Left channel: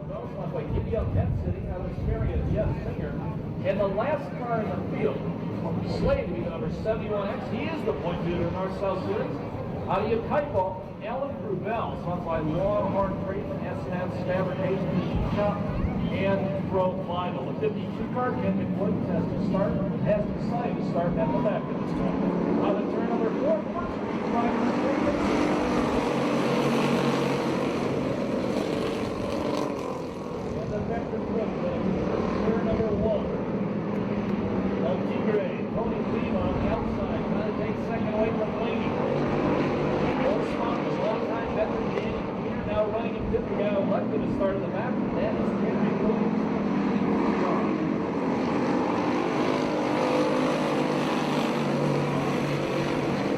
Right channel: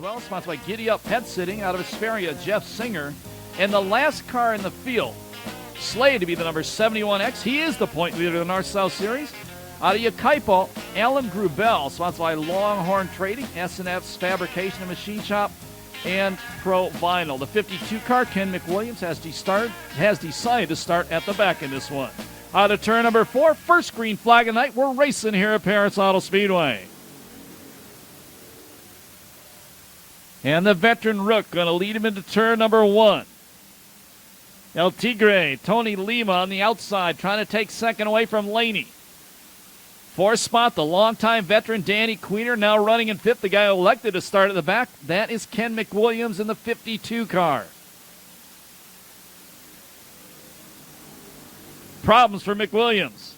well. Sponsored by Giddy Up Pet Sitting out of Hesperia, Jeff Singer. And the last car in the field, slated to be the number 71X. He is the point leader of the North-South Series. Out of Yakaipo, Alan Grubel, sponsored by Longhorn Trading, S&F's Fabrication Machine Shop, and Pro Vinyl. The 52 car, Ken McWilliams, has decided to start at the back in this one. Out of turn number 4, first green flag of the night. We're racing here at Perris Auto Speedway. And the veteran Rook going to lead him into turn number 1. El Tigre, Tony Lima on the outside, trying to take second away from Laney. Fourth spot, the longtime veteran Danny Queener, now running in 5th. The guy elected to start at the back, that is Ken McWilliams in the 52 car. Problems for McWilliams.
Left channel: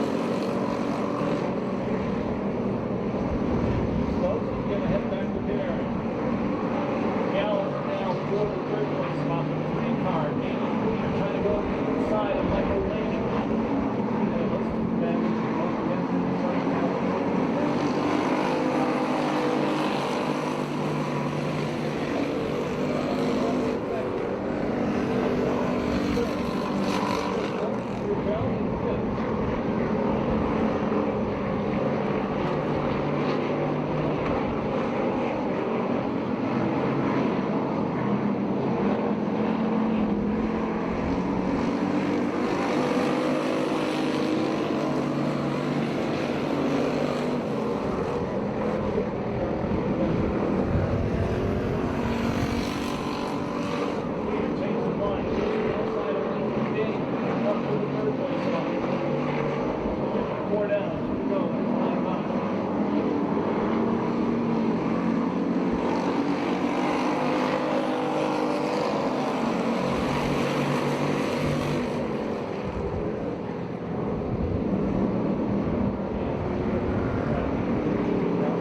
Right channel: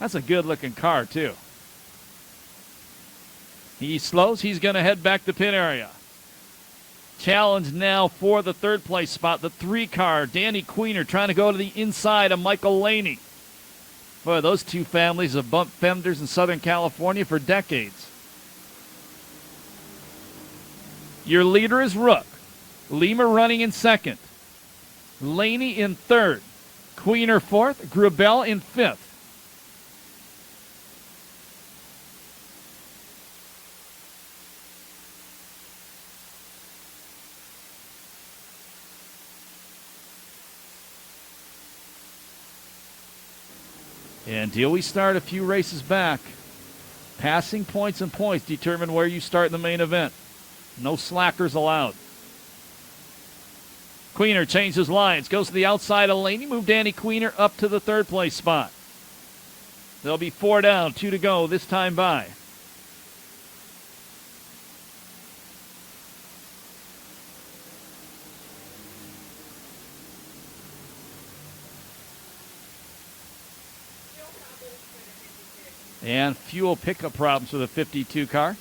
That's a good looking car too. He slows, he's going to head back to pit area. Challenge now for the 3rd place spot, the 3 car, Danny Queener trying to go to the inside of Michael Laney. Boy, those two families have bumped fenders in Southern California for decades. Your leader is Rook. Lima running in 2nd. Laney in 3rd. Queener 4th. Grubel in 5th. We start a few races back. Passing points and points determine where you start the main event. No slackers allowed. Queener changes lines, goes to the outside of Laney, move Danny Queener up to the 3rd place spot. There'll be 4 down, 2 to go this time by. And fuel pickup routes for the 52 car.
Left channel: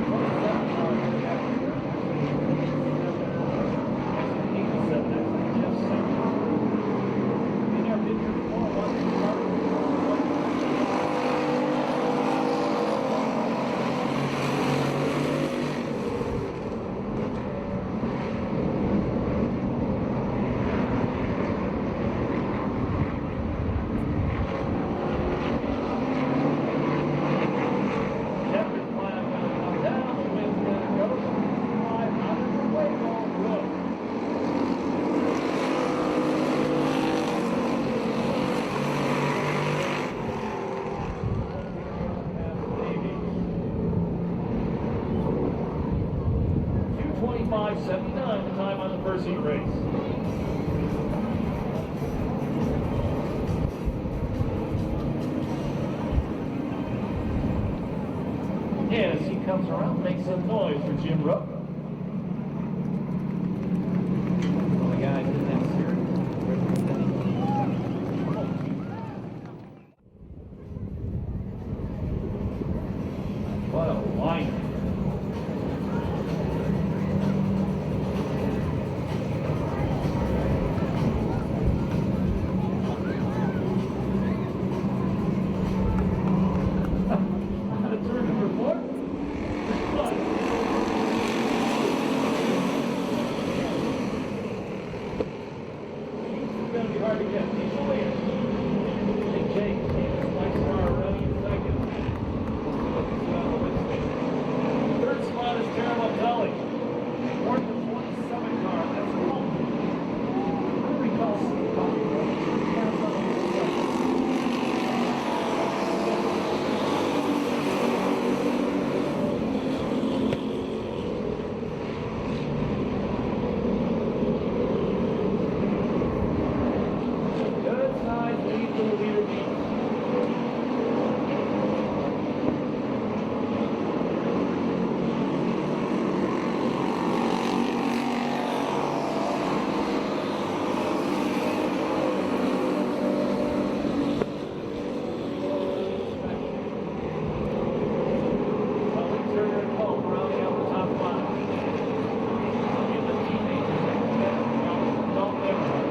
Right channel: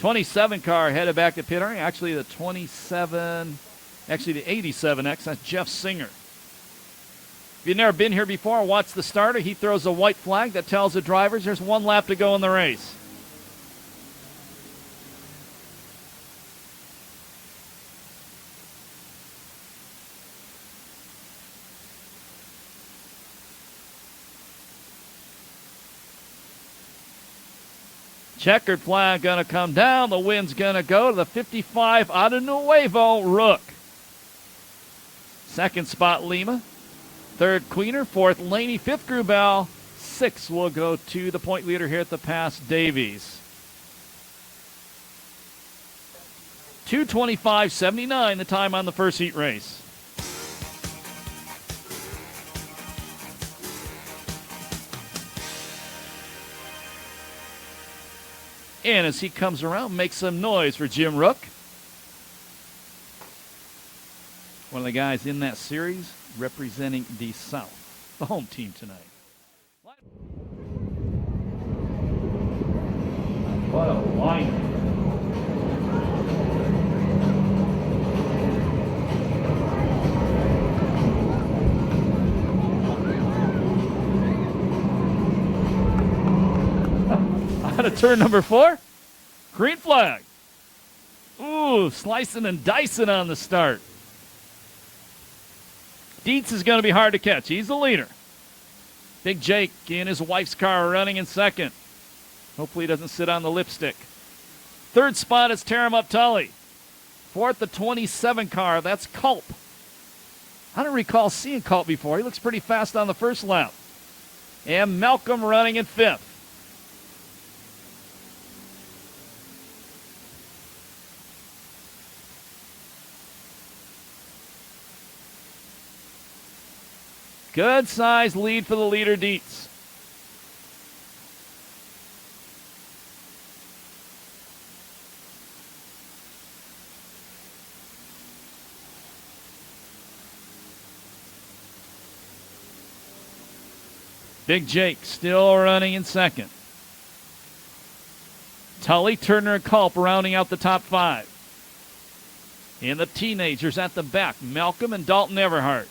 27 car headed back to pit area. Actually the 87X, that's Jeff Singer. If you've never been here before and watched the starter, he throws a white flag that tells the drivers there's 1 lap to go in the race. Checkered flag gonna come down. The wind's gonna go to the 55 out of Nuevo, Rook. 2nd spot, Lima. 3rd, Queener. 4th, Laney. 5th, Grubel. 6th will go to the point leader here at the Pass, Davies. 2:25.79 the time on the first heat race. And as he comes around, makes some noise for Jim Rook. One of the guys in that series representing the South home teams. What a line. Turn number 4, green flag. Ooh, slicing and dicing on the start. Dietz is going to be hard to catch. He's the leader. Big Jake in his wife's car running in 2nd. Hopefully he doesn't sit on the lipstick. 3rd spot is Taram Uptully. 4th, the 27 car, that's Culp. I don't recall seeing Culp before. He was pretty fast on the first lap. And Malcolm running in 5th. Good size lead for the leader, Dietz. Big Jake still running in 2nd. Tully, Turner, and Culp rounding out the top 5. And the teenagers at the back, Malcolm and Dalton Everhart.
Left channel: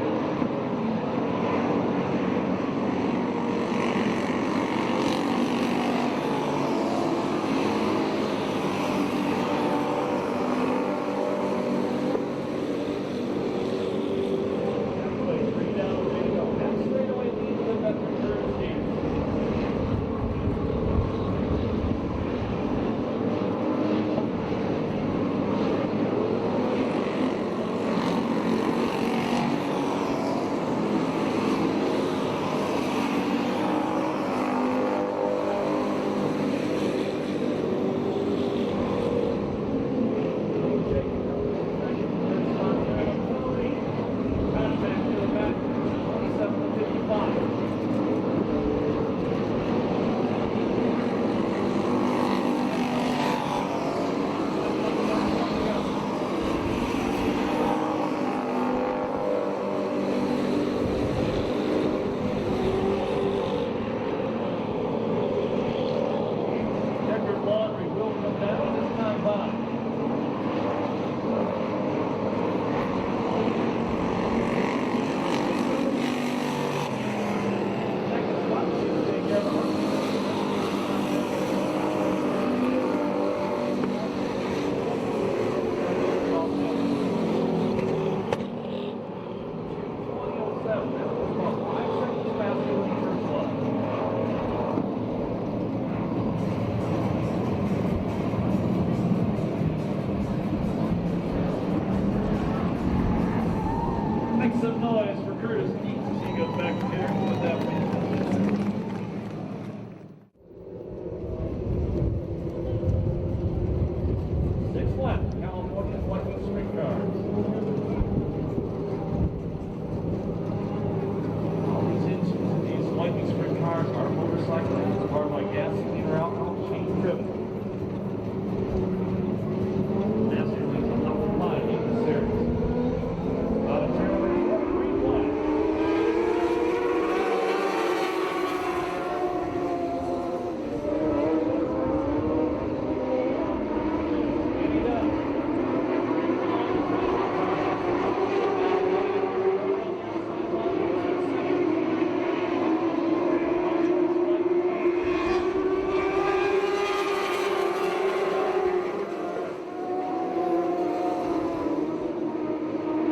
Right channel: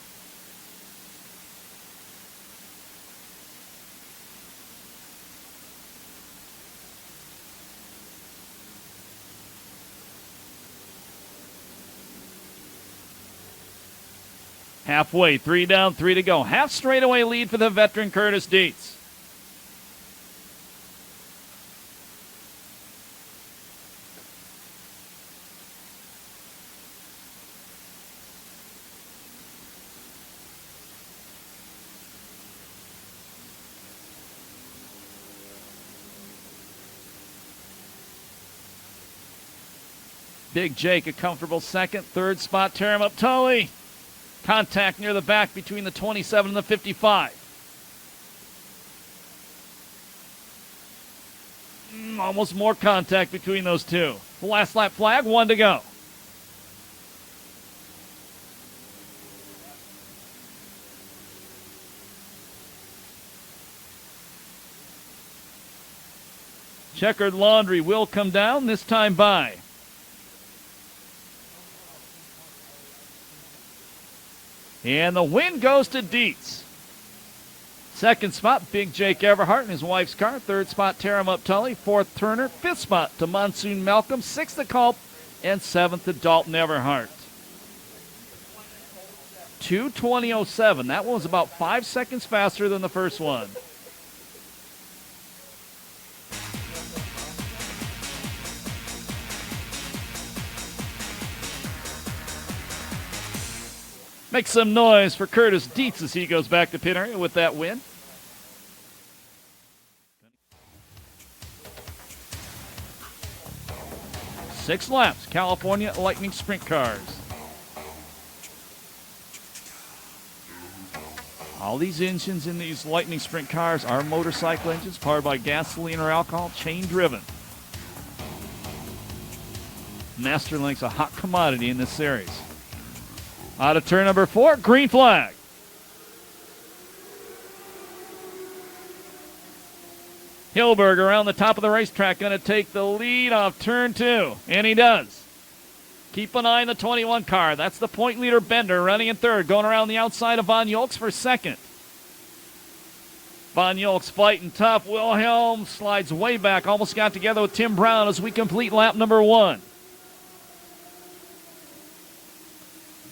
Halfway, 3 down, 3 to go. Half straightaway lead for the veteran Curtis Dietz. Big Jake, a comfortable second. Third spot, Terry Tully. Contact near the back between the 27 and the 55. Almost more contact between those two. Last lap flag, 1 to go. Checkered laundry will come down, this time by. And the win goes to Dietz. Second spot, Big Jake Everhart, his wife's car. Third spot, Tara Tully. Fourth, Turner. Fifth spot to Monsoon Malcolm. Sixth to Culp. And seventh to Dalton Everhart. 2:20.07. That was about 5 seconds faster than the first one. Make some noise for Curtis Dietz as he goes back to pit area with that win. Six laps, California Lightning Sprint Cars. All these engines in these Lightning Sprint Cars are motorcycle engines powered by gasoline or alcohol, chain driven. Masterlink's a hot commodity in this series. Out of turn number 4, green flag. Hilberg around the top of the racetrack, going to take the lead off turn 2, and he does. Keep an eye on the 21 car. That's the point leader Bender running in third, going around the outside of Von Yoltz for second. Von Yoltz fighting tough. Wilhelm slides way back, almost got together with Tim Brown as we complete lap number 1.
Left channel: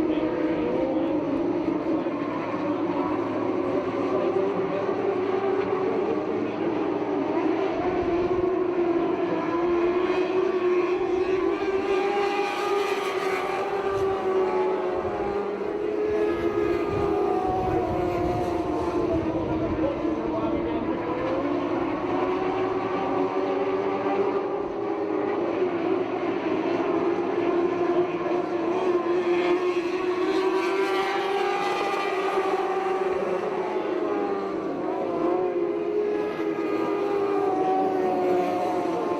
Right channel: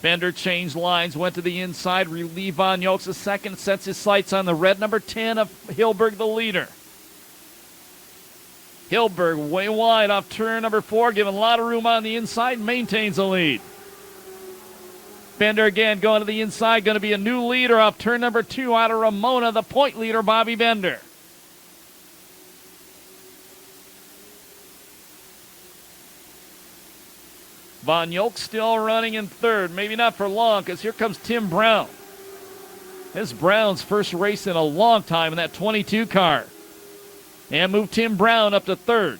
Bender changed lines, went to the inside, relieved Von Yoltz a second, sets his sights on the red number 10 of Hilberg, the leader. Hilberg way wide off turn number 4, giving a lot of room on the inside, maintains the lead. Bender again going to the inside, going to be a new leader off turn number 2 out of Ramona, the point leader, Bobby Bender. Von Yoltz still running in third, maybe not for long, because here comes Tim Brown. This Brown's first race in a long time in that 22 car. And moved Tim Brown up to third.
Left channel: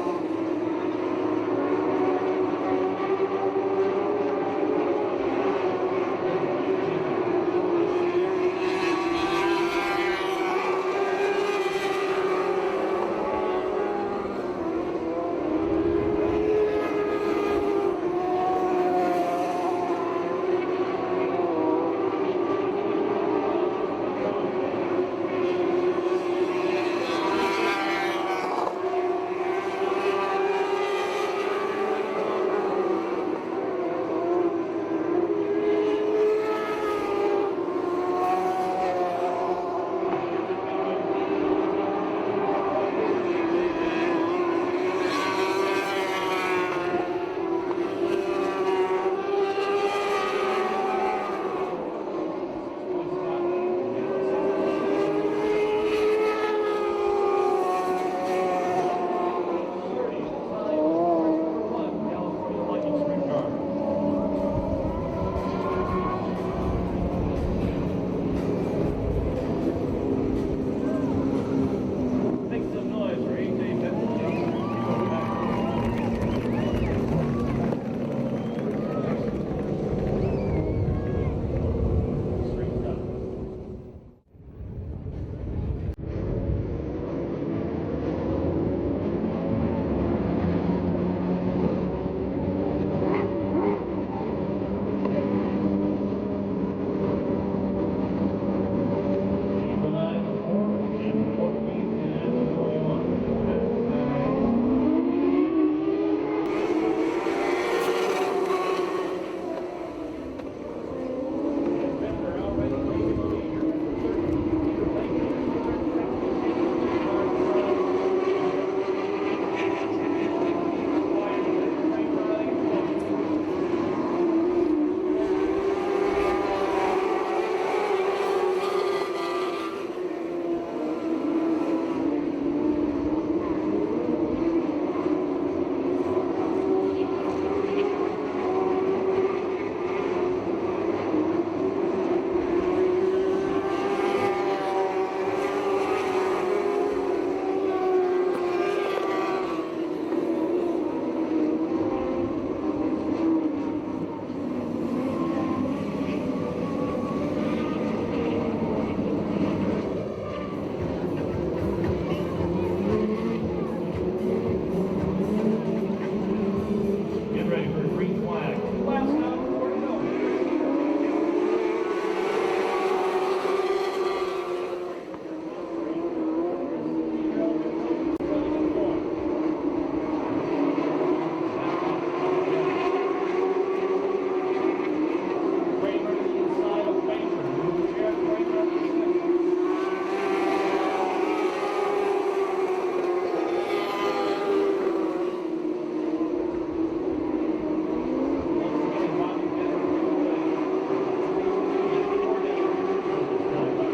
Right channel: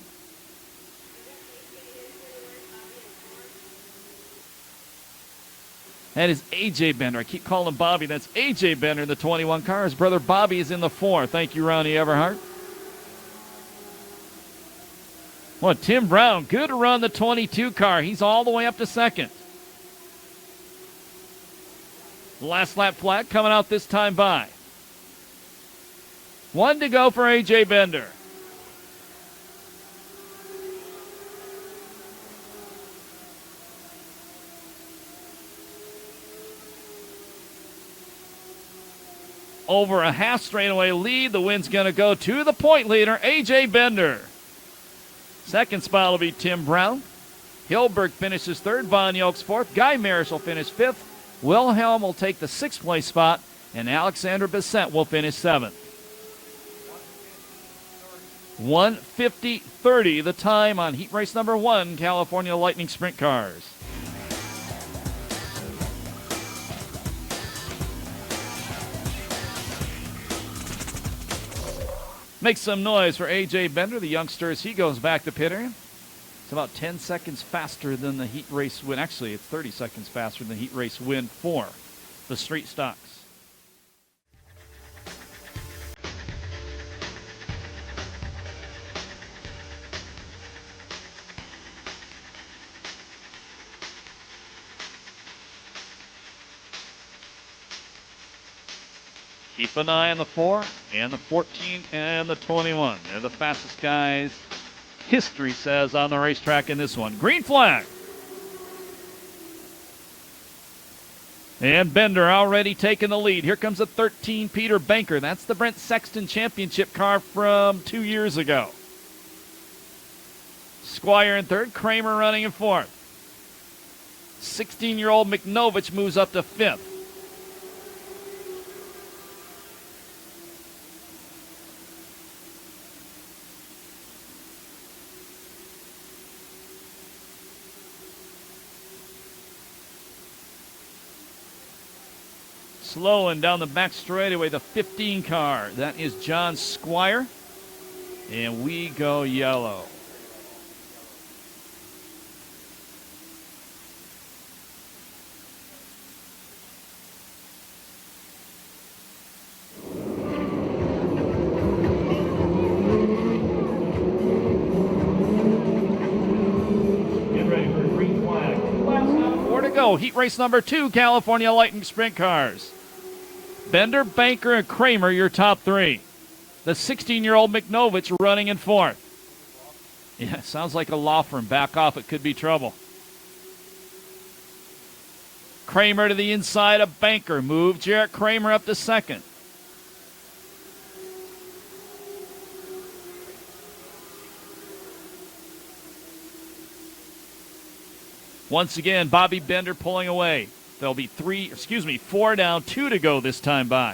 That is A.J. Bender. I keep calling him Bobby. That's A.J. Bender, the 21 car. His brother Bobby is in the 4. Thank you, Ronnie Everhart. Well, Tim Brown, good run the 22 car. He's all the way up to second. Last lap flag coming out this time by. 1 to go for A.J. Bender. Over a half straightaway lead. The win's going to go to the point leader, A.J. Bender. Second spot will be Tim Brown. Hilberg finishes third, Von Yoltz fourth, Guy Maris will finish fifth, Wilhelm will take the 6th place spot, and Alexander Bissett will finish 7th. 1:50.30 the time on heat race number 1, California Lightning Sprint Cars. Make some noise for A.J. Bender, the youngster, as he goes back to pit area. It's about 10 seconds faster than the heat race win. Actually, it's 30 seconds faster than the heat race win for the street stocks. Keep an eye on the 4 and the 14 and the 21. They're the fastest guys, history says, on the racetrack in this one. Green flag. And Bender already taking the lead. Here comes a 13, Peter Banker. That's the Brent Sexton Championship car from 2 years ago. Squire in third, Kramer running in fourth. 16-year-old McNovich moves up to fifth. Slowing down the back straightaway, the 15 car. That is John Squire. And we go yellow. Get ready for a green flag. More to go. Heat race number 2, California Lightning Sprint Cars. Bender, Banker, and Kramer, your top 3. The 16-year-old McNovich running in fourth. Yeah, it sounds like a law firm. Back off, it could be trouble. Kramer to the inside of Banker. Move Jarrett Kramer up to second. Once again, Bobby Bender pulling away. There'll be 4 down, 2 to go this time by.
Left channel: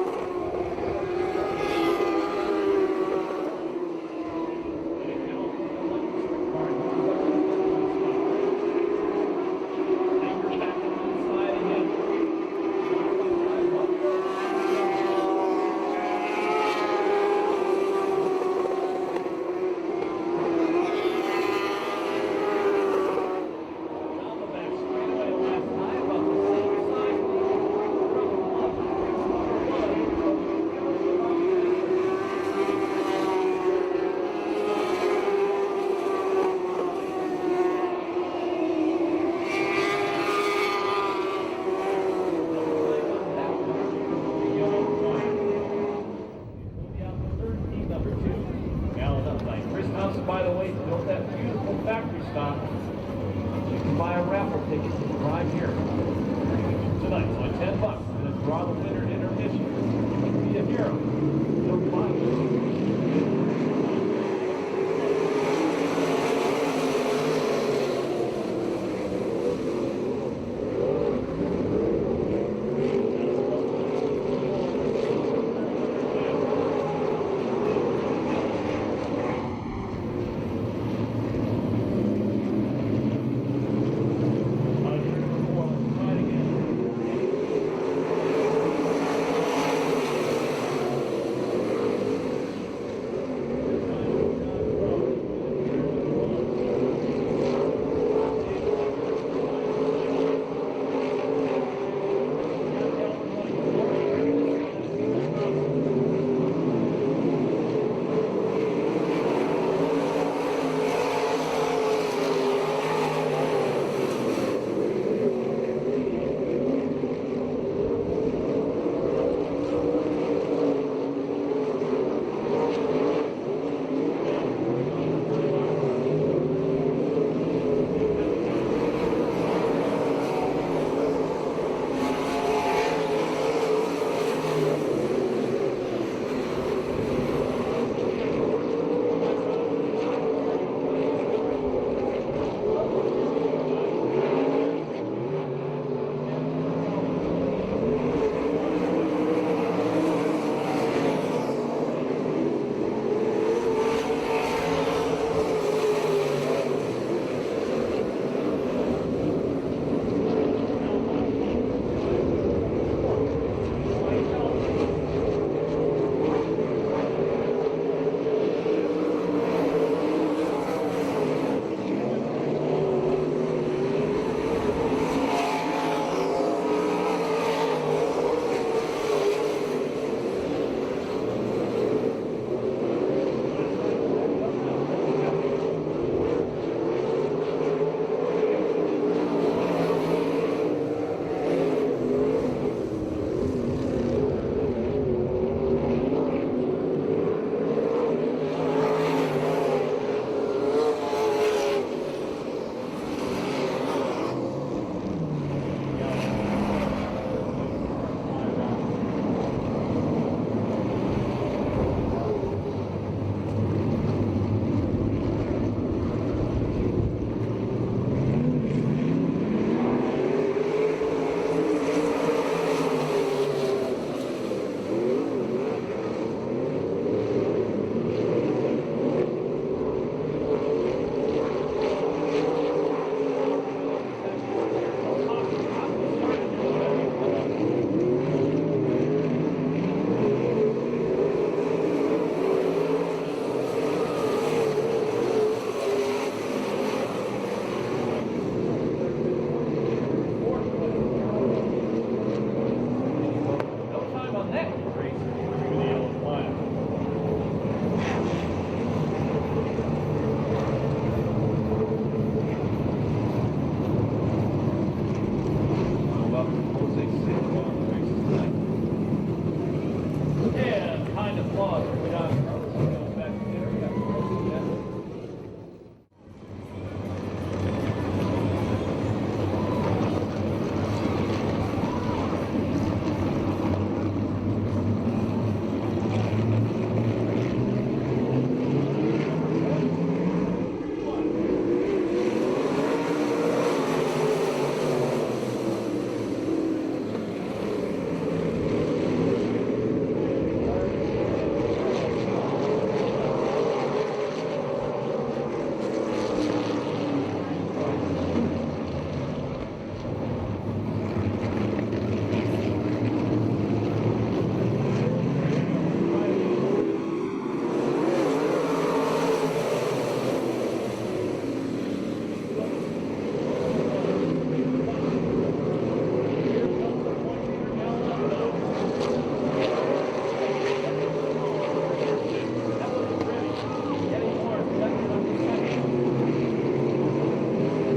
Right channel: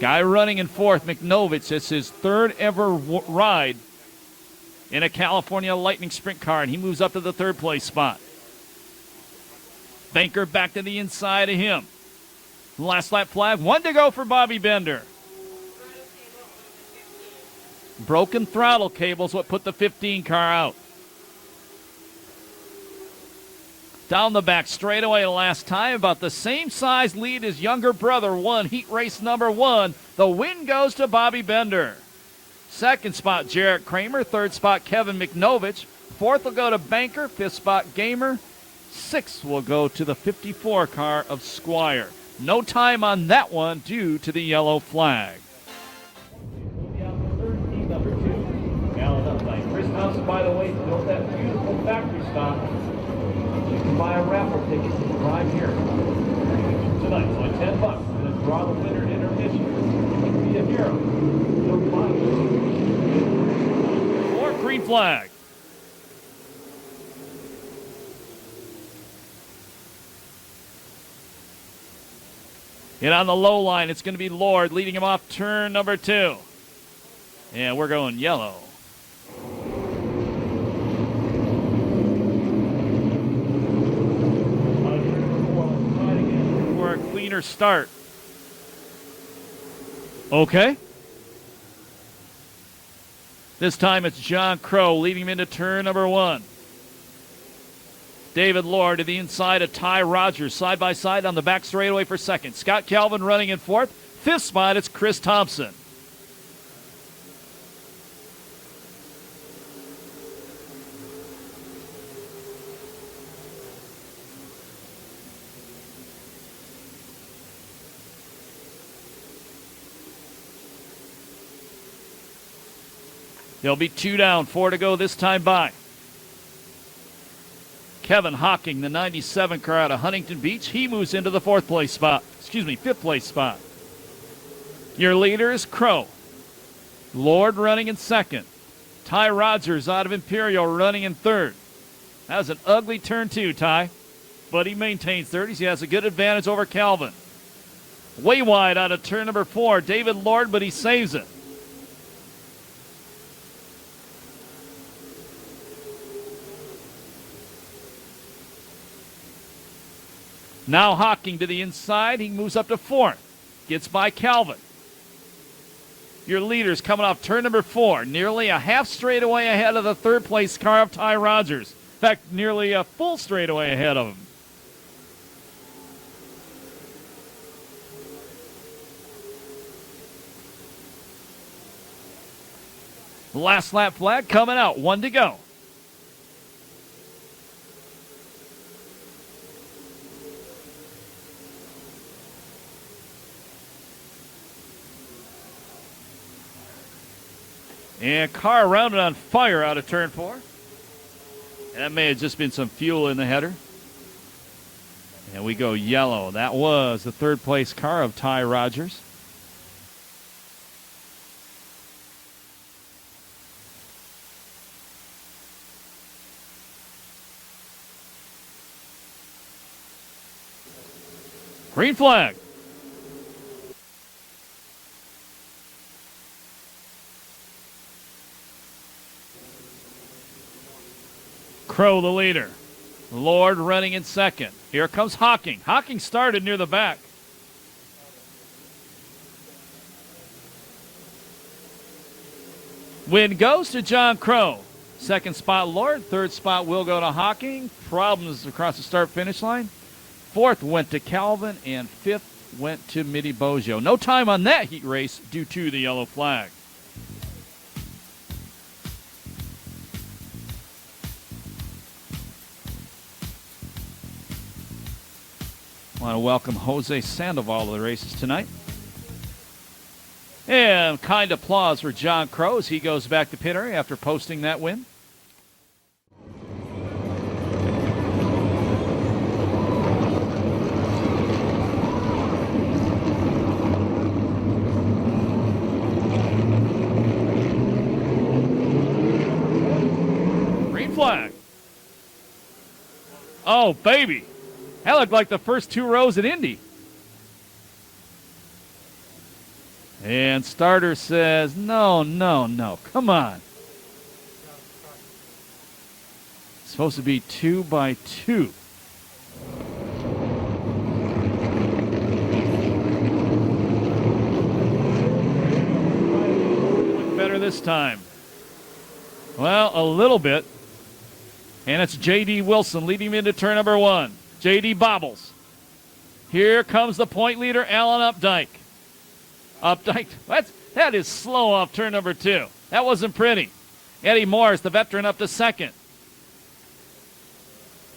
Guy running in fourth, McNovich. It's his third ever ride in a California Lightning Sprint car, and he moves up to the third place spot. Banker back to the inside of him. Last lap flag, 1 to go for Bobby Bender. Broken throttle cable's what put the 15 car out. Down the back straightaway last time, about the same size lead as younger brother won heat race number 1. The win goes to Bobby Bender. Second spot, Jarrett Kramer. Third spot, Kevin McNovich. Fourth will go to Banker. Fifth spot, Gamer. Sixth will go to the 54 car of Squire. No time on that one due to the yellow flag. Chris Thompson, by the way, built that beautiful factory stock. You can buy a raffle ticket to drive here tonight. It's only $10. We're going to draw the winner in intermission. You can be a hero. Don't buy it. Or green flag. Get on the low line. It's going to be Lord leading him off turn number 2. Yeah, we're going yellow. Start. Okay. This time it's John Crow leading him into turn number 1. David Lord to the inside of Ty Rogers, side by side on the back straightaway for second. Scott Calvin running in fourth. Fifth spot, it's Chris Thompson. There'll be 2 down, 4 to go this time by. Kevin Hocking, the 97 car out of Huntington Beach, he moves into the fifth place spot. Your leader is Crow. Lord running in second. Ty Rogers out of Imperial running in third. That was an ugly turn 2, Ty, but he maintains third. He has a good advantage over Calvin. Way wide on a turn number 4, David Lord, but he saves it. Now Hocking to the inside. He moves up to fourth. Gets by Calvin. Your leader's coming off turn number 4. Nearly a half straightaway ahead of the third place car up Ty Rogers. In fact, nearly a full straightaway ahead of him. Last lap flag coming out. 1 to go. And car rounded on fire out of turn 4. That may have just been some fuel in the header. And we go yellow. That was the third place car of Ty Rogers. Green flag. Crow the leader. Lord running in second. Here comes Hawking. Hawking started near the back. Win goes to John Crow. Second spot Lord. Third spot will go to Hawking. Problems across the start-finish line. Fourth went to Calvin, and fifth went to Mitty Bojo. No time on that heat race due to the yellow flag. I want to welcome Jose Sandoval to the races tonight. And kind applause for John Crow as he goes back to pit area after posting that win. Oh, baby. That looked like the first 2 rows at Indy. And starter says, no, no, no. Come on. It's supposed to be 2 by 2. Better this time. Well, a little bit. And it's J.D. Wilson leading him into turn number 1. J.D. bobbles. Here comes the point leader, Alan Updike. Updike, that is slow off turn number 2. That wasn't pretty. Eddie Morris, the veteran, up to second.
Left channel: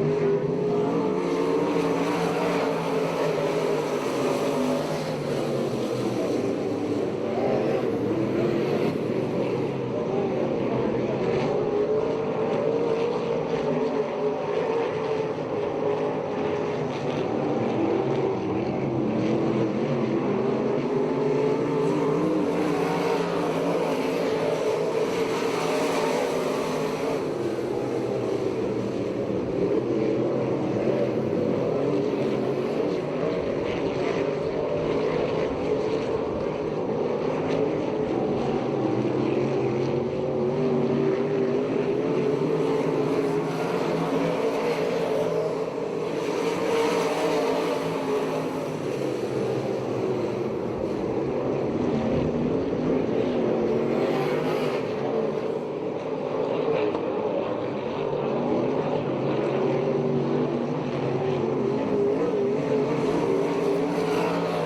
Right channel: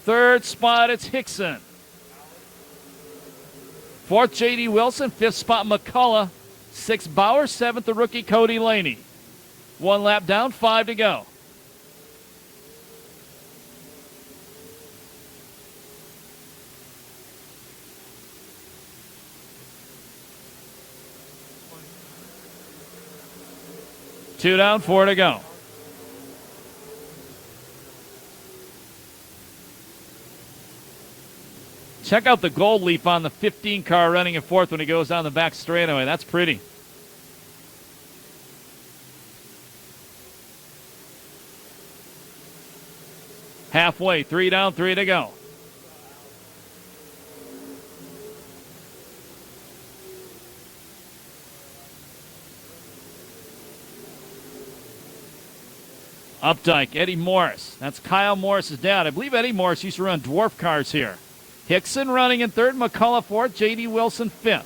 Third spot, it's Hickson. Fourth, J.D. Wilson. Fifth spot, McCullough. Sixth, Bauer. Seventh, the rookie, Cody Laney. 1 lap down, 5 to go. Two down, 4 to go. Check out the gold leaf on the 15 car running in 4th when he goes down the back straightaway. That's pretty. Halfway, 3 down, 3 to go. Updike, Eddie Morris. That's Kyle Morris's dad. I believe Eddie Morris used to run dwarf cars here. Hickson running in 3rd, McCullough 4th, J.D. Wilson 5th.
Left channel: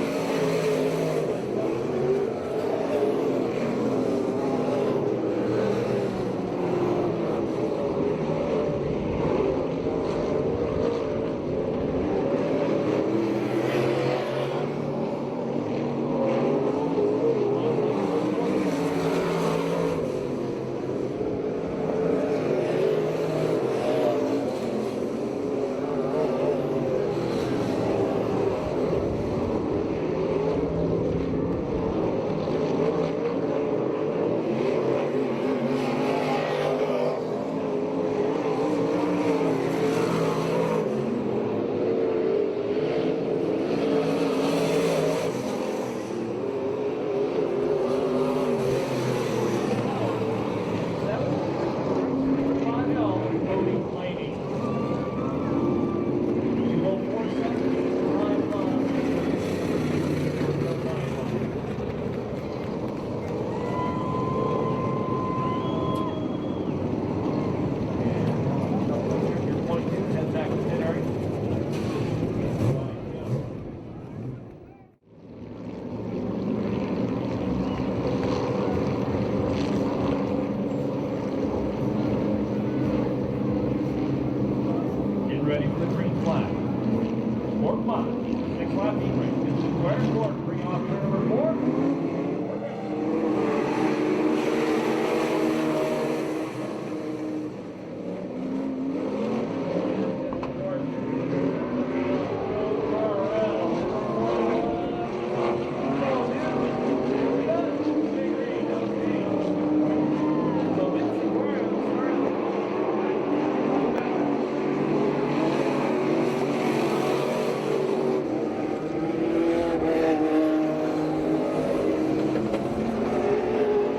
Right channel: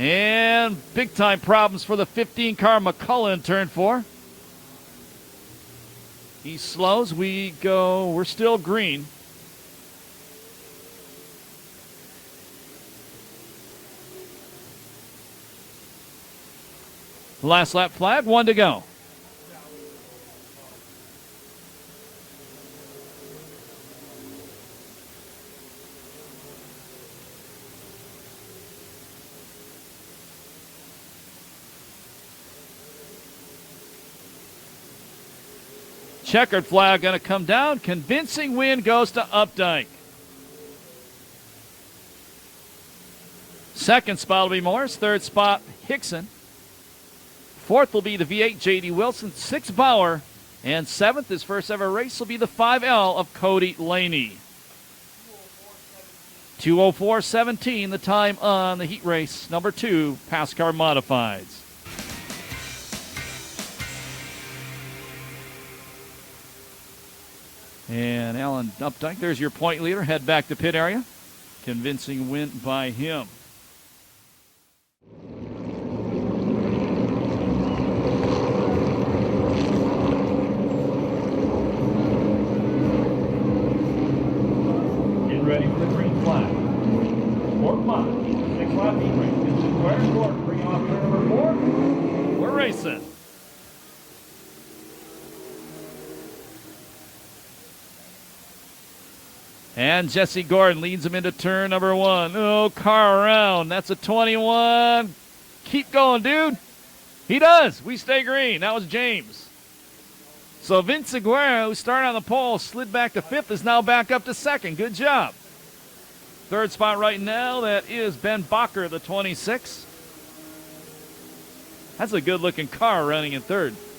And big time problems for the 15 car McCullough in turn 4. He slows, we're still green. Last lap flag, 1 to go. Checkered flag going to come down. Convincing win goes to Updike. Second spot will be Morris. Third spot, Hickson. Fourth will be the V8, J.D. Wilson. Sixth, Bauer. And seventh, his first ever race, will be the 5L of Cody Laney. 2:04.17, the time on the heat race number 2, PASSCAR Modifieds. And Alan Updike, there's your point leader. Head back to pit area. Convincing win by him. Get ready for the green flag. 4 5, 6 lap heat race. It's square court. Bring off turn number 4. We're racing. And Jesse Gordon leads him into turn number 1. Oh, car around. That's a 21. Keep going, dude. He does. We stay green. That was James. So Vince Aguirre, who started on the pole, slid back to 5th, is now back up to 2nd. Good job. 3rd spot right now, that is Ben Bacher, the 26. That's a good-looking car running in 3rd.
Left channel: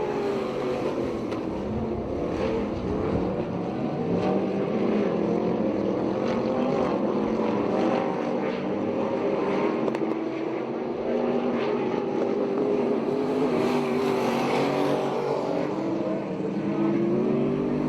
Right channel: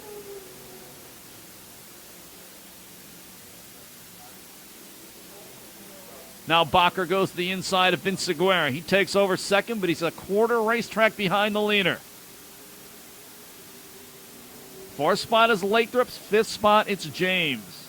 Now Bacher goes to the inside of Vince Aguirre. He takes over 2nd, but he's a quarter racetrack behind the leader. 4th spot is Lathrop's. 5th spot, it's James.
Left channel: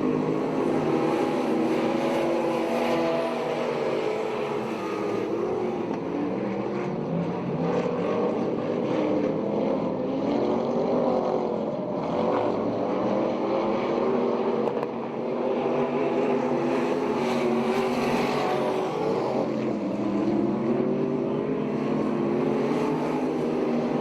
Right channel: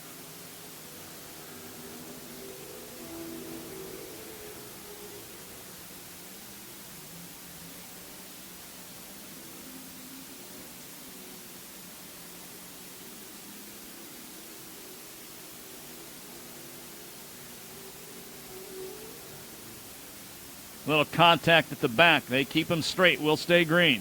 Little contact at the back. They keep them straight. We'll stay green.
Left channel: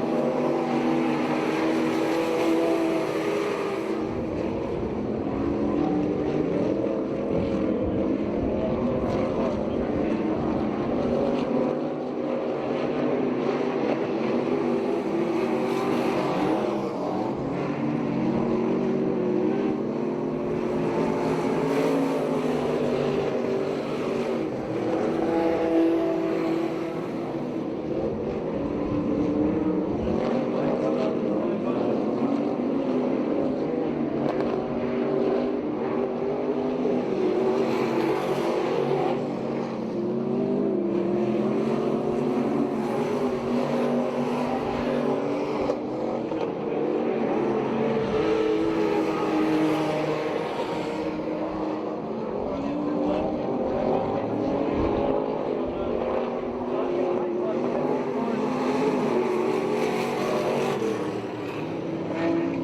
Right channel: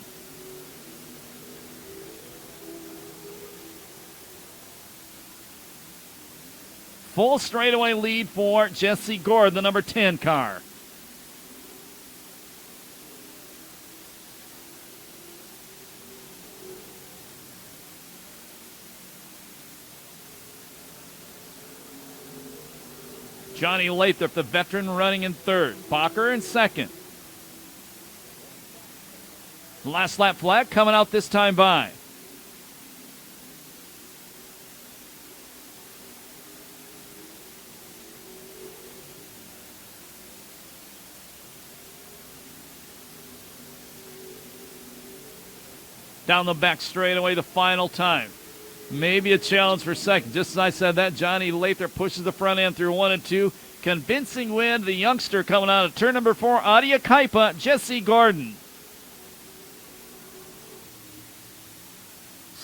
Full straightaway lead for Jesse Gordon, the number 10 car. Johnny Lathrop, the veteran, running in 3rd. Bacher in 2nd. Last lap flag coming out this time by. Down the back straightaway the final time. Maybe a challenge for 2nd. Just as I said that, Johnny Lathrop pushes the front end through 1 and 2. Convincing win, the youngster coming out of turn number 4, Adia Kaipa, Jesse Gordon.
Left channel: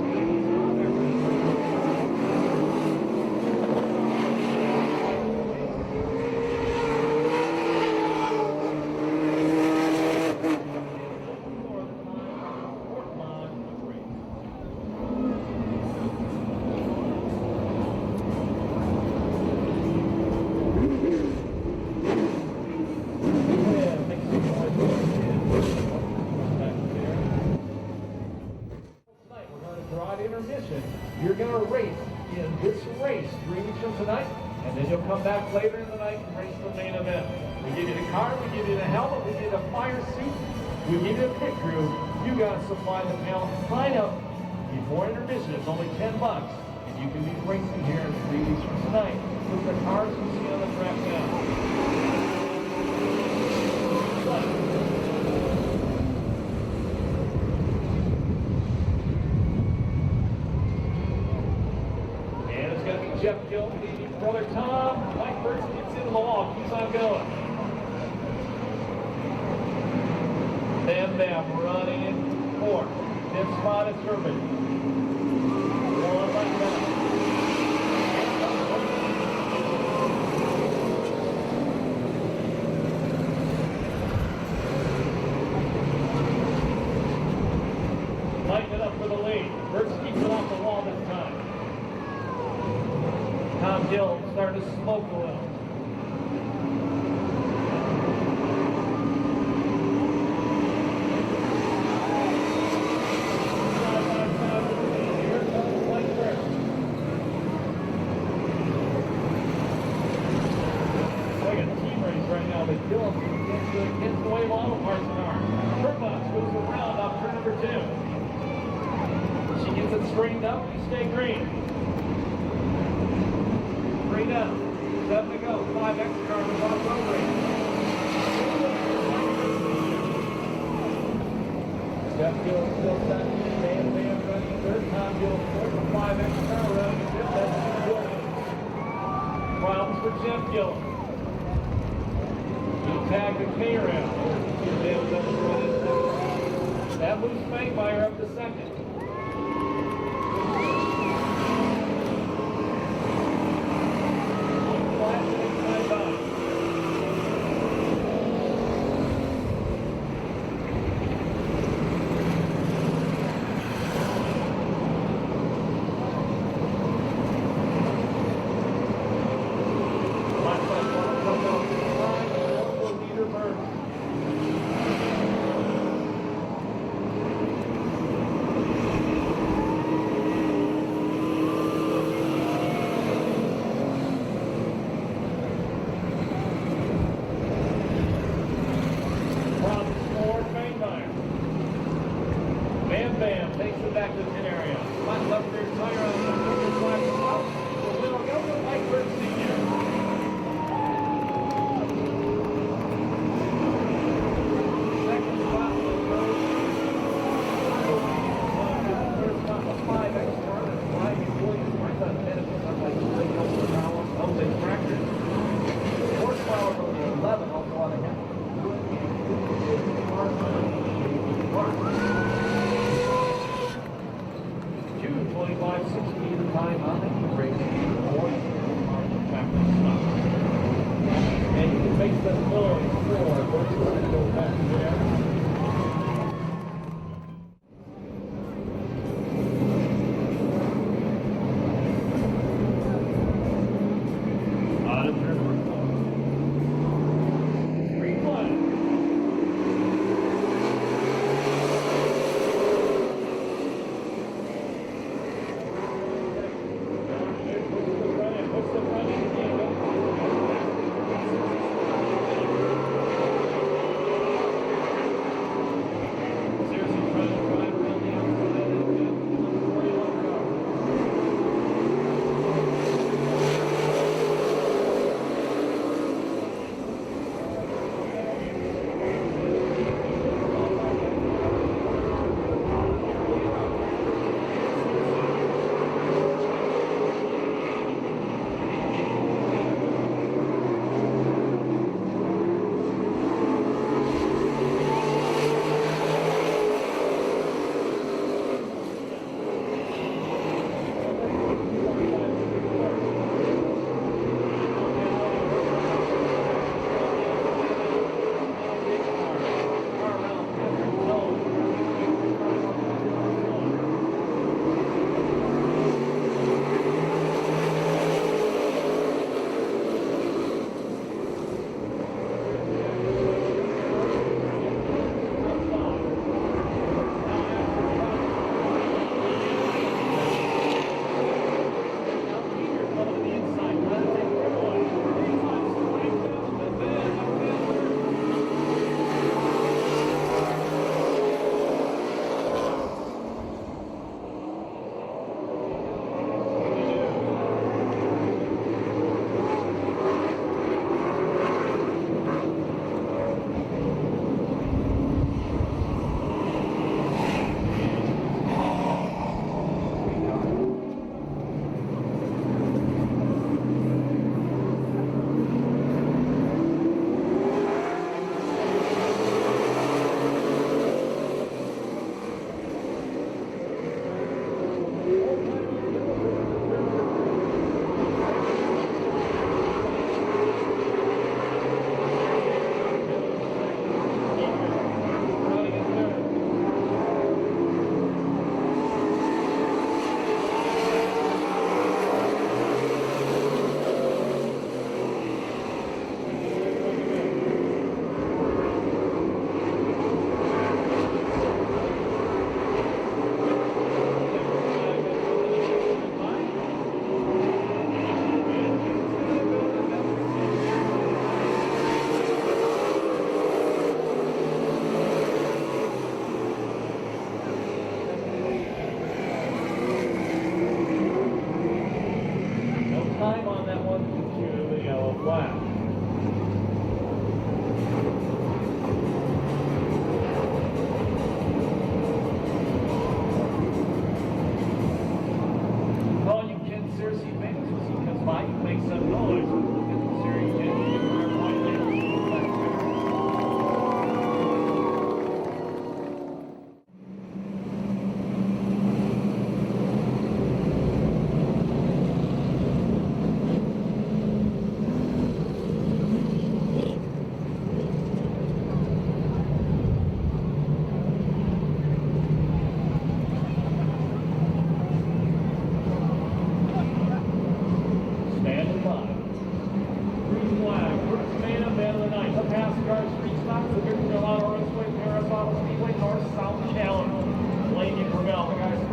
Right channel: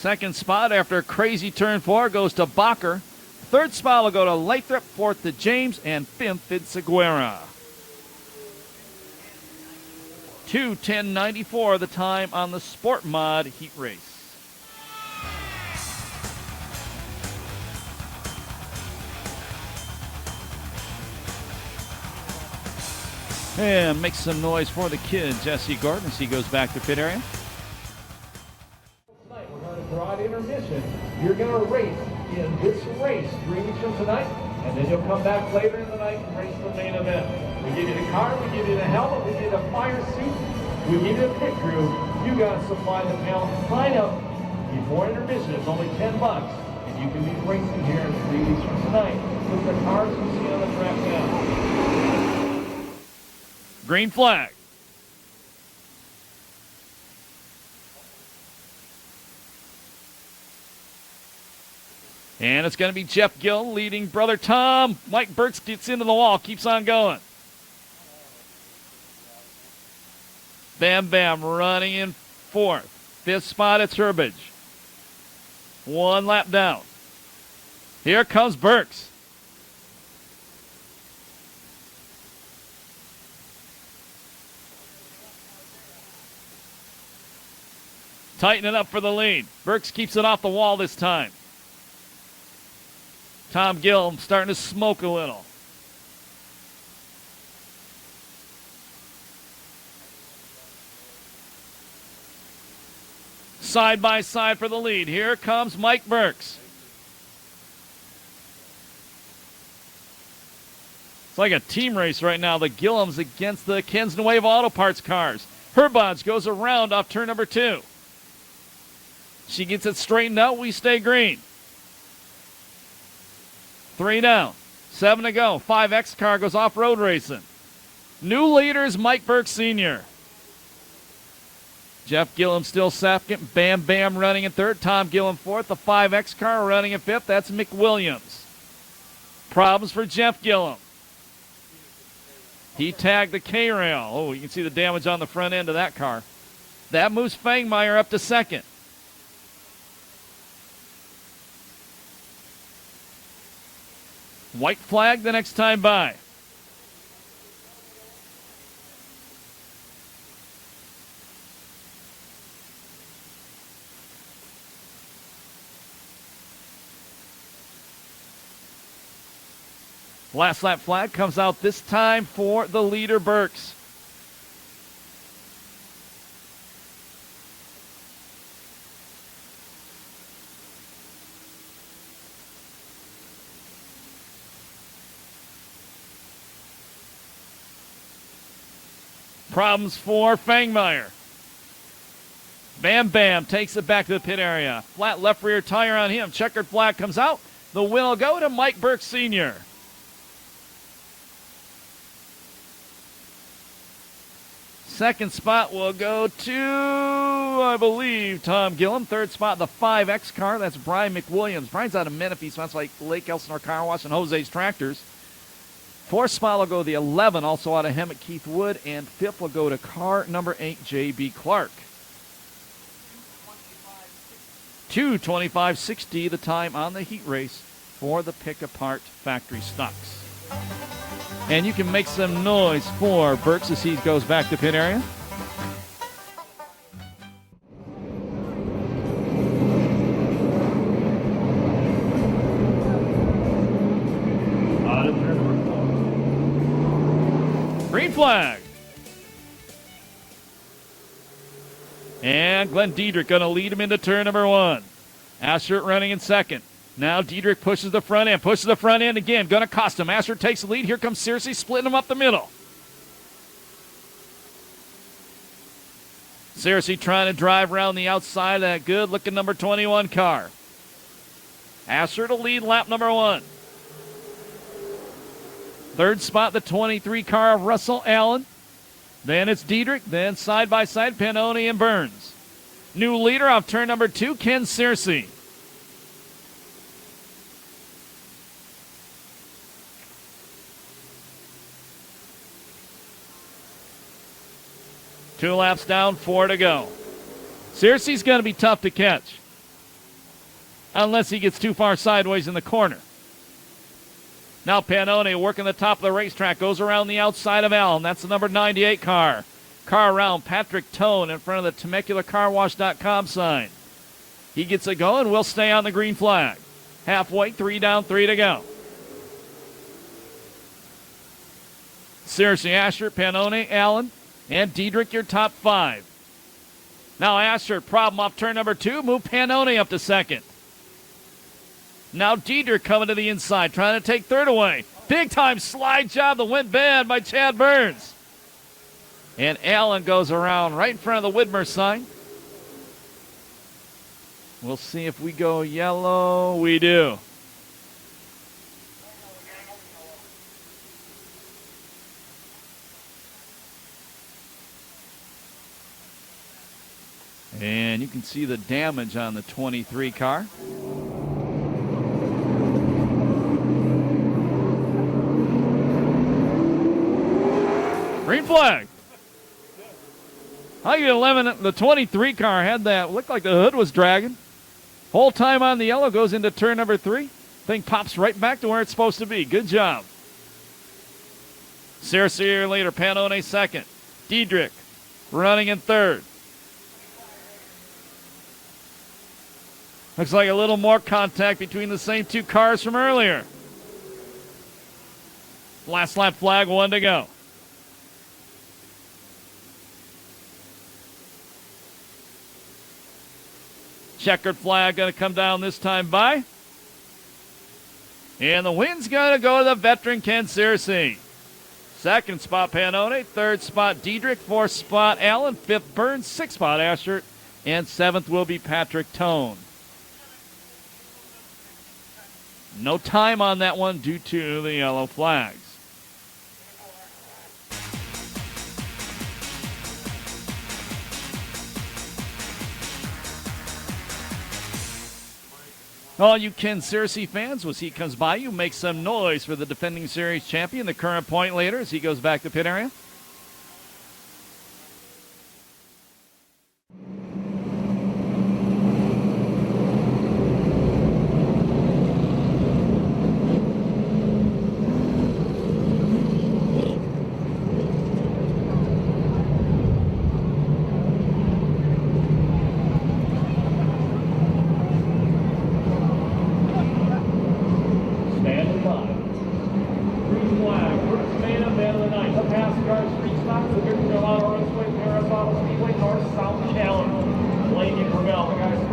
2nd spot after a crazy turn 4 goes to Bacher. 3rd spot will go to Lathrop, 4th to James, and 5th Vince Aguirre. 2:10.94 the time on the Sport Mod heat race. And make some noise for the kid, Jesse Gordon, as he goes back to pit area. Tonight we're going to draw an intermission. You're going to race in this race 3 weeks from tonight, and then you'll come back later in the night and race the main event. We give you the car, we give you the helmet, we give you the fire suit, we give you the pit crew. You got to supply the talent. Sign up before intermission. It's only $10, and you can be racing here in 3 weeks from tonight with the cars you see on the track now. Green flag. And it's going to be Jeff Gill leading brother Tom. Mike Burks gets into the wall, keeps on going. Bam Bam running in 4th. 5th spot, it's Herbage. 1 lap down. Here comes Burks. Tightening up for the lead. Burks keeps it off the wall this time. Tom Gill starting to smoke a little. Side by side for the lead. Here comes Mike Burks. It's like a team race right now. The Gillums against the Kensington Wave Auto Parts cars. Herbage goes around off turn number 2. She gets it straightened out. We stay green. 3 down, 7 to go. 5X car goes off-road racing. New leaders, Mike Burks Sr. Jeff Gillum still 2nd. Bam Bam running in 3rd. Tom Gillum 4th. The 5X car running in 5th. That's Mick Williams. Problems for Jeff Gillum. He tagged the K-rail. Oh, you can see the damage on the front end of that car. That moves Fangmeyer up to 2nd. White flag the next time by. Last lap flag comes out this time for the leader, Burks. Problems for Fangmeyer. Bam Bam takes it back to the pit area. Flat left rear tire on him. Checkered flag comes out. The win will go to Mike Burke Sr. Second spot will go to, I believe, Tom Gillum. Third spot, the 5X car. That's Brian McWilliams. Brian's out of Menifee, so that's like Lake Elsinore Car Wash and Jose's Tractors. Fourth spot will go to the 11, also out of him, Keith Wood. And fifth will go to car number 8, J.B. Clark. 2:25.60 the time on the heat race for the pick apart factory stops. And you can make some noise for Burks as he goes back to pit area. Out of turn number 4. Green flag. And Glenn Diedrich going to lead him into turn number 1. Asher running in second. Now Diedrich pushes the front end again. Going to cost him. Asher takes the lead. Here comes Searcy splitting him up the middle. Searcy trying to drive around the outside of that good looking number 21 car. Asher to lead lap number 1. Third spot, the 23 car of Russell Allen. Then it's Diedrich, then side by side, Pannoni and Burns. New leader off turn number 2, Ken Searcy. Two laps down, 4 to go. Searcy's going to be tough to catch, unless he gets too far sideways in the corner. Now Pannoni working the top of the racetrack, goes around the outside of Allen. That's the number 98 car. Car around Patrick Tone in front of the TemeculaCarWash.com sign. He gets it going, will stay on the green flag. Halfway, 3 down, 3 to go. Searcy, Asher, Pannoni, Allen, and Diedrich, your top 5. Now Asher, problem off turn number 2, move Pannoni up to second. Now Diedrich coming to the inside, trying to take third away. Big time slide job that went bad by Chad Burns. And Allen goes around right in front of the Widmer sign. We'll see if we go yellow. We do. And you can see the damage on the 23 car. Green flag. I get 11. The 23 car had that. Looked like the hood was dragging. Whole time on the yellow, goes into turn number 3. Thing pops right back to where it's supposed to be. Good job. Searcy later, Pannoni second. Diedrich running in third. Looks like a little more contact between the same 2 cars from earlier. Last lap flag, 1 to go. Checkered flag going to come down this time by. And the win's going to go to the veteran Ken Searcy. Second spot Pannoni, third spot Diedrich, fourth spot Allen, fifth Burns, sixth spot Asher, and seventh will be Patrick Tone. No time on that one due to the yellow flags. All you Ken Searcy fans, as he comes by, you make some noise for the defending series champion, the current point leader, as he goes back to pit area.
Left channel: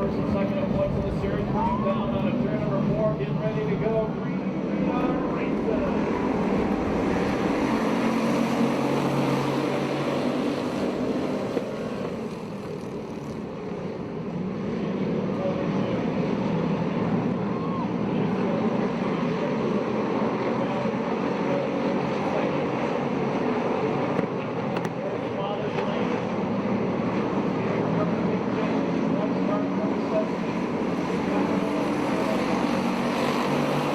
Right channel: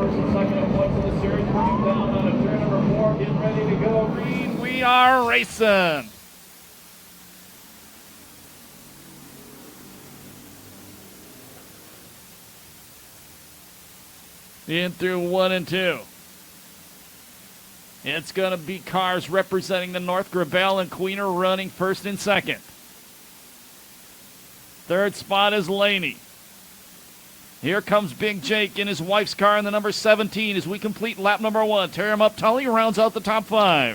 First and second point for the series. Coming down on a turn number 4. Getting ready to go. Green. We are racing. In through 1 and 2. It's going to be cars representing the North. Gravel and Queen are running first and second. Third spot is Laney. Here comes Big Jake in his wife's car in the number 17 as we complete lap number 1. Tear him up, Tully rounds out the top 5.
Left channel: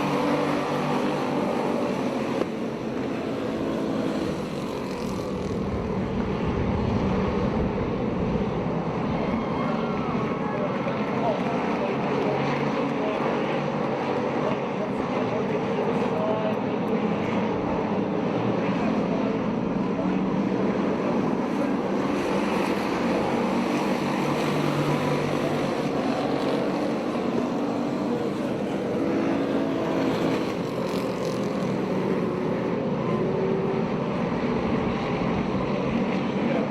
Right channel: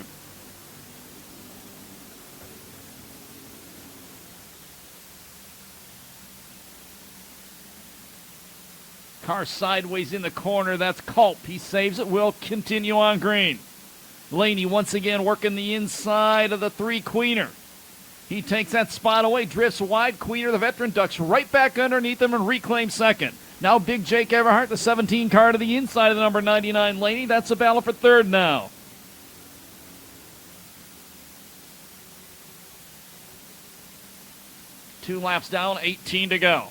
Car sideways in the corner, that's Culp. He saves it, will continue on green. Laney once again working the inside of the 3 Queener. He takes that spot away, drifts wide. Queener, the veteran, ducks right back underneath him and reclaims second. Now Big Jake Everhart, the 17 car to the inside of the number 99 Laney. That's a battle for third now. Two laps down, 18 to go.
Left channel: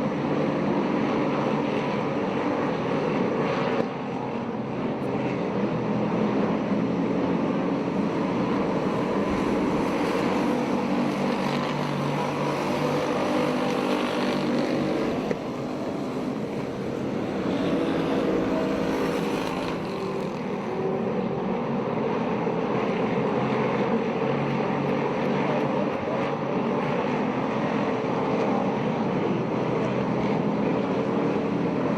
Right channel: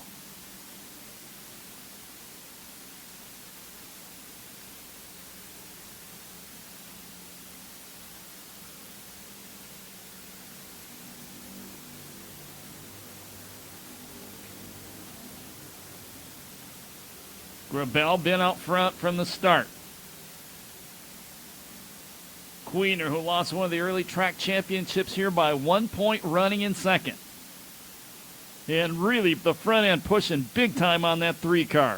Been out front from the start. Queener, who lost one of the early track championships here by 1 point, running in second. And really the front end pushing big time on that 3 car.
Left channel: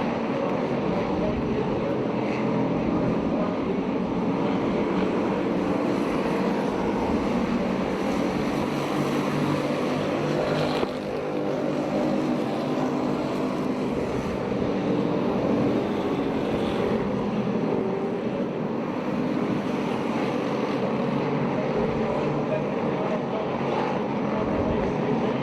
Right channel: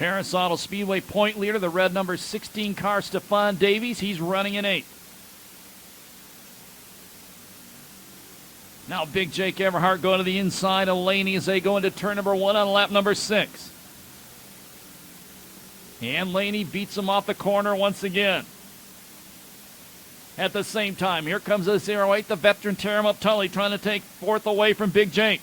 Perris Auto Speedway point leader, the red number 16 car, Stephon Davies. He's running in 8th. Now Big Jake Everhart going to the inside of Laney as they go into turn number 1 on lap number 6. And Laney beats him off the corner once again. At the same time, here comes a 08, the veteran tear him up Tully, trying to take 4th away from Big Jake.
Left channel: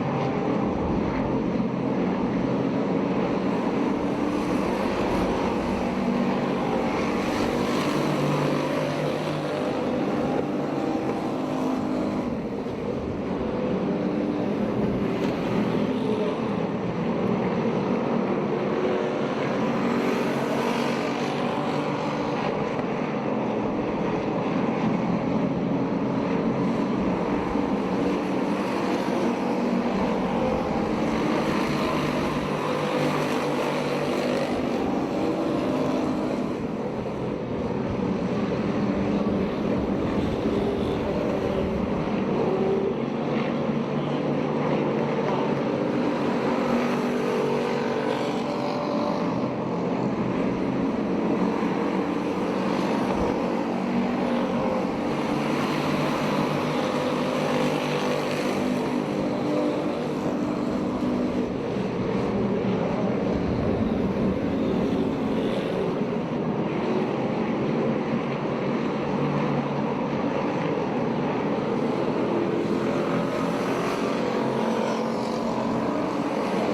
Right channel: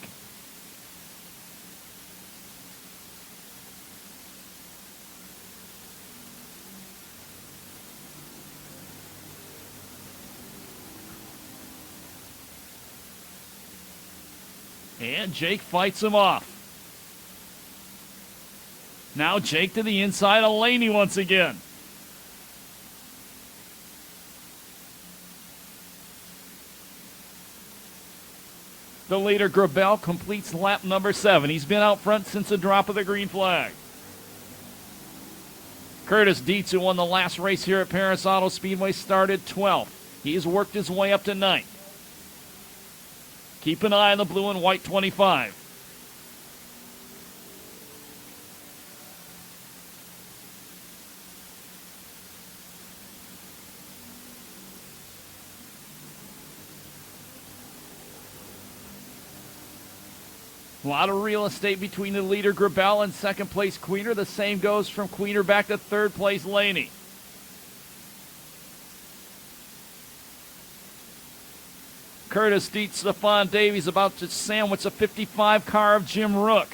Jake fights him off. Now Jake to the inside of Laney once again. The leader, Gravel, completes lap number 7. He's been out front since the drop of the green flag. Curtis Dietz, who won the last race here at Perris Auto Speedway, started 12th. He's worked his way up to 9th. Keep an eye on the blue and white 25. A lot of real estate between the leader Gravel and second place Queener. The same goes from Queener back to third place Laney. Curtis Dietz, Stephon Davies about to sandwich a 55 car of Jim Rook.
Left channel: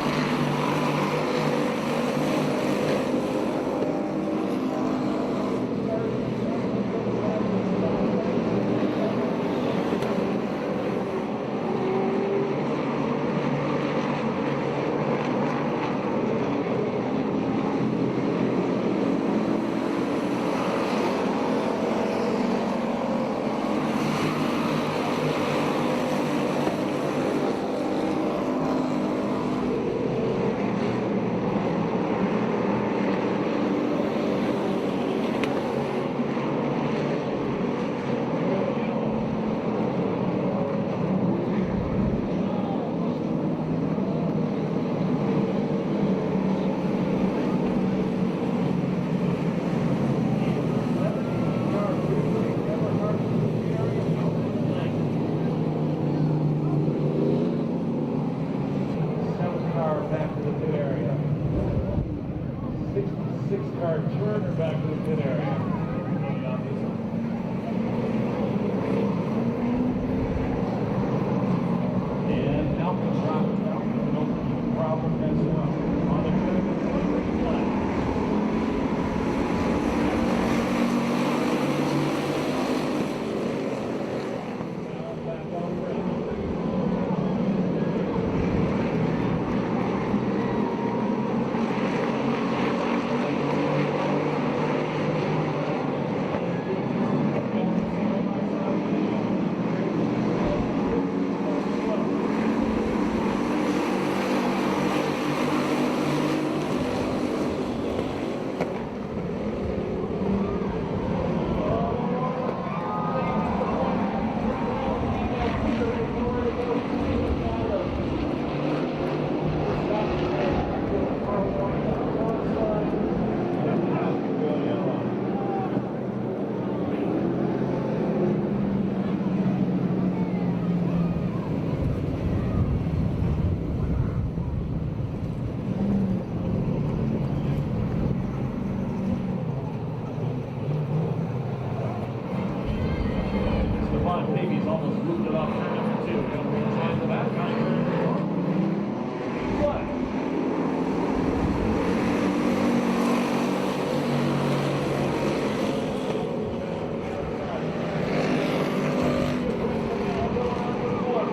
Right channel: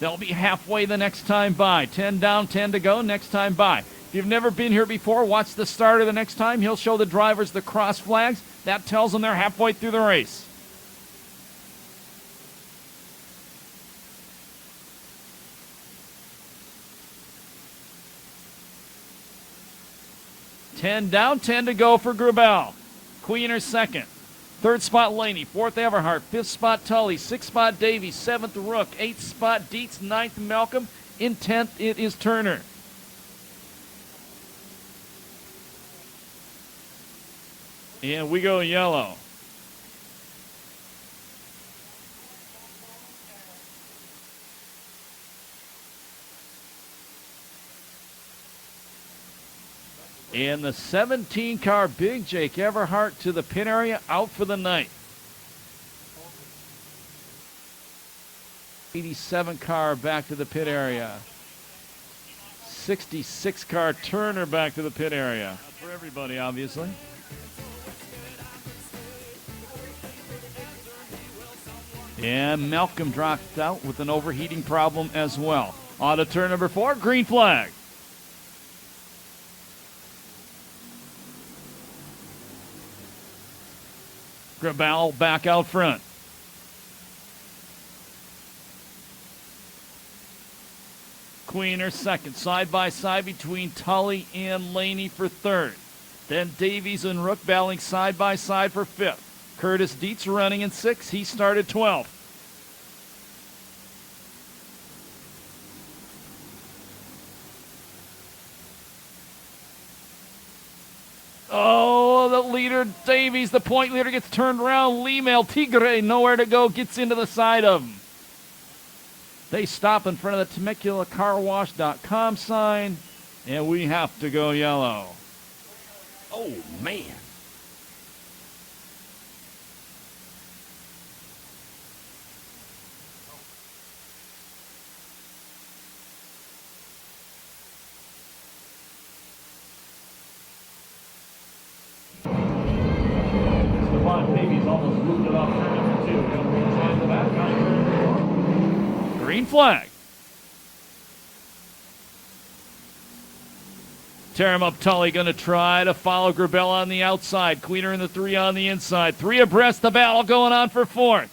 They'll be halfway the next time by. 10 down, 10 to go, next time by. If you've never been here before, watch the starter the next time. He'll show the drivers the cross flags. That tells them they're halfway through the race. Down, 10 to go for Gravel. Queener second. Third spot Laney. 4th Everhart. 5th spot Tully. 6th spot Davies. 7th Rook. 8th spot Dietz. 9th Malcolm. In 10th it is Turner. And we go yellow. And the 17 car Big Jake Everhart to the pit area, out for the night. 87 car back to the pit area. 66 car Turner back to the pit area. Everybody, obviously. And Malcolm dropped out with an overheating problem as well. On to turn number 4, green flag. Grabal back out front. Queener second, side by side between Tully and Laney for third. Then Davies and Rook battling side by side for fifth. Curtis Dietz running in 6th. He started 12th. Oh, the leader, Davies, the point leader, gets turned around. Lima El Tigre, nowhere to go, gets into the side of. They stop in front of the TemeculaCarWash.com sign, and we have to go yellow. Oh, man. Davies almost moved it off turn number 2. He'll rejoin the back on turn number 4. Green flag. Terramuk Tully going to try to follow Grabel on the outside. Queener in the 3 on the inside. 3 abreast, the battle going on for 4th.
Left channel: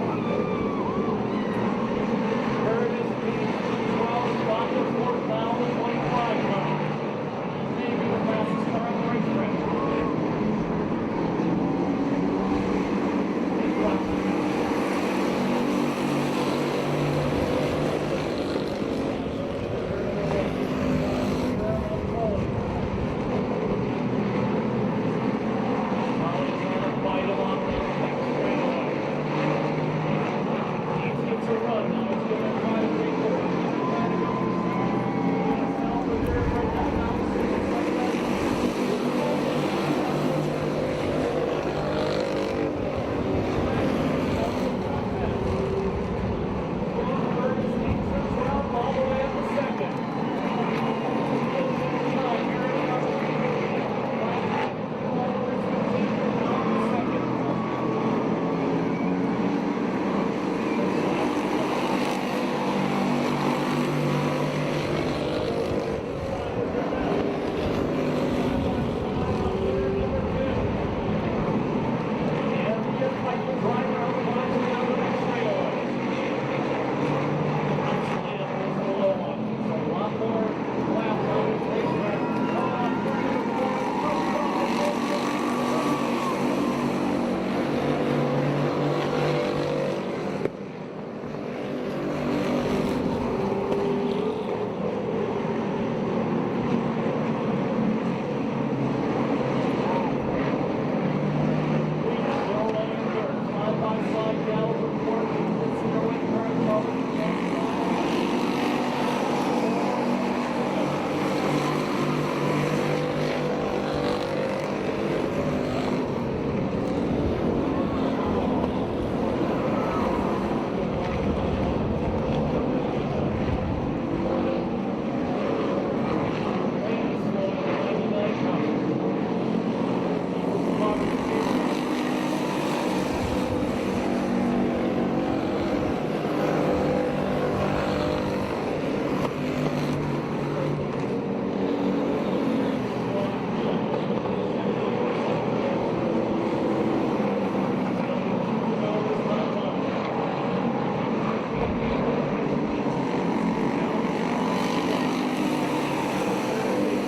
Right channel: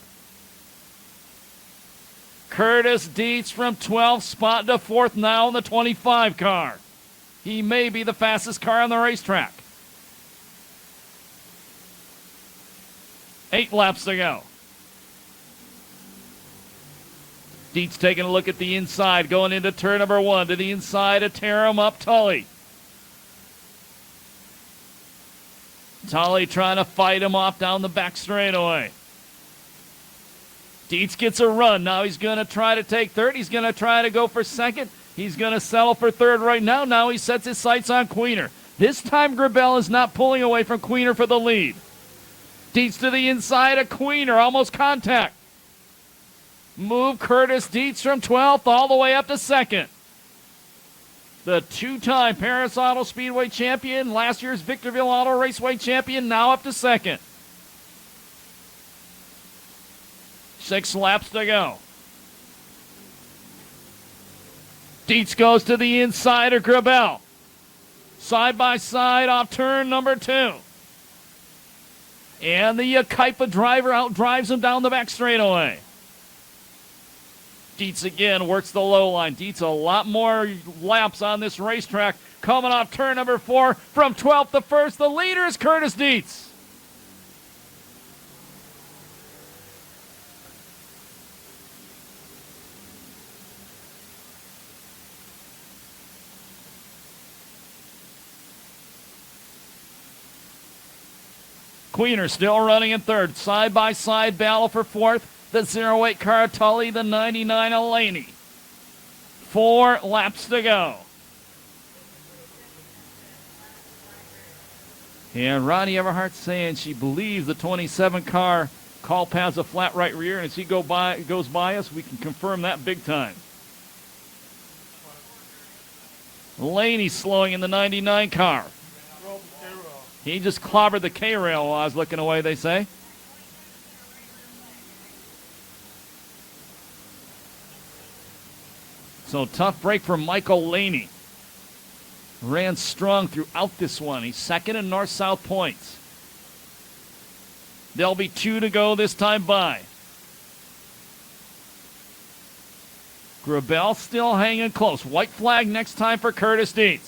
Curtis Dietz from 12th spot to 4th now, the 25 car. He may be the fastest car on the racetrack. 8 laps to go. Dietz taking a look at the inside, going into turn number 1 to the inside and Terramuk Tully. Tully trying to fight him off down the back straightaway. Dietz gets a run. Now he's going to try to take 3rd. He's going to try to go for 2nd. He's going to settle for 3rd right now. Now he sets his sights on Queener. This time Grabel is not pulling away from Queener for the lead. Dietz to the inside of Queener, almost contact. Move Curtis Dietz from 12th all the way up to 2nd. The 2-time Perris Auto Speedway champion, last year's Victorville Auto Raceway champion, now up to 2nd. 6 laps to go. Dietz goes to the inside of Grabel. Side by side off turn number 2. And the Kaipa driver outdrives him down the back straightaway. Dietz again works the low line. Dietz a lot more laps on this racetrack. Coming off turn number 4 from 12th to 1st. The leader is Curtis Dietz. Queener still running in 3rd. Side-by-side battle for 4th. The 08 car Tully, the 99 Elaney. 4 laps to go. And Ronnie Everhart saying she believes the 27 car call past a flat right rear. As he goes by us, we confirm that big time. Elaney slowing in the 99 car. He just clobbered the K-rail while I was looking away, they say. So tough break for Michael Laney. Ran strong throughout this one. He's 2nd in north-south points. There'll be 2 to go this time by. Grabel still hanging close. White flag next time for Curtis Dietz.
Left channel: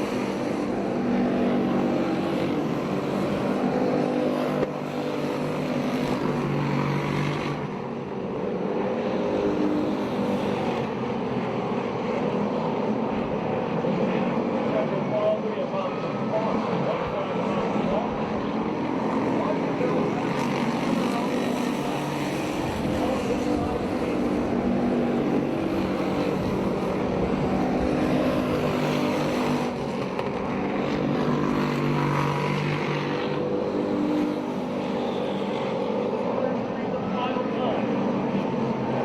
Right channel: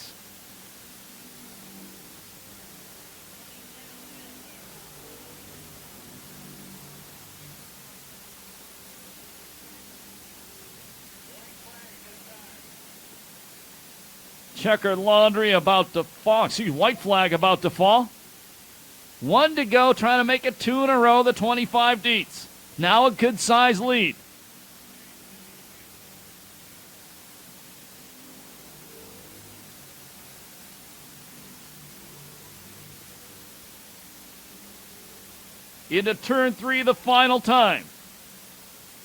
Checkered laundry about to fall, white flag about to fall. 1 to go, trying to make it 2 in a row, the 25 Dietz. Now a good size lead. Into turn 3 the final time.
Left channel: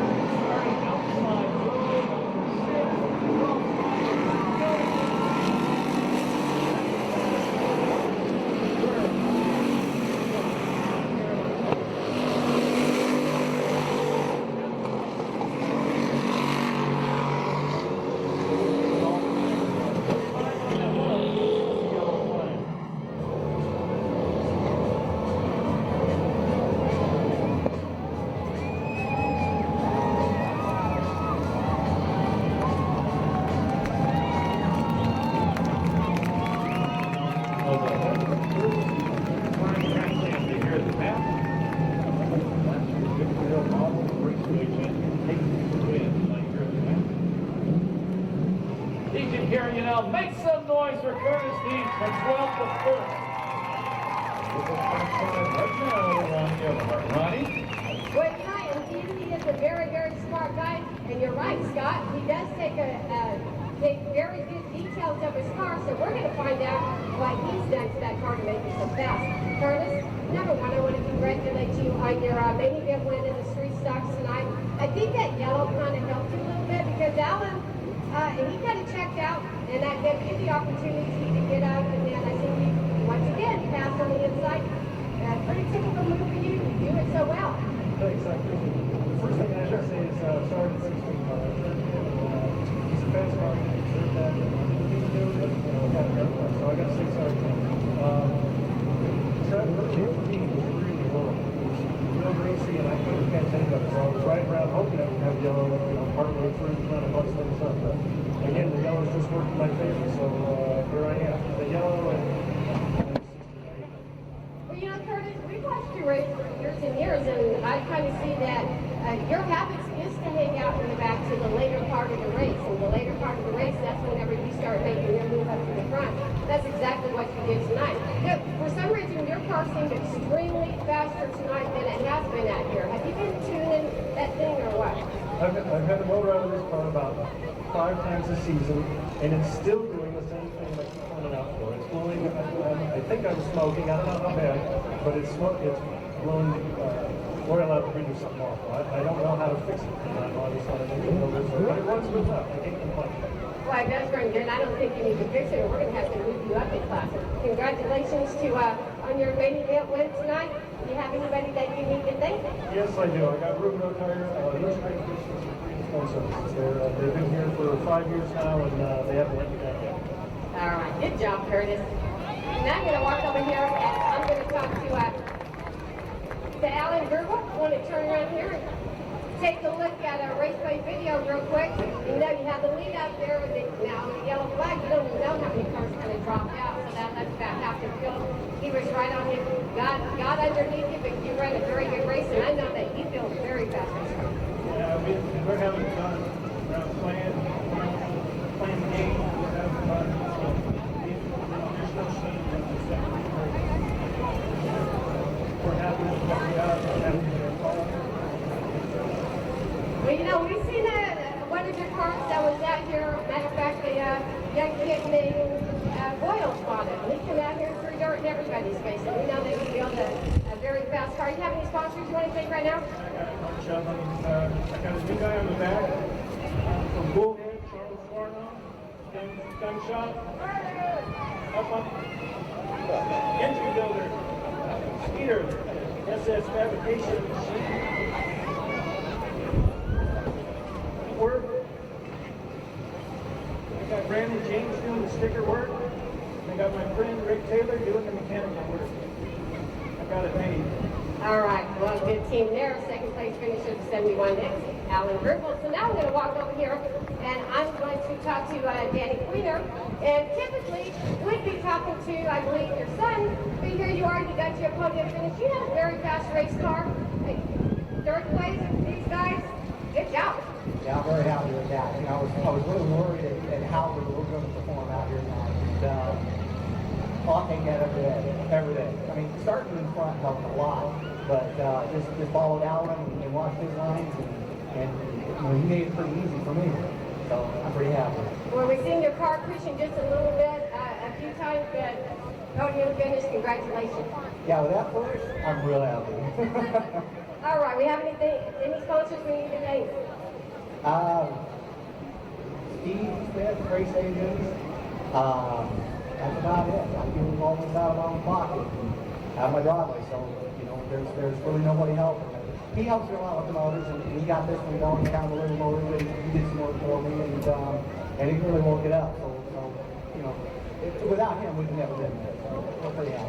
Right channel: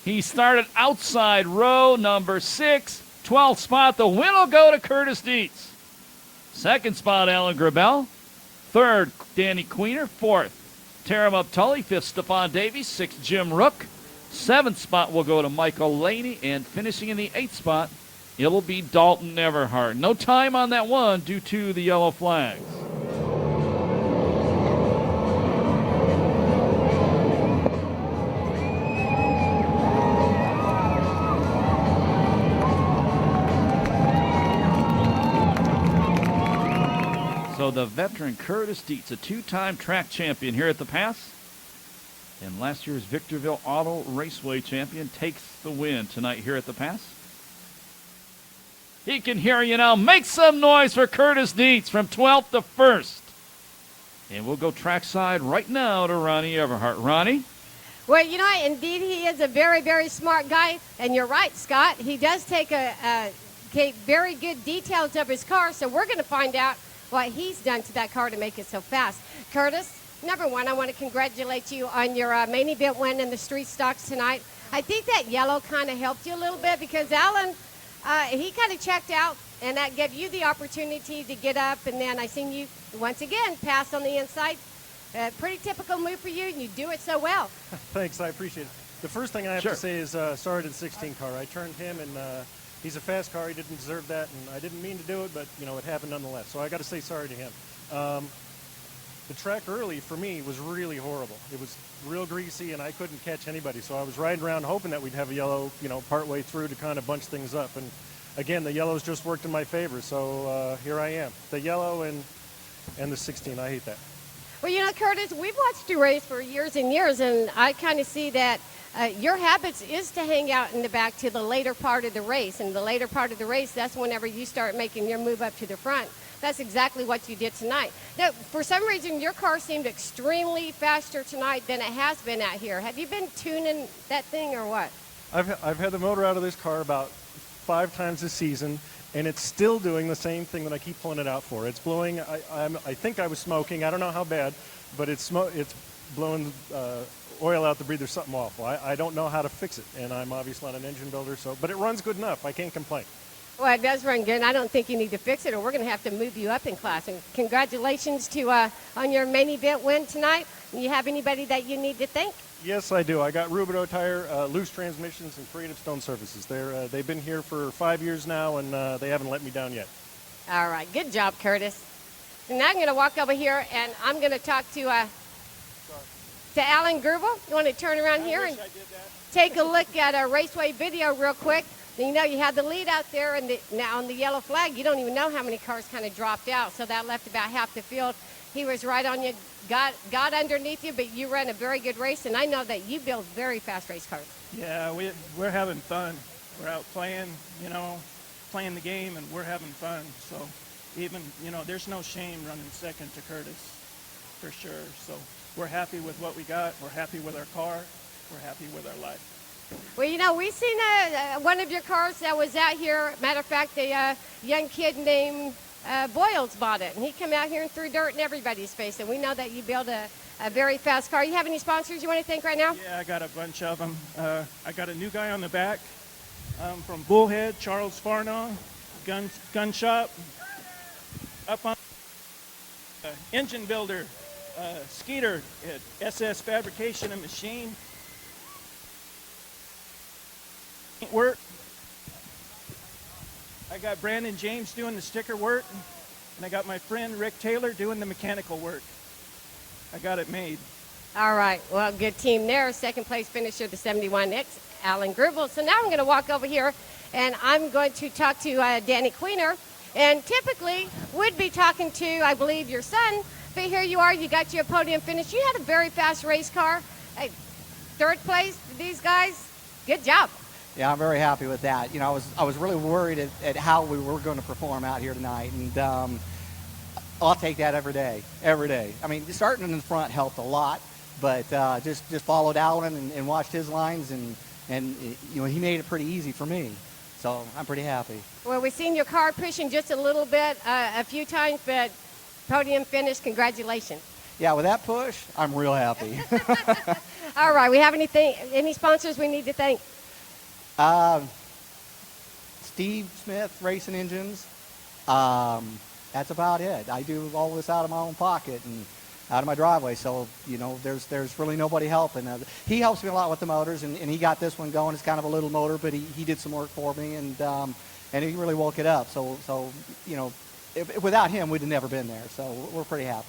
He started outside row number 6. 12th spot, the win will go to Curtis Dietz. 2nd spot, Alan Grabel. 3rd, Danny Queener. 4th, Terramuk Tully. 5th, Stephon Davies. 6th, Jim Rook. 7th spot will go to Michael Lane, and finishing in the 8th spot, it will be Dalton Everhart. No time on that one due to the yellow flags. So the veteran Curtis Deeds, a 2-time track champion here at the Pass. Last year's Victorville Auto Raceway champion takes the win tonight here at the Pass. He can hear you now. Make some noise for Curtis Dietz from 12th to 1st. And we'll go trackside right now to Ronnie Everhart. Ronnie? Well, you know, indeed, he is a very, very smart guy. And you're right, Scott. He does take very good details of his car. So we're going to find out what he's done to that car to make it so fast. Curtis, number one, I want to congratulate you on your main event win in the street stocks tonight. I think that yellow kind of helped you a little bit because Alan, he kind of checked out, and that gave you the opportunity to get up, and then I seen you once again pass on the inside. Pretty typical move for you. You do it so well. Thanks, I appreciate it. The first thing I have to say is sorry to the 16 car. I turned him in, and he's a fast car. He didn't deserve that. I didn't mean to do it, but it happened otherwise. So I got to say sorry again. Tread early for me was really horrible. It was real greasy, and I couldn't catch anybody. So I was riding around hoping that we'd have a yellow, partway through to kind of bunch things up. But again, the yellows just worked in my favor. So here I am. The yellow and the 16. I hate that. Well, you know, Curtis, we've watched you race for years and years, and I kind of see that your habits is to hang out in the back to the later part of the race. And the later part of the race, that's whenever you start making your move up to the front. That's exactly what you did tonight. Now, for some reason, your car seemed extremely faster tonight than it has been out here. Have you been tuning that thing or what? I've had the motor out of this car about 5 times this season, and it's still doing the same thing that I keep pulling it out for. It's blowing, I think I was smoking, I don't know how bad, but it's blowing oil out the breather, something awful. I don't know how to fix it, and I'm obviously not an engine builder, but it runs good enough. I can't complain. Well, it does run good. I don't think you need to fix it, or we're going to have to move you up in class. Congratulations to on your main event win tonight. Do you have anybody that you need to thank? Yes, I do. I got Rubido Tire, loose transmissions, and Freedom Stone Services. They've been here for 5 years now, and they haven't let me down yet. All right, good job, Curtis. Now I'm going to walk over here, and I'm going to talk to Alan Gerbel. I'm going to turn around here and take a look at a raceway video real quick. You know, you had the lead out there, and now on the yellow flag, you don't even know how many cars kind of dropped out, so that left about half the field. He was right on you, got underneath you, but you ran a very good race, and I know that you built a very fast race car. Yeah, we're having fun. We're playing, playing the game. We're having fun. Even, there's no shame in the second turns. For sure. So we're happy with what we got. We're happy with our car. Well, you know, we've seen one of your cars that was out here. Matter of fact, a young kid named Boyle spotted him. He came out here and threw dirt in everybody's face, and we know that you built a very fast car. You have any sponsors you want to thank right now? Yeah, I got a bunch of them. I got a new guy on the back from Bullhead, Charles Farno, gun shop. Up on engine builder, Skeeter, SS fabrication machine. Work. I got Brandon James doing the sticker work. I got my friend Rick Taylor doing the mechanical work. I got it made. All right, well, good team there. Second place finisher, the 71X, Alan Gerbel. So now I'm going to walk over here, and I'm going to talk to Danny Queener. And typically, would be talking to, I believe, your son. But here you are, you got your podium finish. You had a very fast race car. Third place, these guys, good job. Yeah, I'm very happy with that. I was really worried at how we were going to perform out here tonight. And I'll take that every day, every day. I mean, starting in the front helped a lot, but just followed Alan and watched his lines, and he made it pretty easy for me. So I'm pretty happy. Well, we've seen your car pushing just a little bit, a few times, but podium finish, congratulations. Yeah, with that push, I'm real happy. All right, we have any sponsors we need to thank? Steve Smith, Racing Engines. That's about it. I do all this out of my own pocket. out of my driveway. So, there's really nobody helping. He helps me a lot with the motors, and he got this one going. It's kind of a little motor, but he did some work for me, and he really woke it up. So without him, we'd have never been there. So we're pretty happy.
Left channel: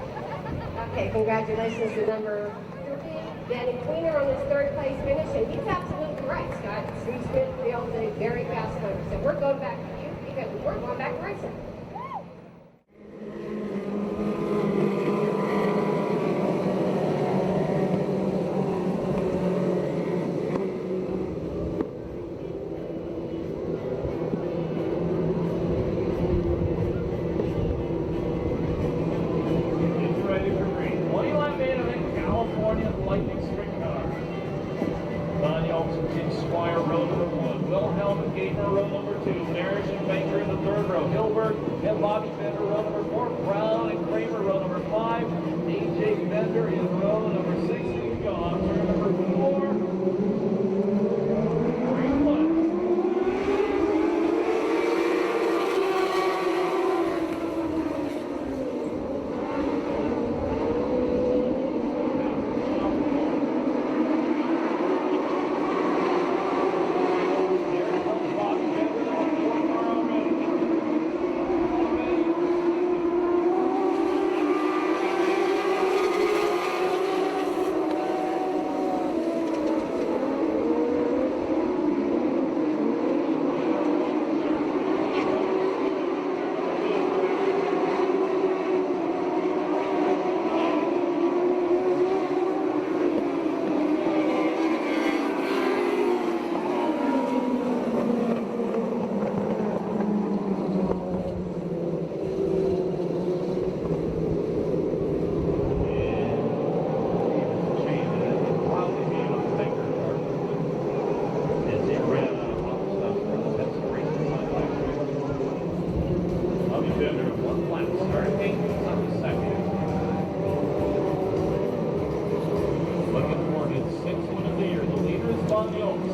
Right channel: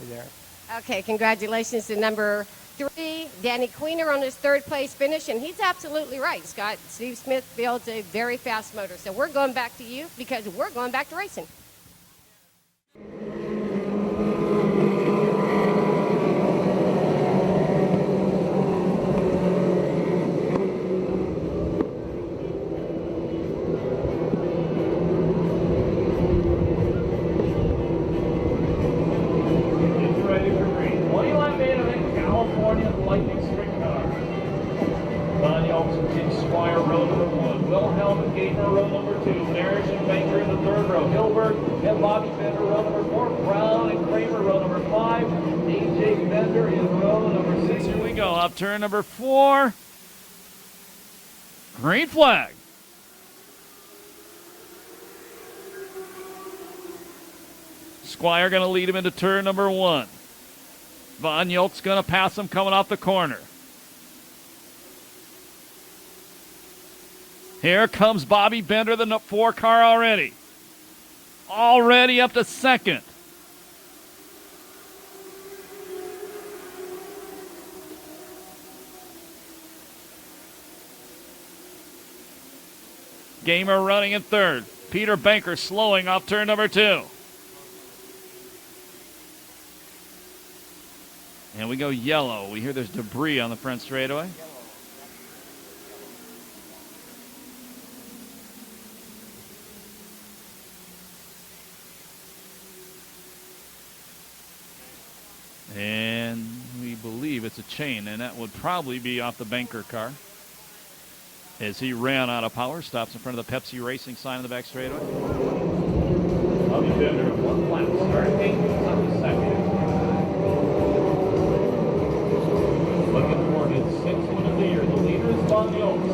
Okay, congratulations to number 3, Danny Queener, on his 3rd place finish, and he's absolutely right, Scott. Steve Smith built a very fast motor, so we're going back to you because we're going back to racing. And Bobby Bender, row number 4. Brown and Kramer, row number 5. A.J. Bender in row number 6. Here we go. Off turn number 4. Green flag. Squire going to lead him into turn number 1. Von Yolt's going to pass him coming off the corner. Here comes Bobby Bender, the 4 car already. Already up to 2nd. Gamer running in 3rd. Peter Banker slowing off turn number 2. And we go yellow. We hear there's debris on the front straightaway. Probably be off the Banker car as he ran out of power. Stops in front of the Pepsi Racing sign in the back straight. Bobby Bender, 1 lap. Starting engines up to 2nd. Looking for his 6th win of the year. The leader is Von Yoltz.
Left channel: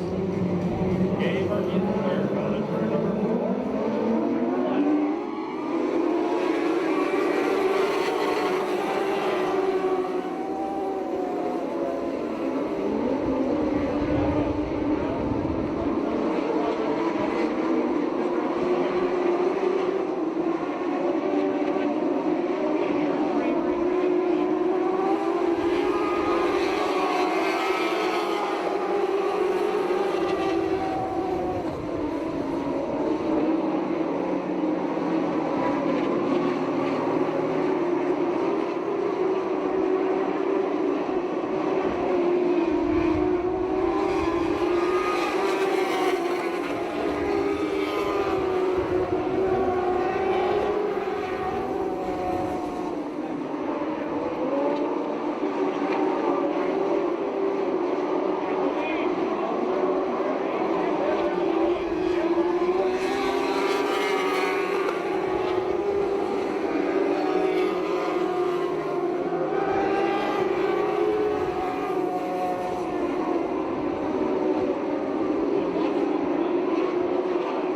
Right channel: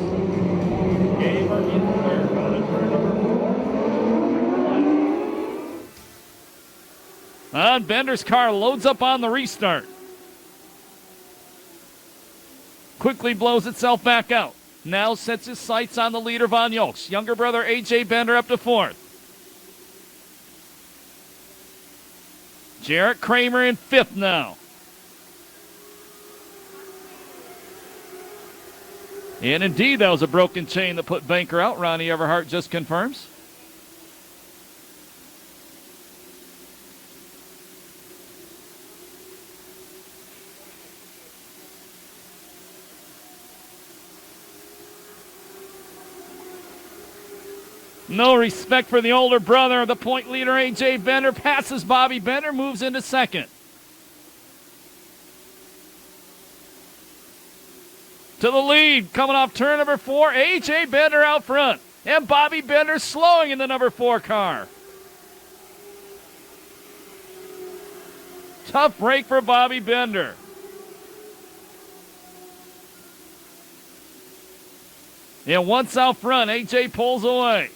Gamer in 3rd. On turn number 4. Von Bender's car loads up on the restart. Quickly blows itself back out. Now sets his sights on the leader, Von Yoltz. Younger brother A.J. Bender up to 4th. Jarrett Kramer in 5th now. And indeed, that was a broken chain that put Banker out. Ronnie Everhart just confirms. No respect for the older brother. The point leader, A.J. Bender, passes Bobby Bender, moves into 2nd. To the lead, coming off turn number 4, A.J. Bender out front. And Bobby Bender slowing in the number 4 car. Tough break for Bobby Bender. Yeah, once out front, A.J. pulls away.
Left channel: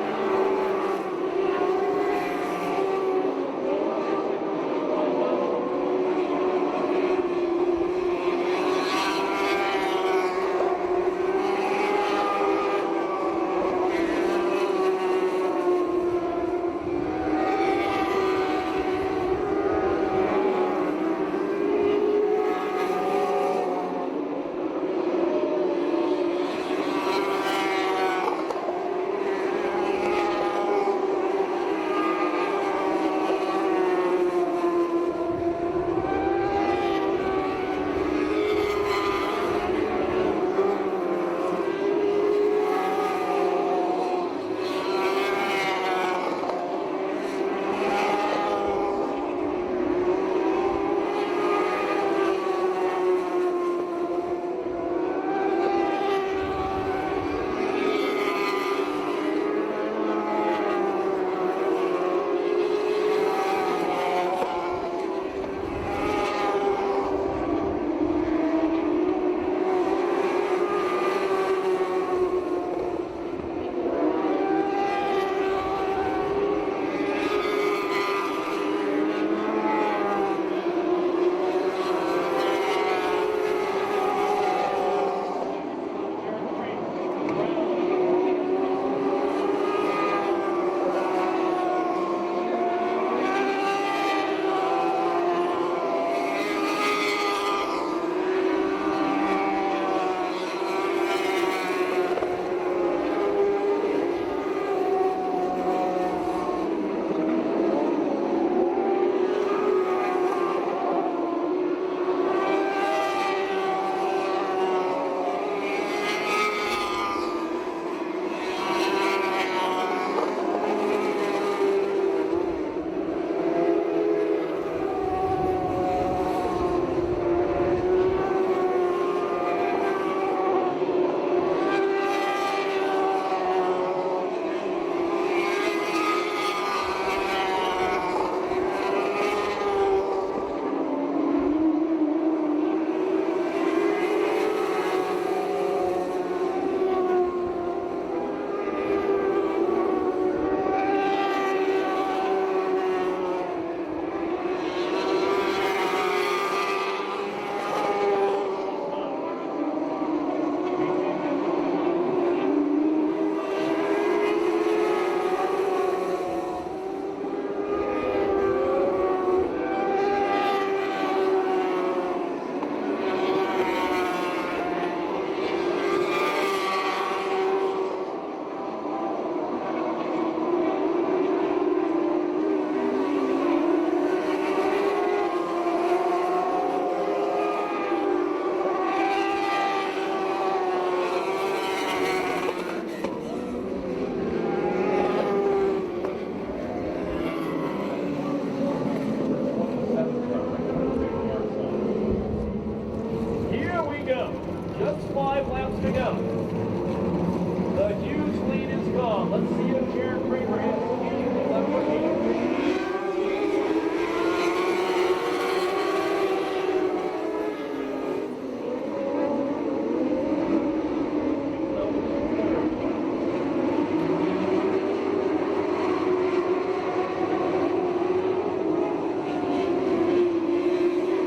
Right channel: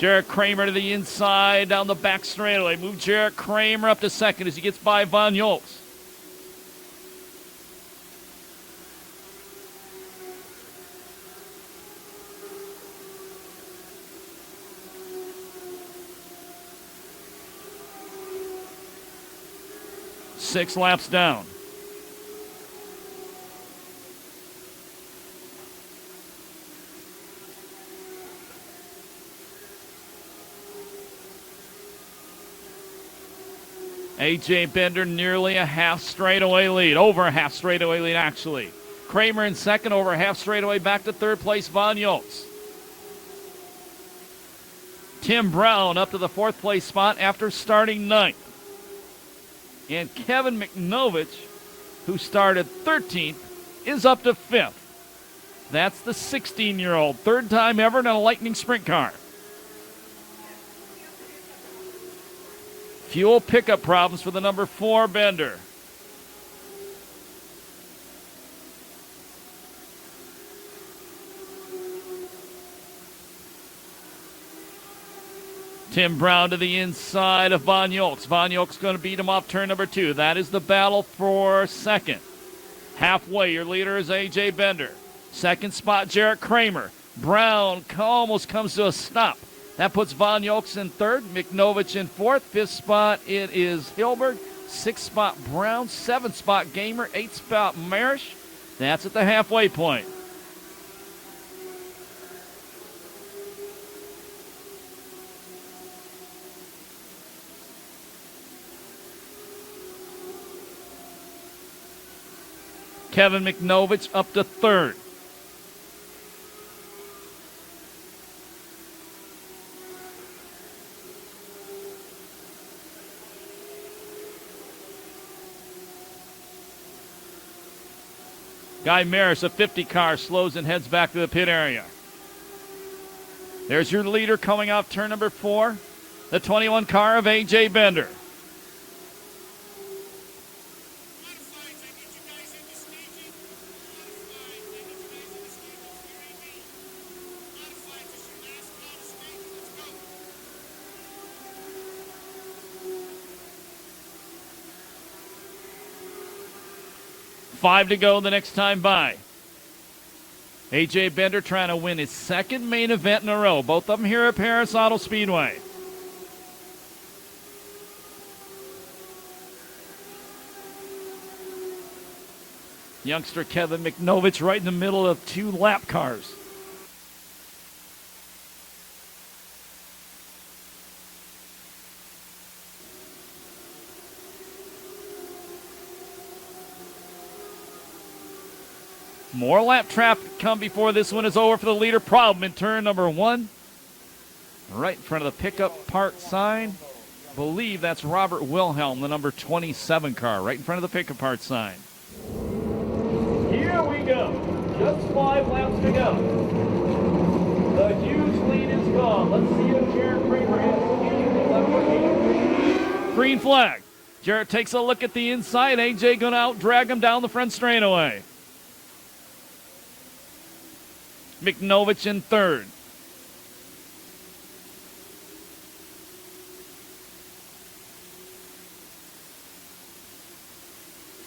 Jarrett Kramer to the inside, down the back straightaway. Move Jarrett Kramer up to 2nd as he gets by Von Yoltz. Six laps down. A.J. Bender nearly a half straightaway lead, over a half straightaway lead actually. Kramer in 2nd, over a half straightaway, back to 3rd place, Von Yoltz. Tim Brown up to the 4th place spot after starting 9th. And Kevin McNovich, who started 13th, is up to 5th. That's the 16-year-old, 3rd time ever in a Lightning Sprint car. Fuel pickup problems for the number 4 Bender. Tim Brown to the inside of Von Yolks. Von Yolks going to beat him off turn number 2. That is the battle for second. Halfway, your leader is A.J. Bender. Second spot, Jarrett Kramer. Brown almost comes to a stop. That puts Von Yolks in third, McNovich in fourth. Fifth spot, it is Gilbert. Sixth spot, Brown. Seventh spot, Gamer. Eighth spot, Marish. That's at the halfway point. Kevin McNovich up to third. Guy Maris, a 50 car, slows and heads back to the pit area. There's your leader coming out turn number 4, the 21 car of A.J. Bender. Five to go the next time by. A.J. Bender trying to win his second main event in a row. Both of them here at Perris Auto Speedway. Youngster Kevin McNovich right in the middle of 2 lap cars. More lap traffic come before this one is over for the leader. Problem in turn number 1. Right in front of the pickup part sign. I believe that's Robert Wilhelm, the number 27 car, right in front of the pickup part sign. Here we go. Just 5 laps to go. The huge lead is gone. Let's see if Jarrett Kramer has anything left for him. Green flag. Jarrett takes a look at the inside. AJ going to out drag him down the front straightaway. McNovich in third.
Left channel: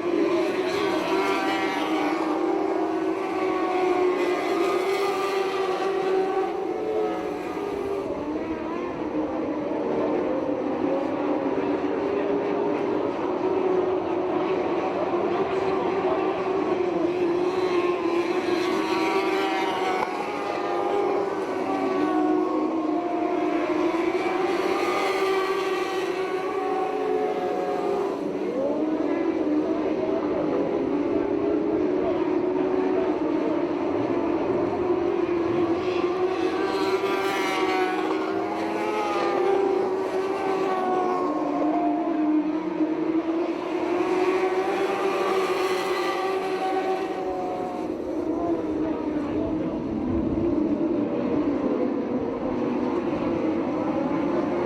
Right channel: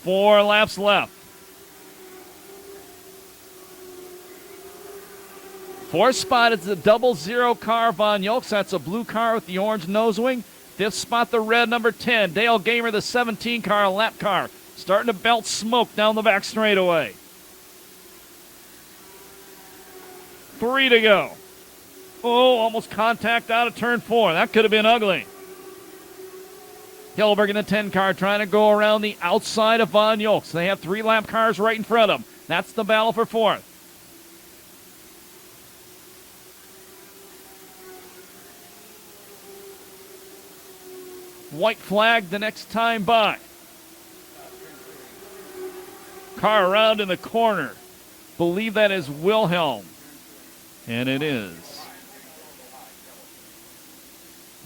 Four laps left. Fourth spot is the 00 car, Von Yolks. That's a blue car with the orange nose wing. Fifth spot, the red number 10, Dale Gamer, the 17 car, a lap car. Starting to belt smoke down the back straightaway. 3 to go. Oh, almost contact out of turn 4. That could have been ugly. Hillberg in the 10 car trying to go around the outside of Von Yolks. They have 3 lap cars right in front of them. That's the battle for 4th. White flag the next time by. Car around in the corner. Believe that is Wilhelm. And it is.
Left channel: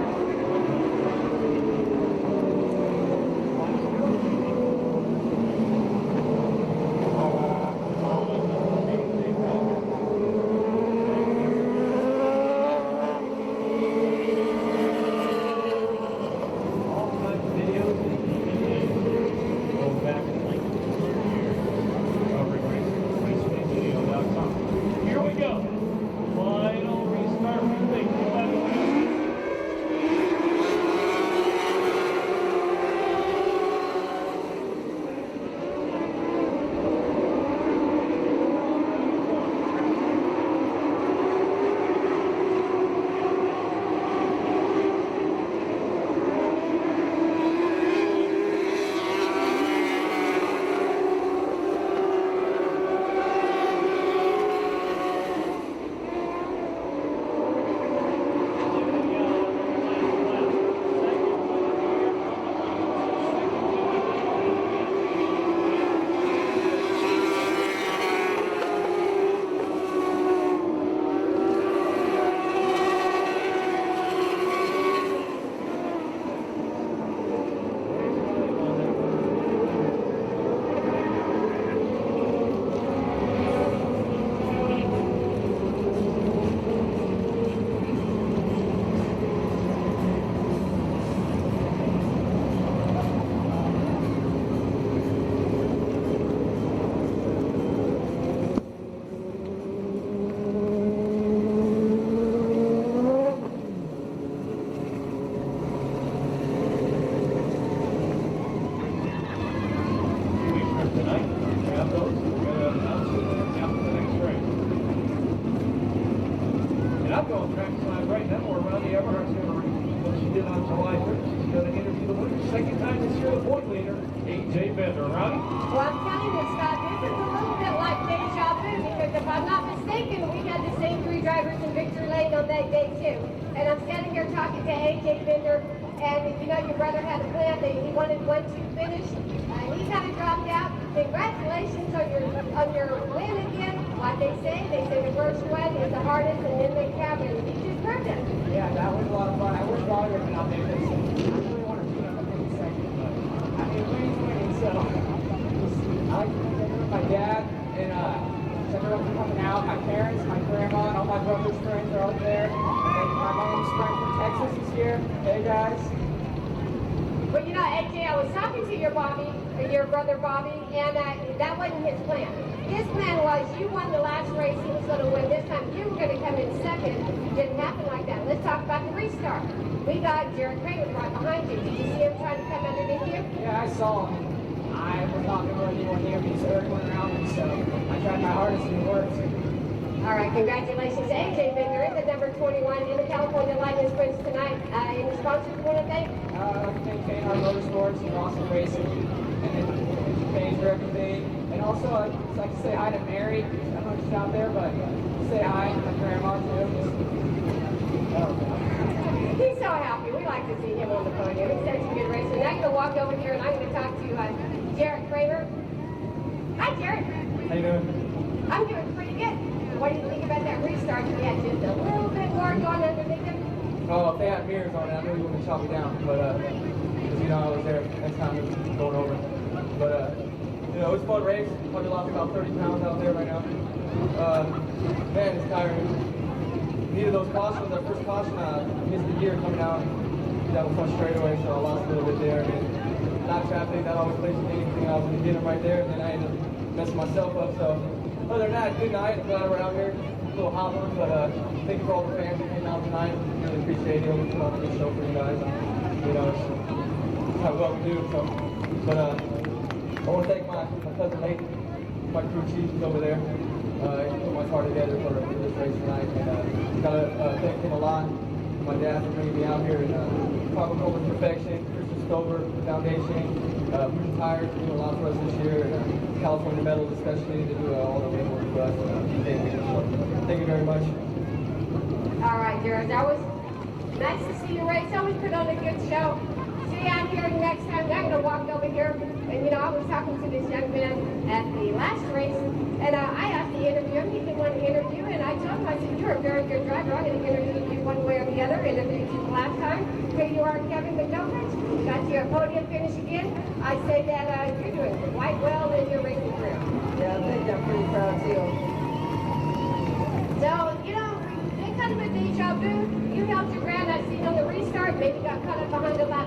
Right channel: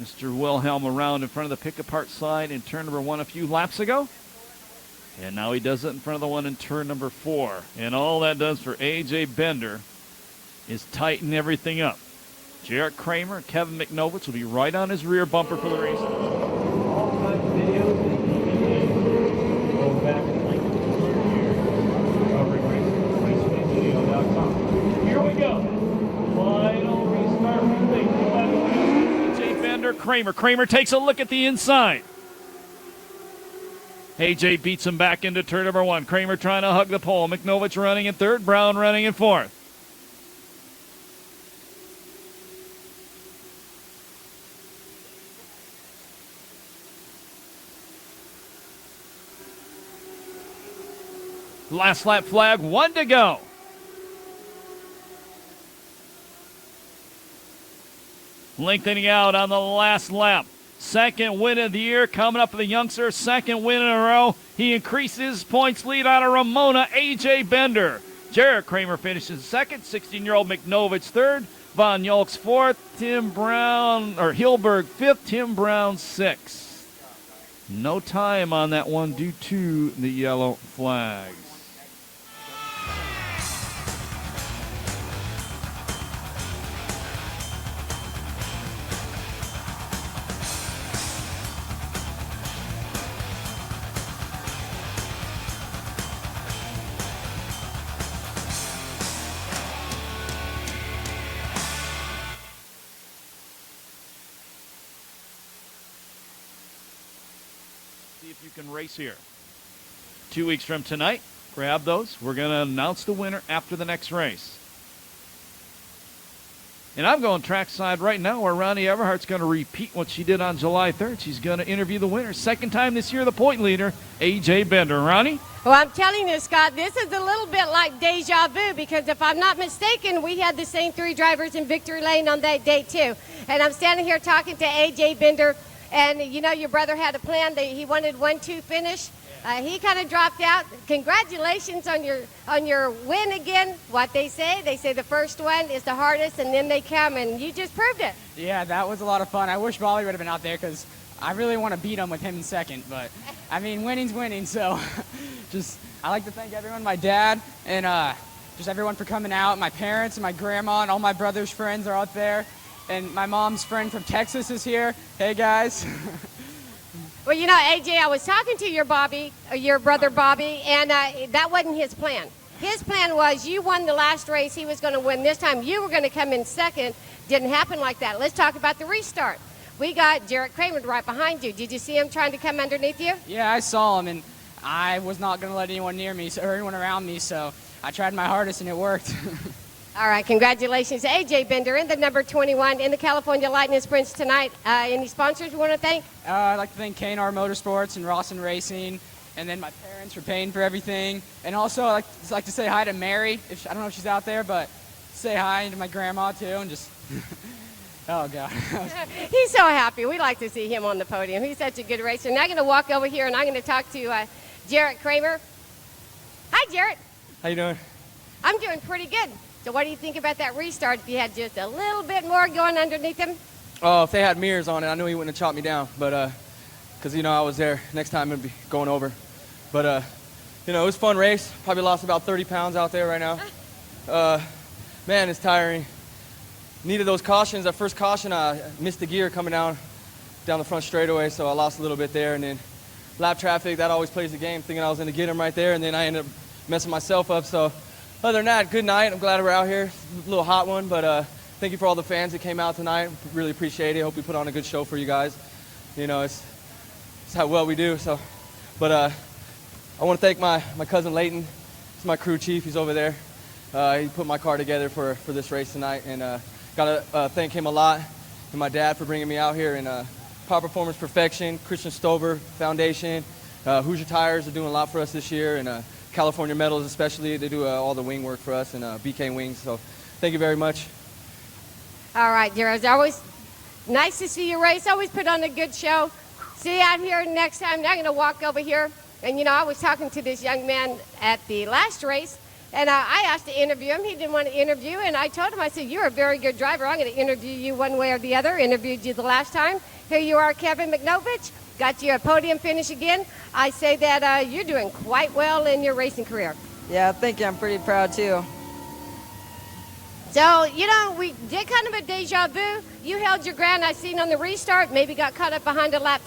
Mr. Wilhelm around in front of the pick apart side in turn number 1 a few laps ago. And now he does it in front of the one in turn number 4. And all that does for A.J. Bender is tighten everything up. Jarrett Kramer, Kevin McNovich will be right on his rear bumper for the race. All kinds of videos and DVDs. Go back and link to the year. Covering racing, racewayvideo.com. Here we go. Final restart. A.J. Bender, Kramer. Kramer takes a look at the inside. A.J. beats him back into turn number 1. Kramer trying to hug the pole. McNovich running in third. Brown running in fourth. Last lap flag, 1 to go. Lengthening out on the last lap. Second win of the year coming up for the youngster. Second win in a row. He increases points lead on a Ramona. A.J. Bender. Jarrett Kramer finishes second. 16-year-old McNovich third. Von Yolks fourth. Hilberg fifth. Tim Brown sixth. No time on that one due to the yellow flag. start tonight. Grab those. We're going to announce the winner after the next race. And I'm going trackside right now where Ronnie Everhart's going to repeat what she did on July 3rd. She's going to interview the winner. Second time this year, the point leader, A.J. Bender. Ronnie? Well, I'm telling you, Scott, this is a little bit like deja vu because if I'm not mistaken, we had the same 3 drivers in victory lane on that day, too. And I'm standing here talking to A.J. Bender, and you know your brother had a plan. He wanted 1-2 finish. He kind of dropped out. Congratulations on your win again. What they say the first one is the hardest, and then they come, and you just proved it. Yeah, that was a lot of fun. I wish Molly would have been out there because I really want to beat him with him in second. But I mean, winning's winning. So I like to thank everyone, my dad, and just everyone for coming out. My parents, my grandma, and all my brother's friends are out there. And my mom's friend from Texas is here. Hey guys. Well, you know, AJ, I was talking to your brother Bobby, and that wasn't his plan. His plan was you won the last race, he was going to win this time. You were going to come in second. Didn't happen like that. Let's talk about the restart. We got Jared Kramer right behind you. Did you see him trying to come underneath you? Yeah, I saw him, and I was not going to let anyone near me, so everyone around me, so I tried my hardest, and it worked. All right, congratulations, AJ Bender in the number 21 in the California Lightning Sprints tonight. Any sponsors you want to thank? I'd like to thank K&R Motorsports and Rawson Racing, and then my parents for paying for everything. And also, I'd like to say hi to Mary. I don't know if she's out there, but say hi, and my grandma too, and just, oh God. He's so happy. We like to see him on the podium. He's such a good racer. Now I'm going to walk over here, and I'm going to talk to Jared Kramer. Hi, Jared. How you doing? I'm doing pretty good. So what do you think about that restart if you had just a little bit more going underneath him? Oh, if they had mirrors on it, I knew he wouldn't have chopped me down. But, because, you know, I was there. Next time it'd be going over. But, you know, it was a fun race. Probably lost about 30 pounds out there right now. Man, it's tiring. Needed those cautions. That first caution, I missed the gear coming down the front straightaway, so I lost a little bit there. And then lap traffic, that always plays the game, thinking I was going to get him right there. And then I ended up messing myself up. So other than that, good night. I'm glad we're out here. A little hot one, but thank you for all the fans that came out tonight. Really appreciate it. Hope we put on a good show for you guys. You know, it's how well we do. So, but I want to thank my cousin Layton. He's my crew chief. He's over there. He put my car together for this race tonight, and gotta thank him a lot. My dad for bringing me out here, and Power Performance Perfection, Christian Stover Foundation, Hoosier Tires are doing a lot for us this year, and California Metals especially, and they do all the wing work for us, and BK Wings. So thank you very much. All right, Jared. It's always nice to see you race. Always put on a good show. See you out here next time. Now I'm going to walk over here. And, you know, I was talking to this young man at the last race, and I asked to interview him. He didn't want to interview, and I told him, I said, you're a very good driver. I'm going to interview you one way or the other. Interviewed you the last time. Here you are, Kevin McNovich. Got you a podium finish again. I say that you're doing quite well in your racing career. Yeah, thank you. I'm pretty proud, too. So, you know, we did kind of a deja vu. You held your ground. I seen on the restart, maybe got caught up behind a lap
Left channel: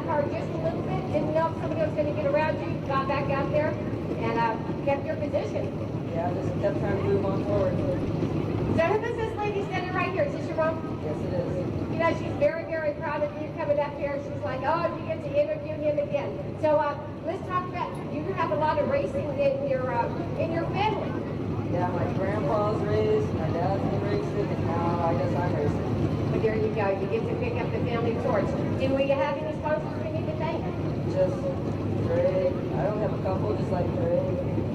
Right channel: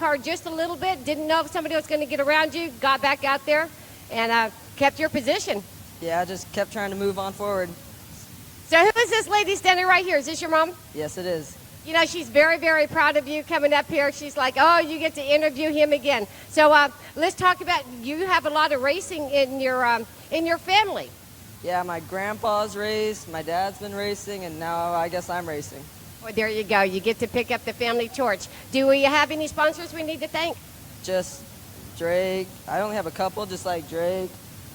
car just a little bit. Didn't know if somebody was going to get around you. Got back out there and kept your position. Yeah, I just kept trying to move on forward. So who is this lady standing right here? Is this your mom? Yes, it is. You know, she's very, very proud of you coming up here. She's like, oh, you get to interview him again. So let's talk about, you have a lot of racing in your family. Yeah, my grandpa's raced, my dad's been racing, and now I guess I'm racing. Well, there you go. You get to pick up the family torch. Do we have any sponsors we need to thank? Just Drake. I only have a couple, just like Drake,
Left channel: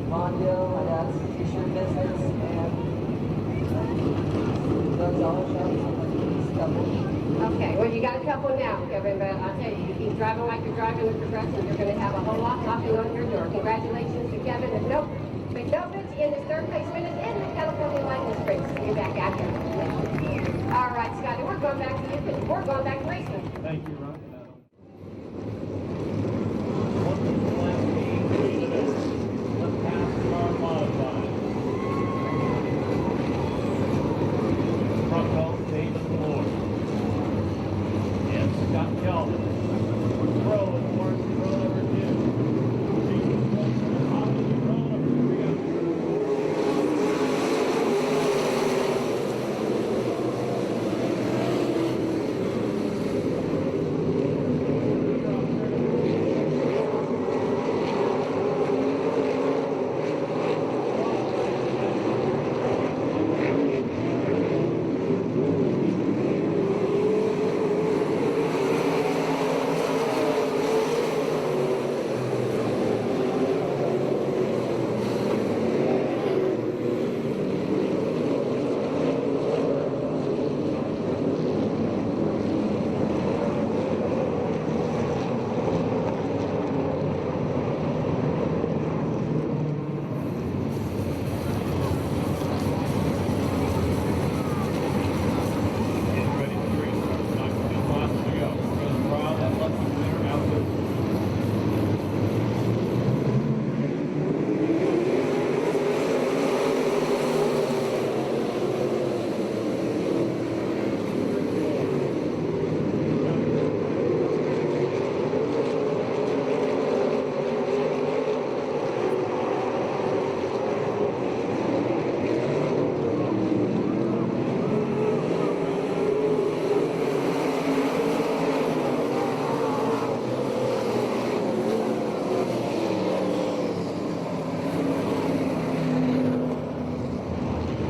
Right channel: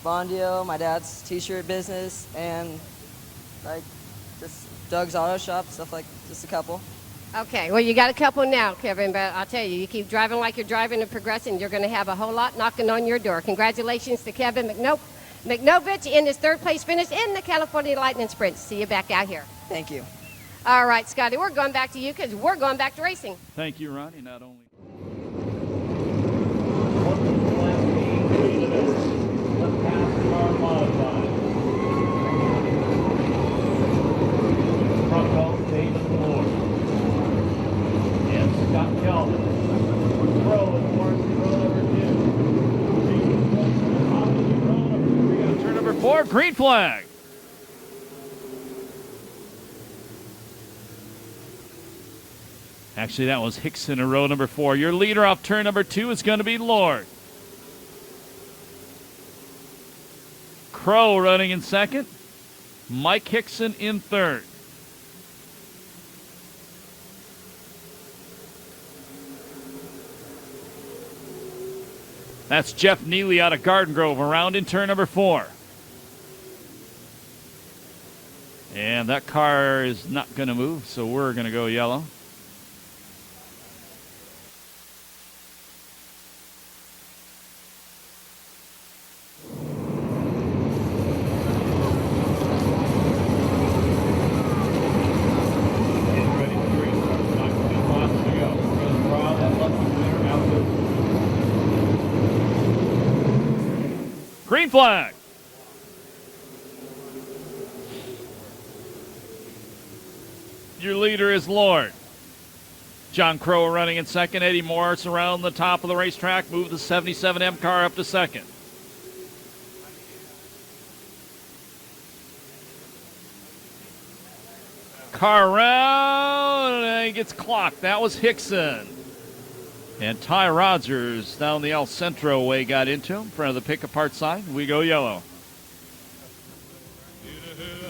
Bondio, my dad's t-shirt business, and Doug's Auto Shop and stuff like that. Just a couple. Okay, well, you got a couple now, Kevin, but I'll tell you, you keep driving like you're driving and progressing, you're going to have a whole lot knocking on your door. Congratulations to Kevin McNovich in his third place finish in the California Lightning Sprints. See you back out here. Thank you. All right, Scotty, we're going back to you because we're going back to racing. Thank you, Ronnie. Not only. The PASSCAR modified. Front row, David Moore. And Scott Kelvin. Row in varsity row number 2. We got turn number 4, green flag. Actually, that was Hickson in row number 4. Your leader off turn number 2 is going to be Lord. Crow running in second. Mike Hickson in third. That's Jeff Neely out of Garden Grove, around in turn number 4. And that car is not going to move, so we're going to go yellow. Getting ready for the restart. 9 miles to go. We're going to draw that lucky winner out there. Green flag. Your leader is Lord. John Crow running in second. Eddie Morris around the top of the racetrack, moving the 77M car up to second. Car around and gets clocked. That was Hickson. And Ty Rogers down the El Centro way got into him in front of the pick-apart side. We go yellow.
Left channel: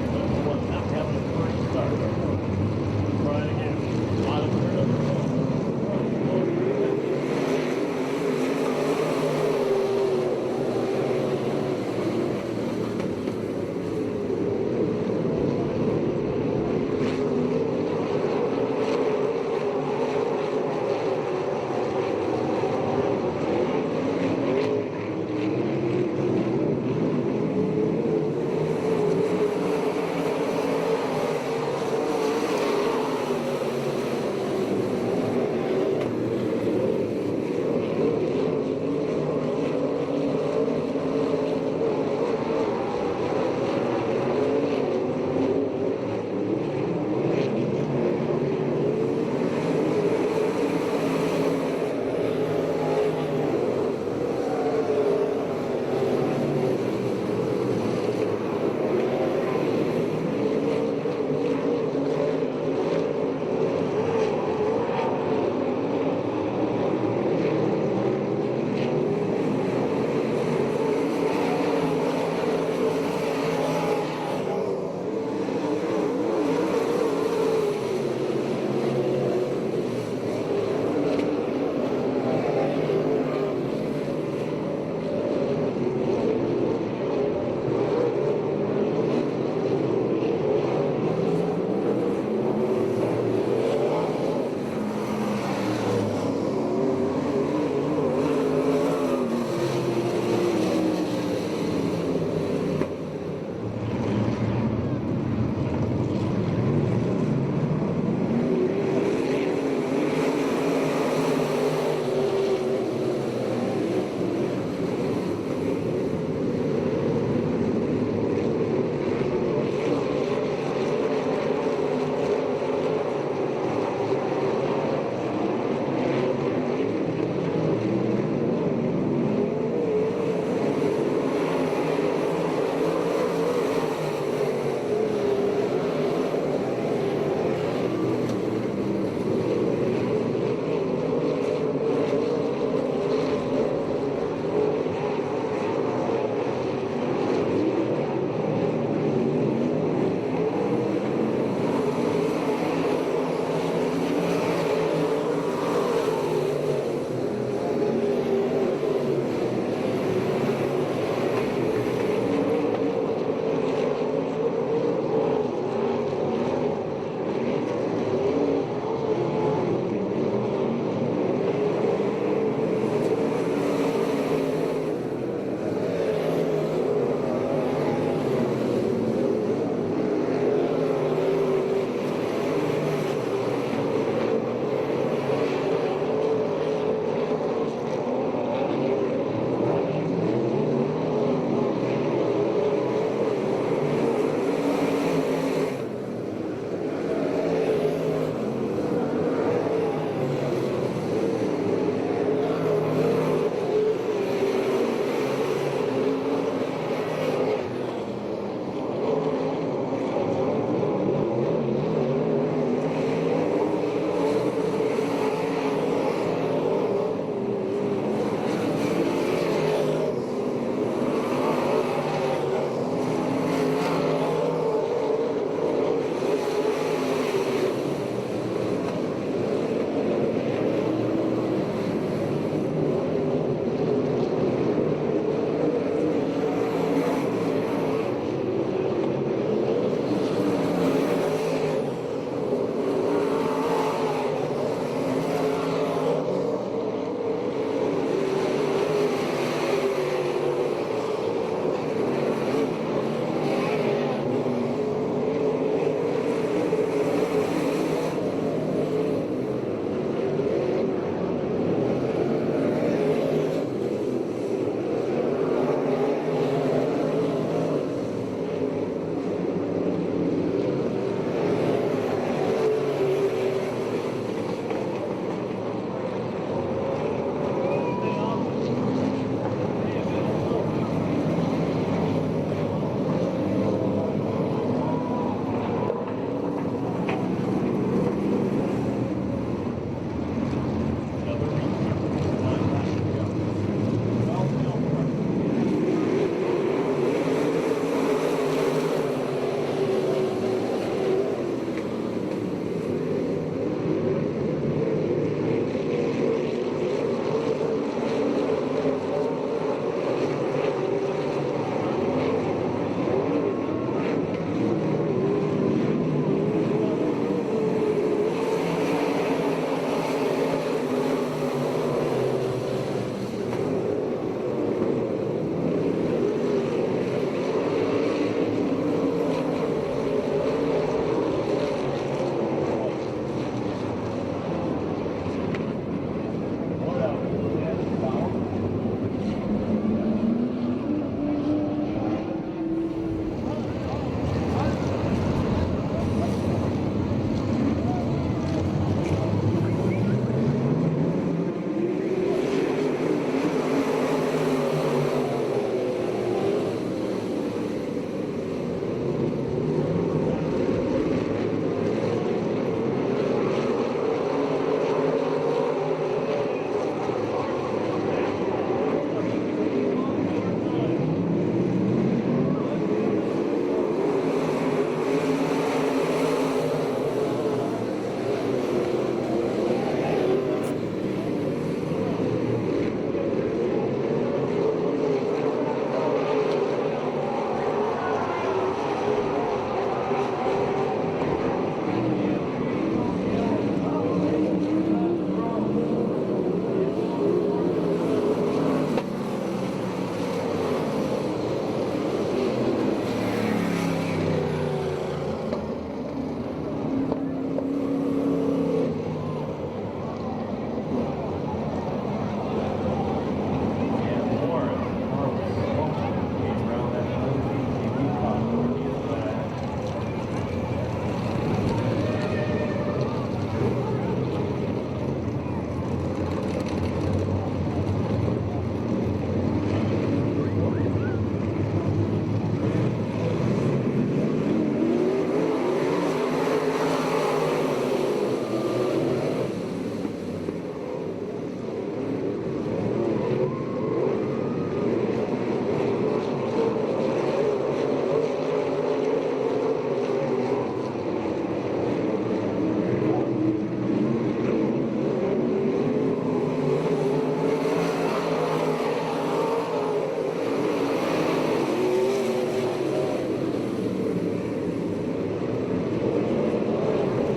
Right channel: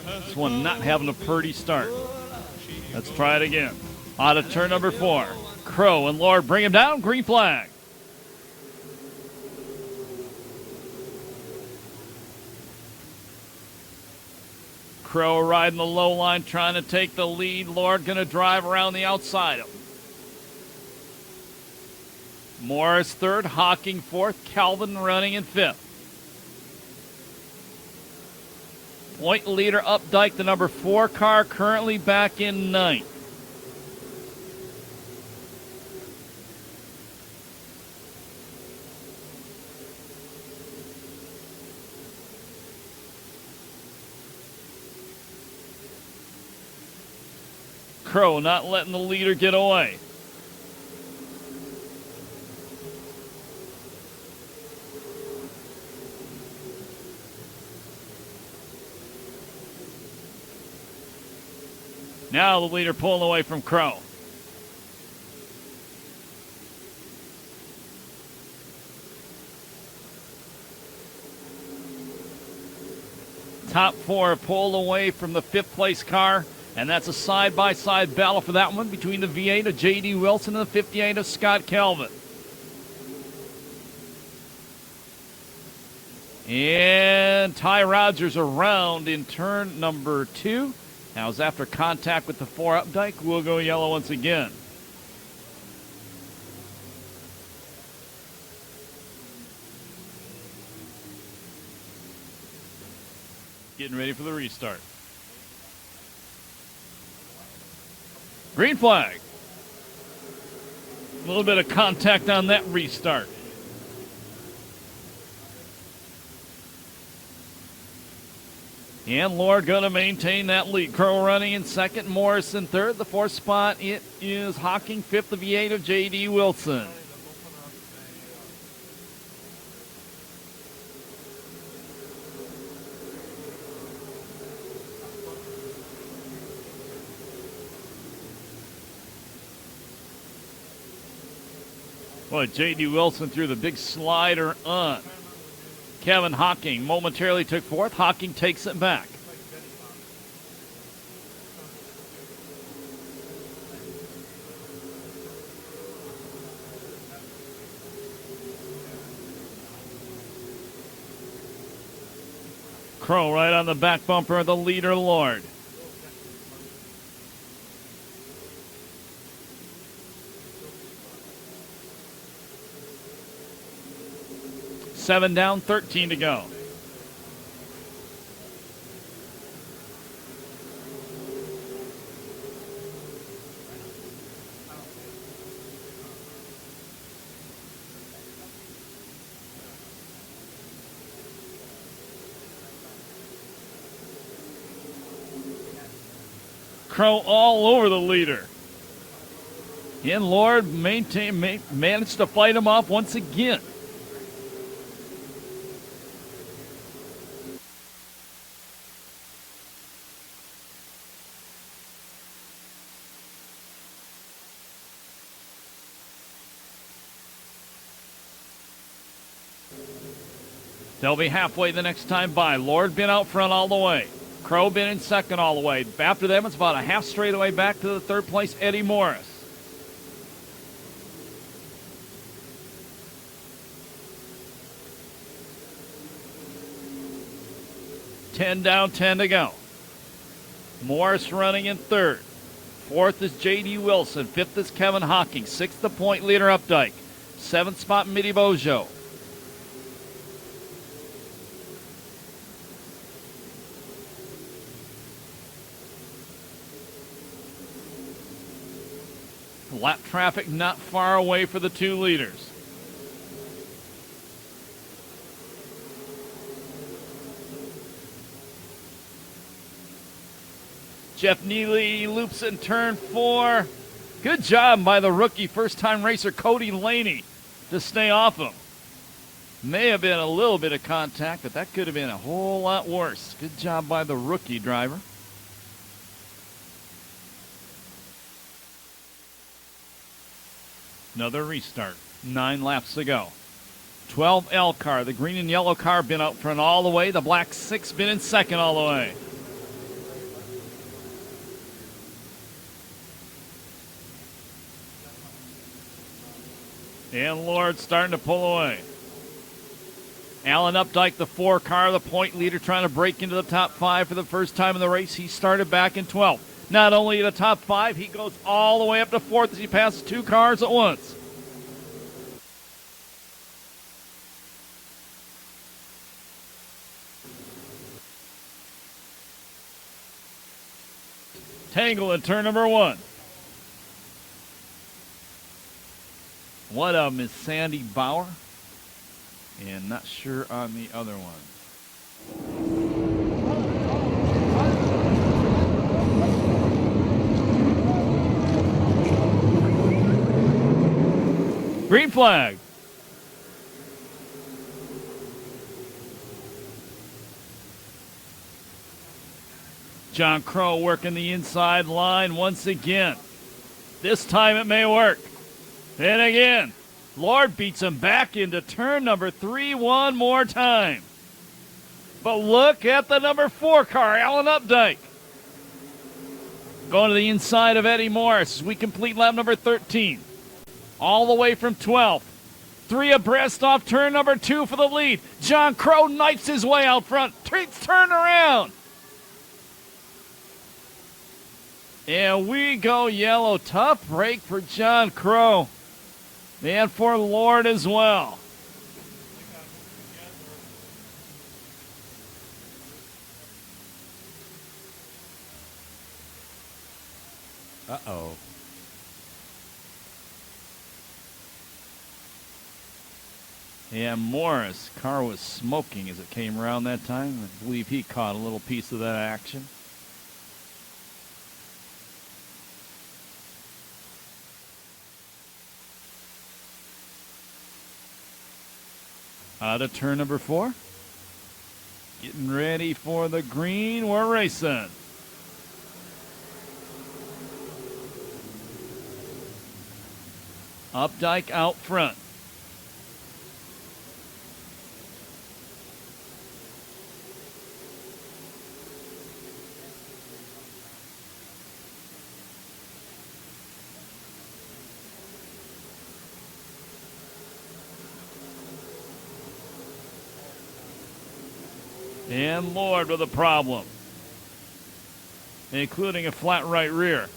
This one not having a pretty start. Let's try it again. On to turn number 4. Crow and Lord bring him down. Green flag. Crow riding the low line, trying to take the lead. Lord going to drive around the outside. Morris third, Hawking fourth, Calvin running in fifth. Point leader Updike, the number 4 car, currently back in 9th. Crow not letting the leader get away. Now the leader pulling away from Crow. Top 4 pulled away from the 5th place car, and that's a side-by-side battle for that one between the V8 of J.D. Wilson and the 58 of Scott Kelvin. And Ty Rogers around in turn number 2. Now it's after contact with the 4 Updike. We'll go yellow once again. Getting ready for the restart. Green flag. A little bit of contact on that restart. And Lord going to maintain that lead. Crow running in second, Morris in third. The 4th spot, it is Hawking, 5th of V8 of J.D. Wilson. Boy, J.D. Wilson threw the big slider on Kevin Hawking. Momentarily took 4th. Hawking takes it back. Crow right on the back bumper of the leader, Lord. Seven down, 13 to go. Crow all over the leader. And Lord managed to fight him off once again. They'll be halfway the next time by. Lord been out front all the way. Crow been in second all the way. After them, it's about a half straightaway back to the third place, Eddie Morris. Ten down, 10 to go. Morris running in third. Fourth is J.D. Wilson. Fifth is Kevin Hockey. Sixth, the point leader, Updike. Seventh spot, Mitty Bojo. Lap traffic not far away for the two leaders. Jeff Neely loops in turn 4. Good job by the rookie first-time racer Cody Laney to stay off him. May have been a little bit of contact, but that could have been a whole lot worse. Good job by the rookie driver. Another restart. 9 laps to go. 12 L car. The green and yellow car been up front all the way. The black 6 been in second all the way. Starting to pull away. Alan Updike, the 4 car, the point leader, trying to break into the top 5 for the first time in the race. He started back in 12th. Not only in the top 5, he goes all the way up to 4th as he passes 2 cars at once. Tangle at turn number 1. One of them is Sandy Fowler, and not sure on the other one. Green flag. John Crow working the inside line once again. This time it may work. Then again, Lord beats him back into turn number 3 one more time. But look at the number 4 car, Alan Updike. Going to the inside of Eddie Morris. We complete lap number 13. All the way from 12. 3 abreast off turn number 2 for the lead. John Crow knifes his way out front. Turn around. And we go yellow. Tough break for John Crow. And for Lord as well. And Morris, car was smoking as it came around that time. I believe he caught a little piece of that action. Turn number 4. Getting ready for the green. We're racing. Updike out front. With a problem, including a flat right rear.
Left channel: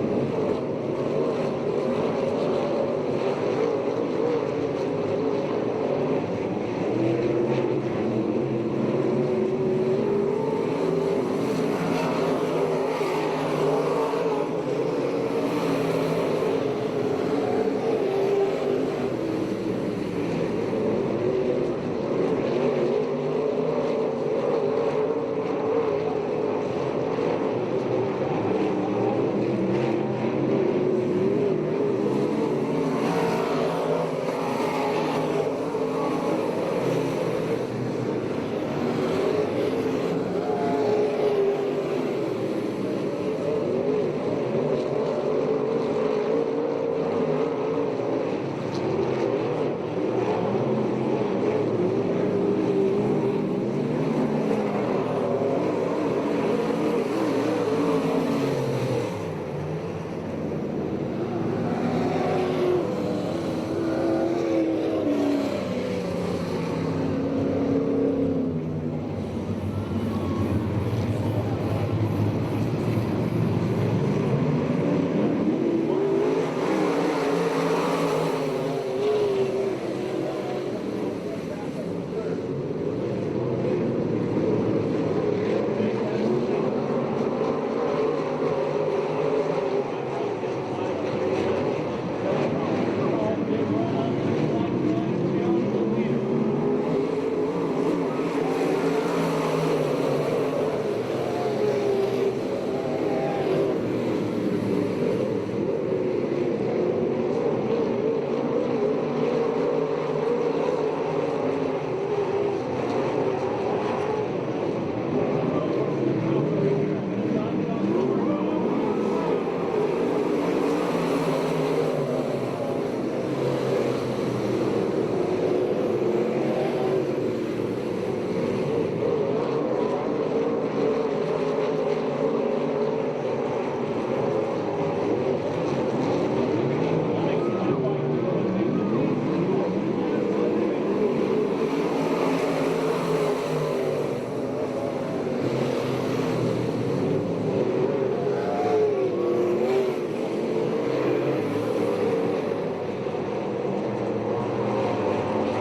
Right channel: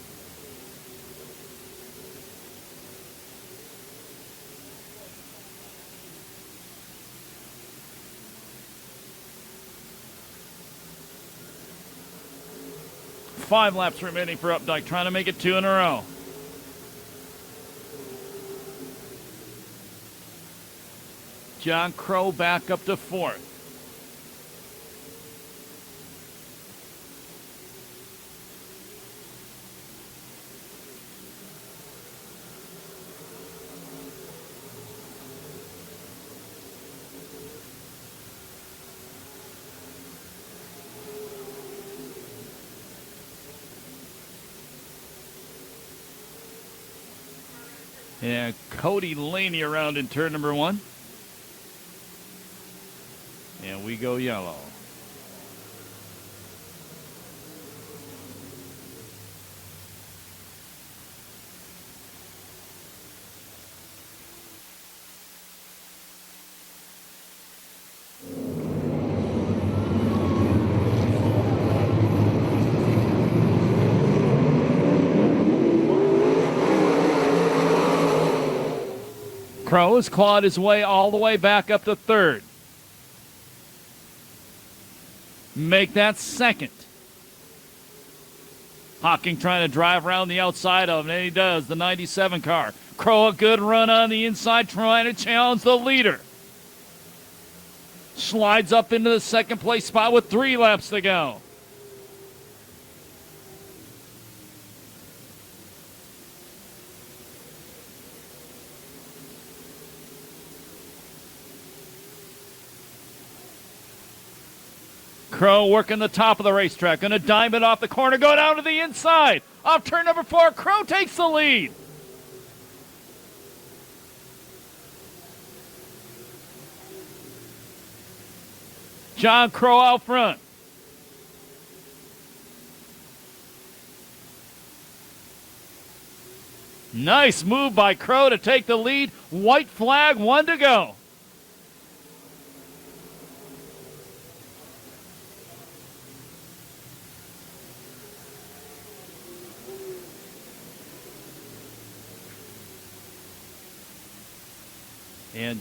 Five laps remaining for Updike, trying to make it 2 in a row. John Crow back up to 4th. Cody Laney around in turn number 1. And Crow has clawed his way all the way back up to third. Make that second. Hocking trying to drive around the outside of him, and he does, the 97 car. Crow, a good run on the inside, trying to challenge the leader. Slides up into the second place spot with 3 laps to go. Crow working the top of the racetrack, gonna dive it off the corner, go down to the inside. Off turn number 4, Crow takes the lead. John Crow out front. Nice move by Crow to take the lead. White flag, 1 to go.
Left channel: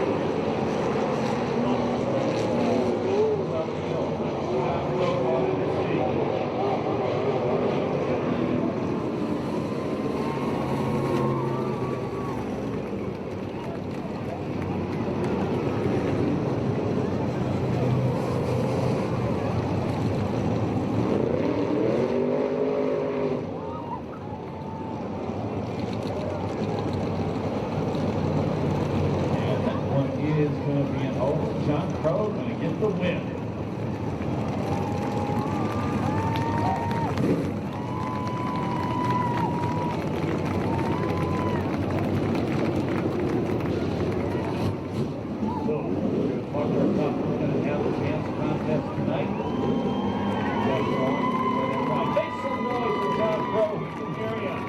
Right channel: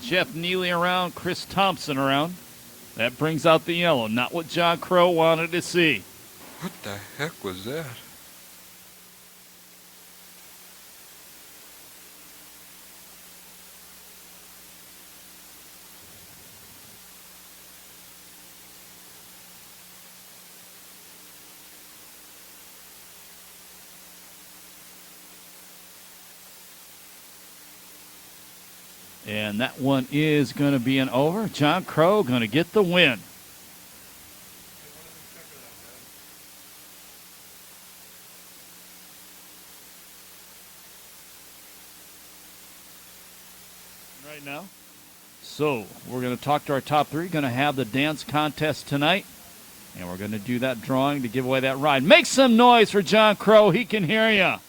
Jeff Neely around, Chris Thompson around. That brings out the yellow, not what John Crow wanted to see. One is going to be an over. John Crow going to get the win. So we're going to talk to our top 3. Going to have the dance contest tonight. And we're going to do that drawing to give away that ride. Make some noise for John Crow. He can hear you.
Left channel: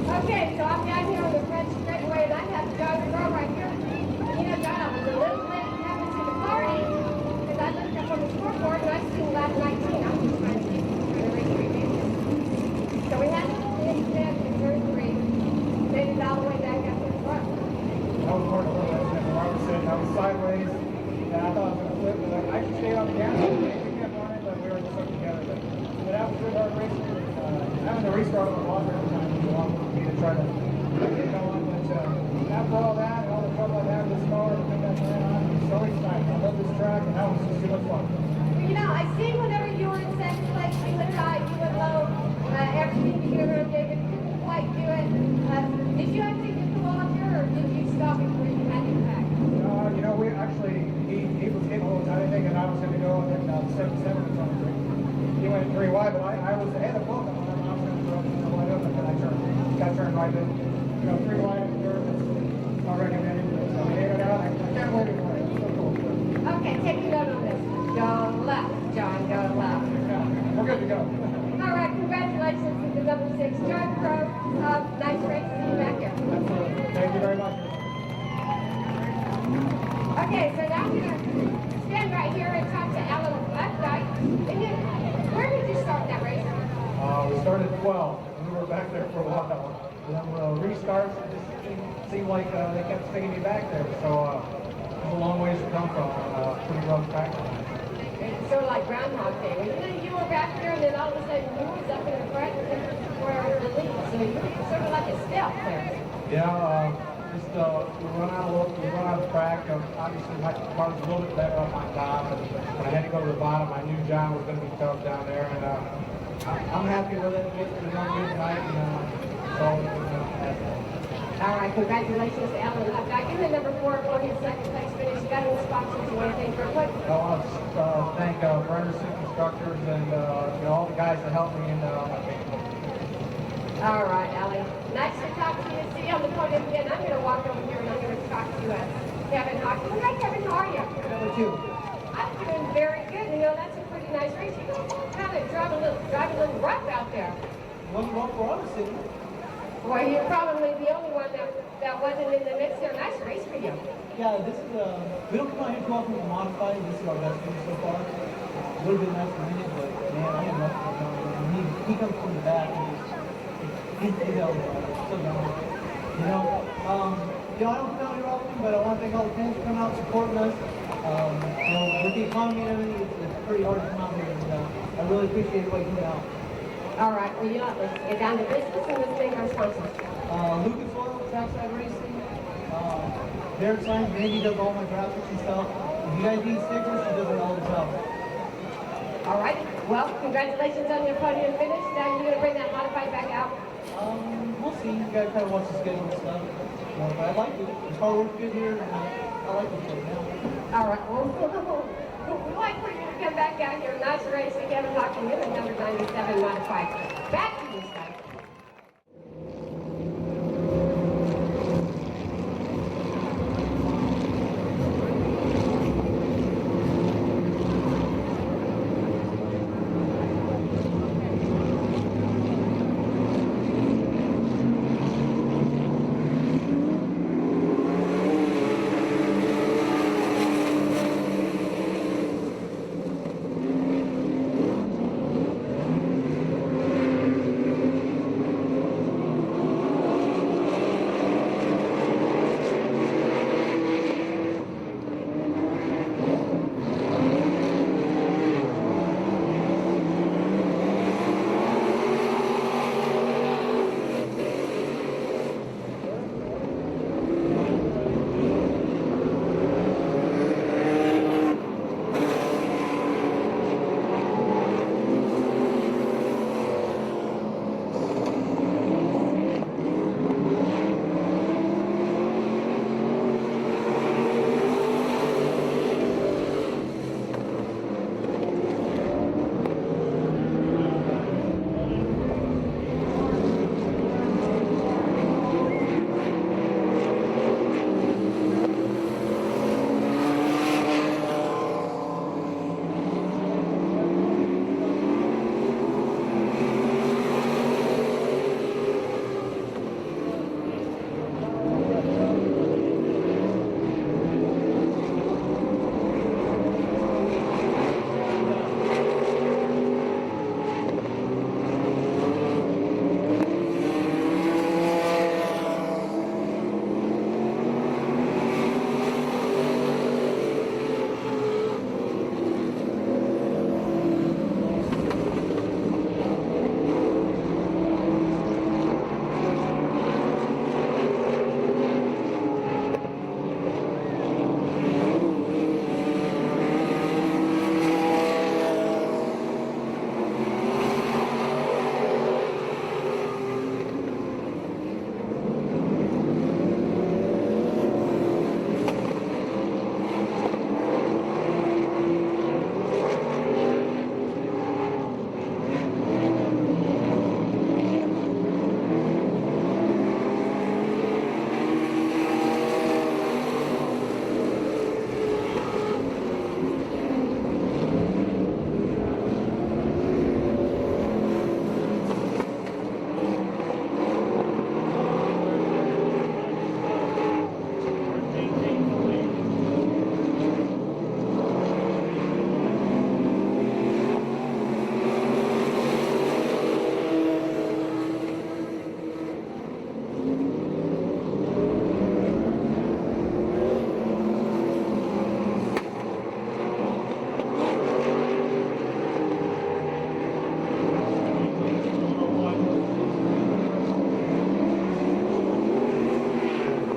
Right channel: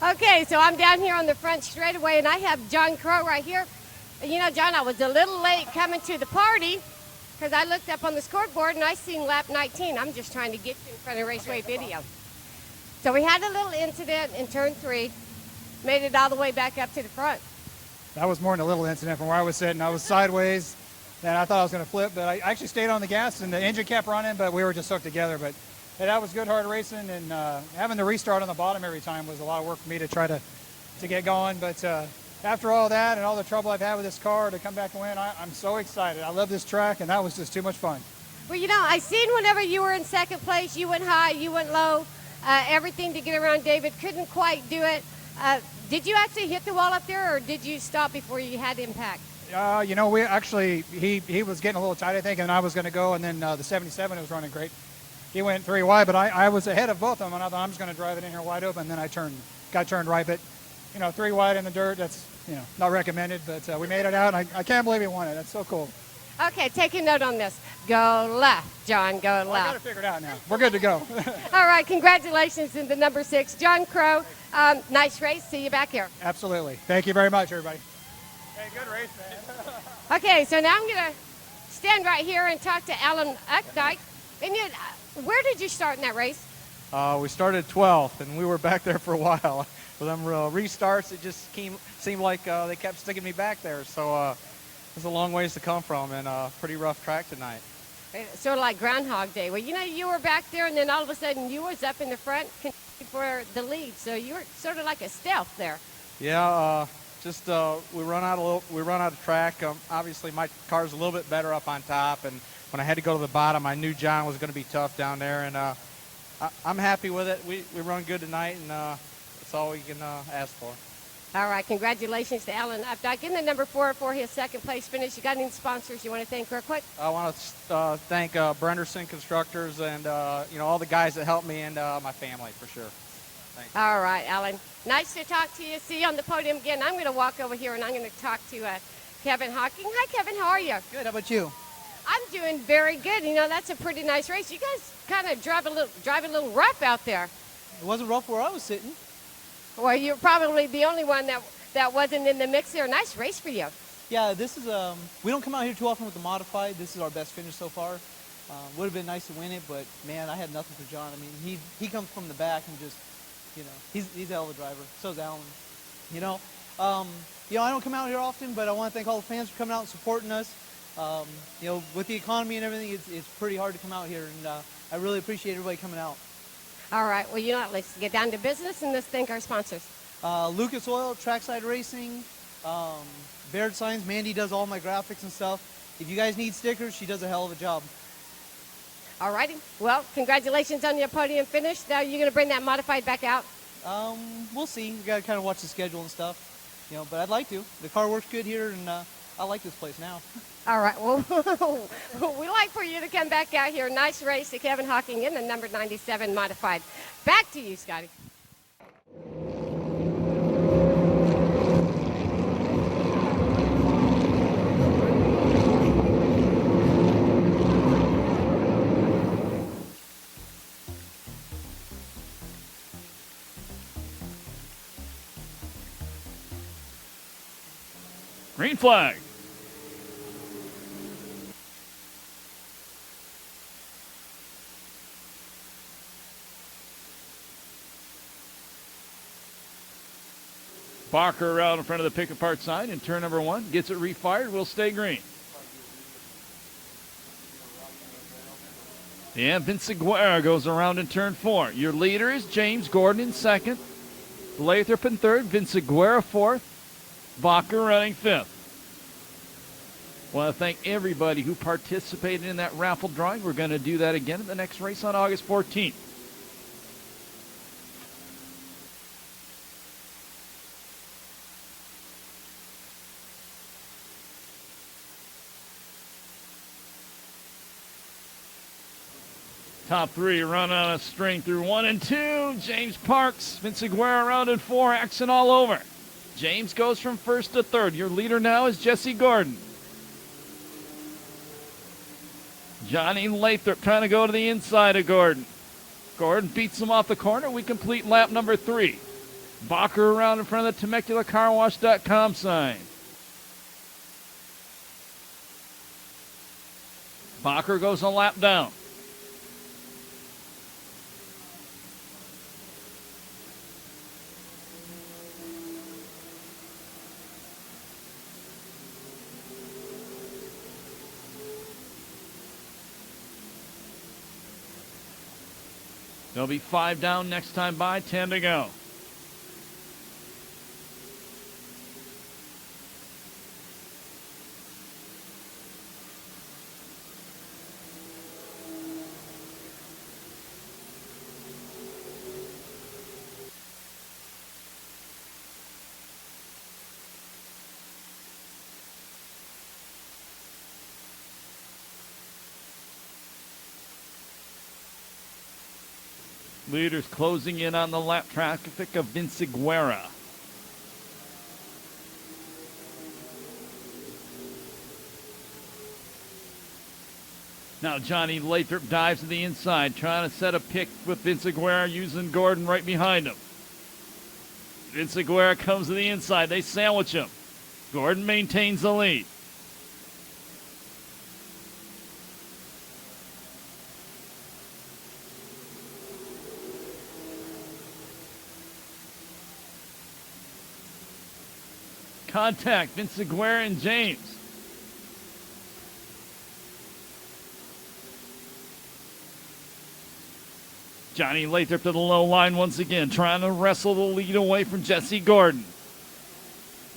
Okay, so I'm down here on the front straightaway, and I have John Crow right here. And you know, John, I was a little late coming to the party because I looked up on the scoreboard and I seen lap 19. I'm just trying to get for the raceway video. So we had a little incident in turn 3, made it all the way back up to the front. That was more than a little incident. Where I was sitting, I was sideways, and I thought I was going to flip. But I actually stayed on the gas, and the engine kept running, but we were just hooked together. But that was good, hard racing, and having to restart on the bottom every time was a lot of work for me to try to get going. But after all that and all the trouble I've had with this car to come back and win, I'm so excited. I love this track, and that was just too much fun. Well, you know, I seen whenever you were in second place, you went high, you went low, everything to get around David, couldn't quite do it. Did you actually hit the wall up there, or did you stop before you had impact? You know, we actually, he was getting a little tight, I think, and I was going to go, and then the 77 is running great. He went 3 wide, but I was ahead of both of them, and I thought I'm just going to drive it in there wide open, and then I got turned right. But, you know, 3 wide in the dirt, that's not recommended, but we made it out. I can't believe we won it. It's so cool. Okay, take a note on this. Go left, John, go left. Figured out. We're good to go. All right, congratulations to the number 6, John Crow. Nice race. See you back here. Absolutely. Thank you very much, everybody. Okay, so now I'm going to stand right here and talk to Alan Updike. And you, where did you start in that race? We started 12th, and we were back there for a while. With them restarts, it just seemed like they kept sticking me back there. So it's a long ways to come from, and a pretty rough track tonight. It's sort of like Groundhog Day. Well, you know, you were back there, and then all of a sudden you was up in the front for the lead. So you were sort of like a stealth there. Yeah, we run out of track. Obviously, my car's a little bit better up on top, and when I had to go to the bottom, I knew John was going to be tough down there, and I'm happy with it. We run good tonight, and that's all we can ask for. All right, congratulations to Alan Updike. In the number 4 for his second place finish. You got any sponsors you want to thank real quick? I want to thank Brennerson Constructors and all the guys that helped me and my family. All right, Alan. Nice to talk to you. See you on the podium again. I'm going to walk over here and I'm going to talk to Kevin Hocking. Hi, Kevin. How are you? Good. How about you? I'm doing pretty nice race. You guys kind of drive a little rough out there. It wasn't rough where I was sitting. Well, you're probably the only one that wasn't in the mix there. Nice race for you. Yeah, this is we don't come out here too often with the modified. This is our best finish so far. Would have been nice to win it, but man, I had nothing. He comes from the back. He's a big hell, so down. You know, I don't come out here often, but I want to thank all the fans for coming out and supporting us. You know, with the economy and everything, it's pretty hard to come out here, and I really appreciate everybody coming out. All right, well, let's get down to business and let's thank our sponsors. Lucas Oil, Trackside Racing, Barrett Signs, Mandy does all my graphics and stuff. If you guys need stickers, she does a hell of a job. All right, well, congratulations on your podium finish. Now you're going to bring that modified back out? We'll see. You got to kind of watch the schedule and stuff. You know, but I like to. The car works good here, and I like this place now. All right, well, we'd like for you to come back out here. Nice race to Kevin Hawking in the number 97 modified. Back to you, Scott. Green flag. Barker around in front of the pick apart sign in turn number 1. Gets it refired. Will stay green. And Vincent Guerra goes around in turn 4. Your leader is James Gordon in second. Lathrop in third. Vincent Guerra fourth. Bacher running fifth. I want to thank everybody who participated in that raffle drawing. We're going to do that again the next race on August 14th. Top 3 run on a straight through 1 and 2. James Parks, Vincent Guerra around in 4, action all over. James goes from first to third. Your leader now is Jesse Gordon. Johnny Lathrop trying to go to the inside of Gordon. Gordon beats him off the corner. We complete lap number 3. Bacher around in front of the TemeculaCarWash.com sign. Bacher goes a lap down. There'll be 5 down next time by, 10 to go. Leaders closing in on the lap track. Think of Vincent Guerra. Now Johnny Lathrop dives to the inside, trying to set a pick with Vincent Guerra, using Gordon right behind him. Vincent Guerra comes to the inside. They sandwich him. Gordon maintains the lead. Contact, Vincent Guerra and James. Johnny Lathrop to the low line once again, trying to wrestle the lead away from Jesse Gordon.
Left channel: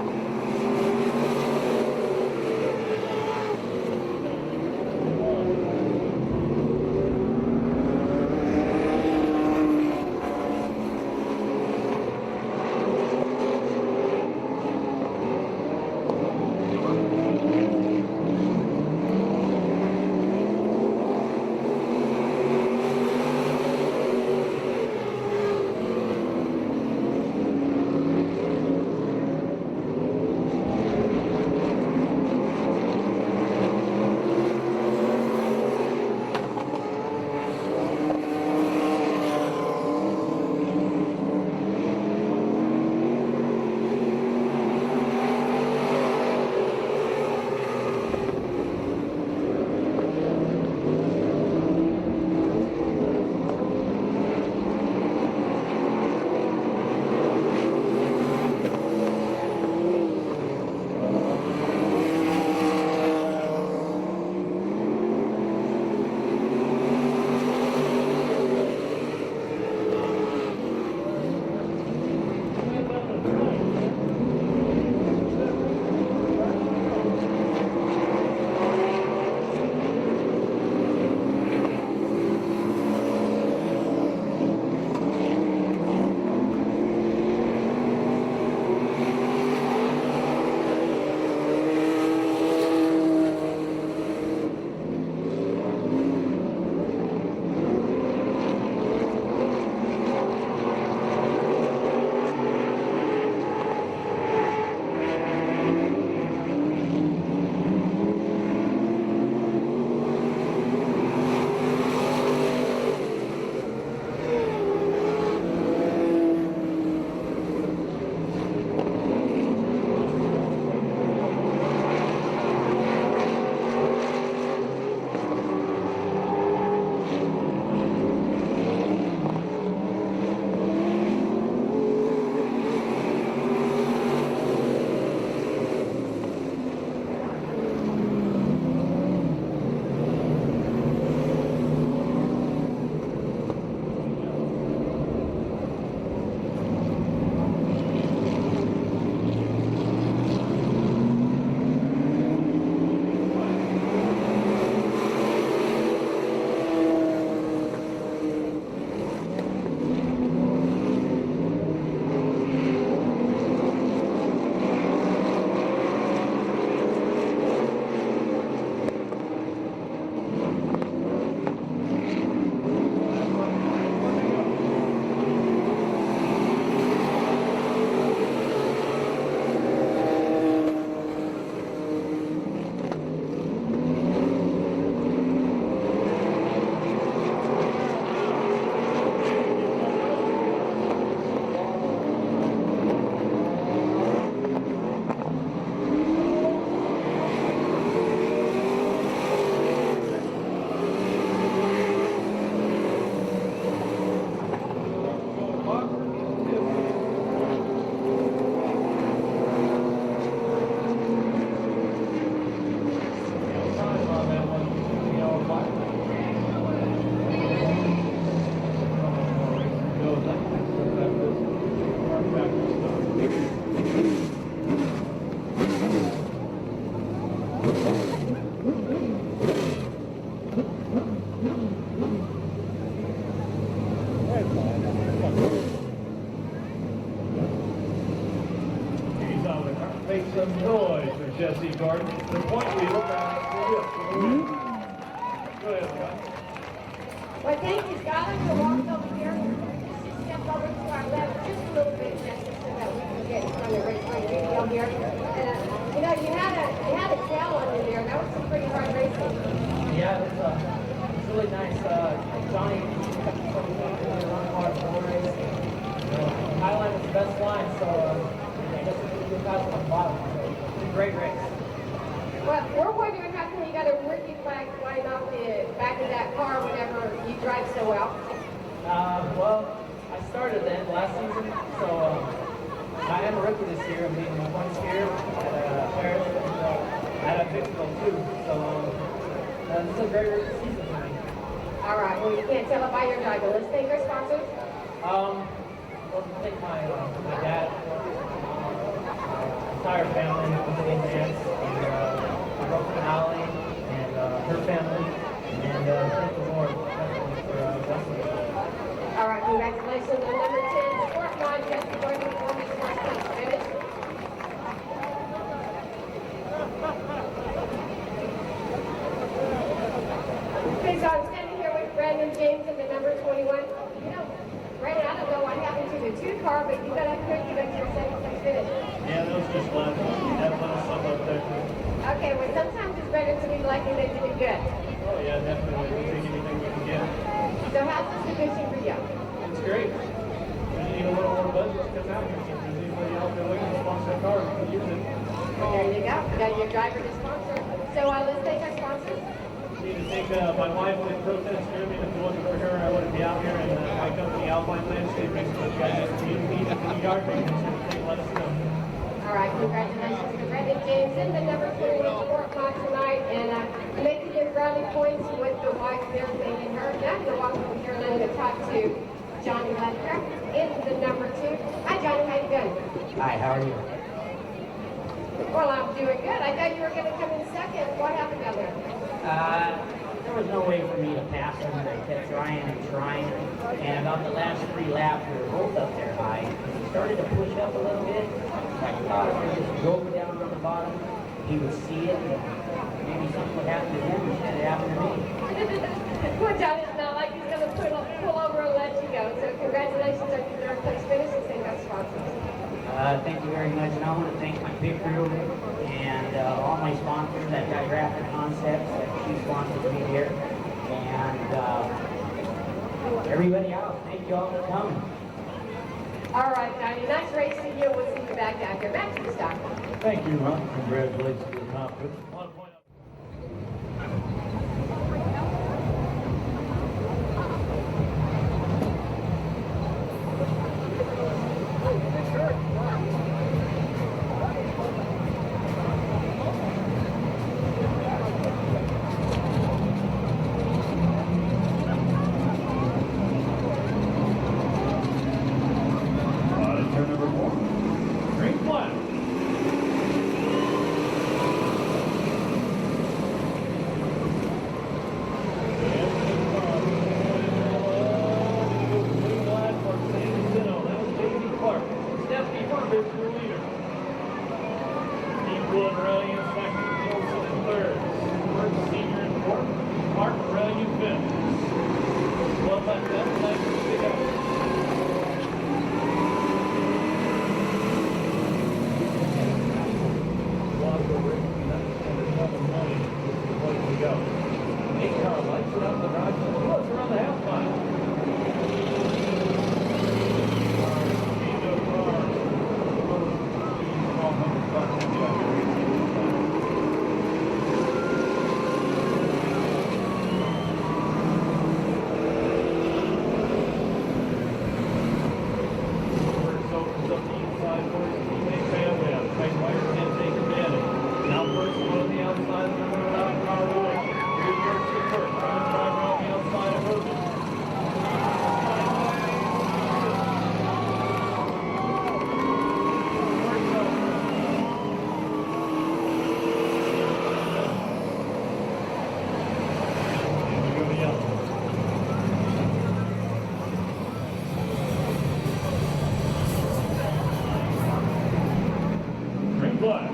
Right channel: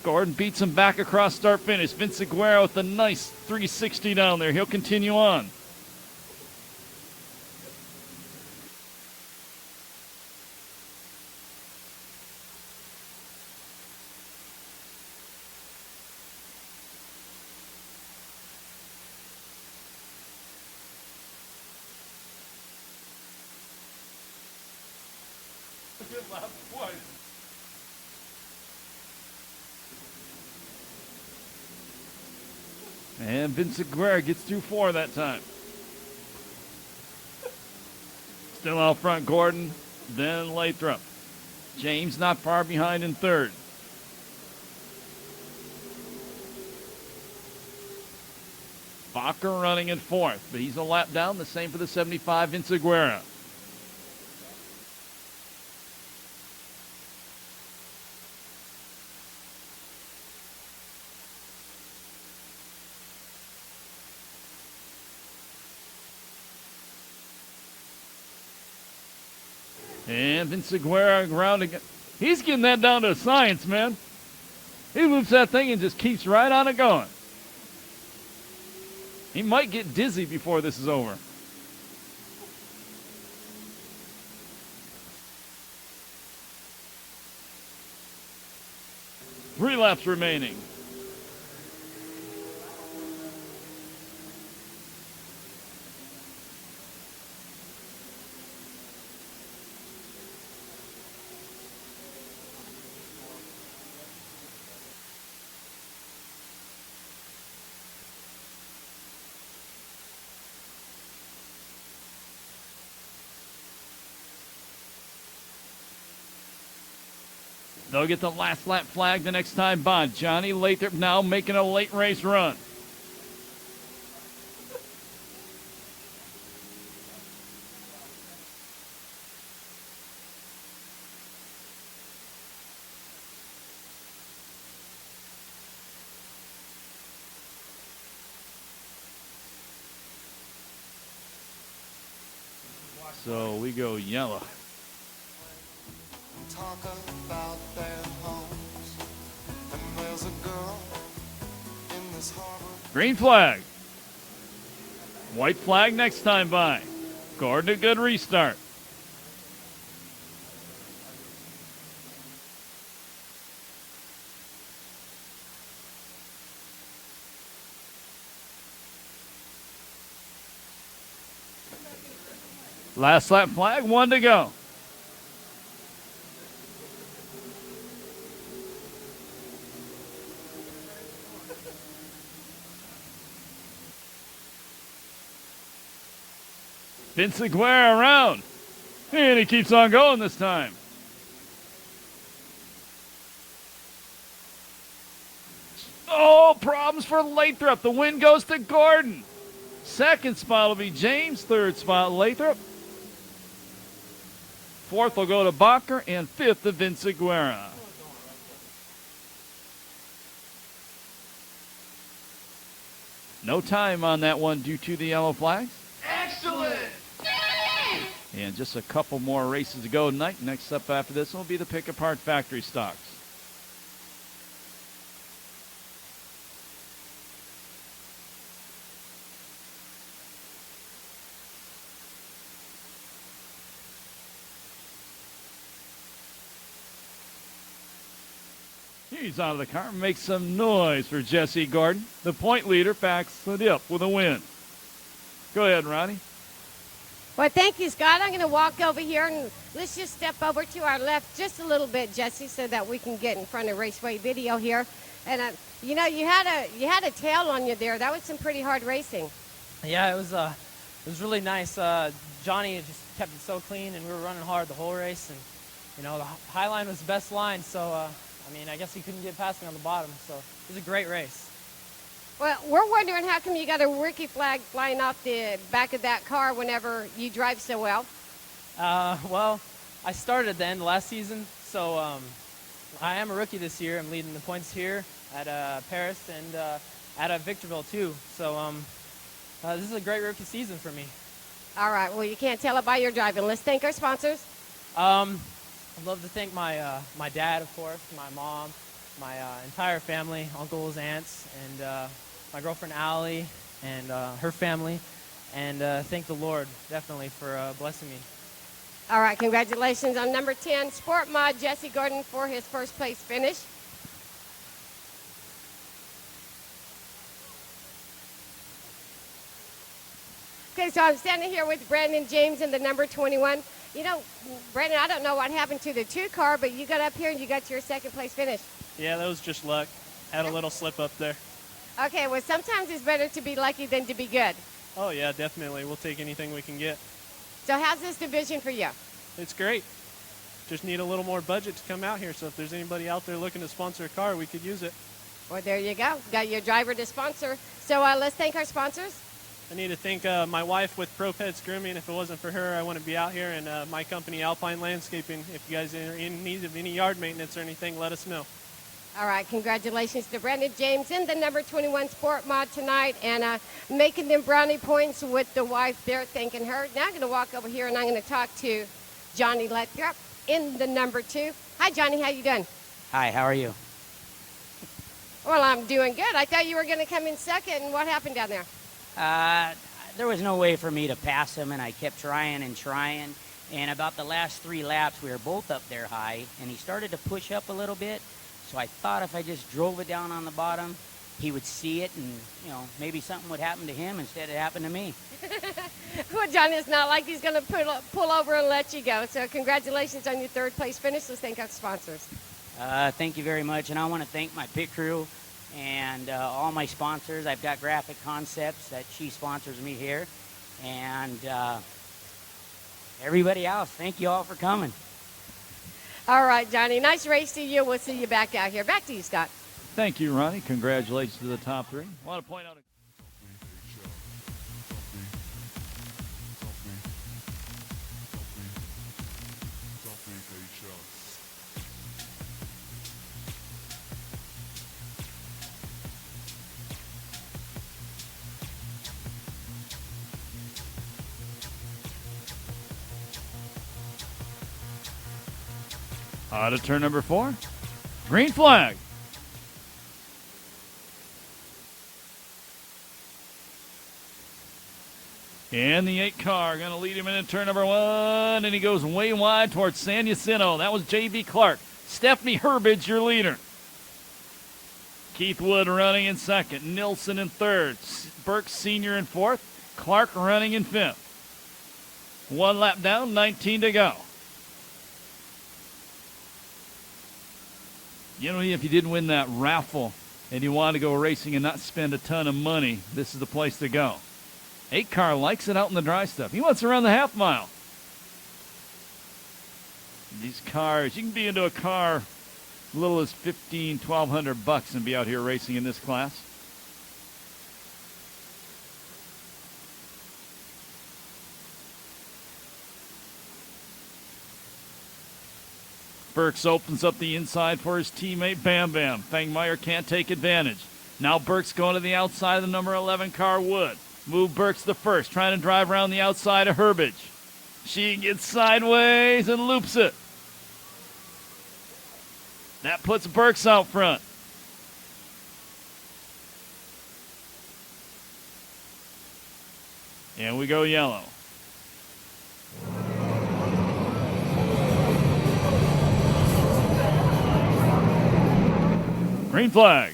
Gordon beats him back across start finish. Vincent Guerra with a nice 360 down there. He'll continue on. And Vincent Guerra gets 2-4 that time. Lathrop. James not far behind in third. Bacher running in fourth. He's a lap down, the same for the 75, Inseguera. He's getting that down to a science, man. He moves that thing and just keeps right on it going. He might get dizzy before this is over. 3 laps remaining. They'll get the last lap flag the next time by. Johnny Lathrop now making a late race run. So we go yellow. Green flag. White flag next time by. Gordon, a good restart. Last lap flag, 1 to go. Inseguera around, and he keeps on going this time. Oh, problems for Lathrop. The win goes to Gordon. Second spot will be James. Third spot, Lathrop. Fourth will go to Bacher, and fifth to Inseguera. No time on that one due to the yellow flag. And just a couple more races to go tonight. Next up after this will be the pick apart factory stocks. He's on the car and makes some noise for Jesse Gordon. The point leader back to the hill with a win. Go ahead, Ronnie. Well, thank you, Scott. I'm going to walk over here, and let's just step over to our left just a little bit, Jesse, so that we can get in front of Raceway Video here. And you know, you had a tail on you there. That was some pretty hard racing. Yeah, it was really nice. Johnny kept it so clean and running hard the whole race. You know, Highline was the best line, so I guess we couldn't get past it on the bottom. It was a great race. Well, we're wondering how come you got a rookie flag flying off the back of that car whenever you drive so well? Well, I started then last season, so I am a rookie this year, leading the points here at Perris and at Victorville too. So this is a great rookie season for me. All right, well, you can't tell it by your driving. Let's thank our sponsors. I'd love to thank my dad, my mom, my entire family, my aunts, and my girlfriend Allie, and her family, and thank the Lord definitely for blessing me. All right, congratulations on number 10, Sport Mod Jesse Gordon for his first place finish. Okay, so I'm standing here with Brandon James in the number 21. You know, Brandon, I don't know what happened to the 2 car, but you got up here and you got to your second place finish. Yeah, that was just luck. Had a little slip up there. Okay, well, sometimes it's better to be lucky than to be good. Oh yeah, definitely. We'll take anything we can get. So how's this division for you? It's great. driver to sponsor. So let's thank our sponsors. I need to thank my wife with ProFeds Grooming. If it wasn't for her, I wouldn't be out here. And my company, Alpine Landscaping. If you guys ever need any yard maintenance or anything, let us know. All right, congratulations to Brendan James in the number 21 Sport Mod tonight and making them brownie points with the wife. They're thanking her. Now I'm going to walk over here and I'm going to talk to Johnny Ledker in the number 2. Hi, Johnny. How you doing? Hi, how are you? Well, I'm doing good. I thought you were going to come in second. What happened down there? There was no way for me to pass him, and I kept trying and trying. And about the last 3 laps, we were both up there high. And he started to push up a little bit. So I thought if I just drove it down on the bottom, he would see it, and maybe something would happen to him instead of happening to me. Well, Johnny, it's not like he's going to pull over and let you go. So congratulations on your 3rd place finishes. Thank our sponsors. Thank you very much, and I want to thank my pit crew and all my sponsors. I've got Graphic Concepts that she sponsored me here, and everybody else. Thank you all for coming. All right, Johnny. Nice race to you. We'll see you back out here. Back to you, Scott. Thank you, Ron. Congratulations to the top 3. I want to point out. Turn number 4. Green flag. And the 8 car going to lead him in turn number 1. And he goes way wide towards San Jacinto. That was J.B. Clark. Stephanie Herbage, your leader. Keith Wood running in 2nd. Nilsson in 3rd. Burke Sr. in 4th. Clark running in 5th. 1 lap down, 19 to go. If you didn't win that raffle and you want to go racing and not spend a ton of money, this is the place to go. 8 car likes it out in the dry stuff. He wants to run the half mile. Cars, you can be into a car as little as $1,500-$1,200 to be out here racing in this class. Burks opens up the inside for his teammate Bam Bam. Bangmeyer can't take advantage. Now Burks going to the outside of the number 11 car Wood. Lou Burks the first, trying to drive around the outside of Herbage. She gets sideways and loops it. That puts Burks out front. And we go yellow. Green flag.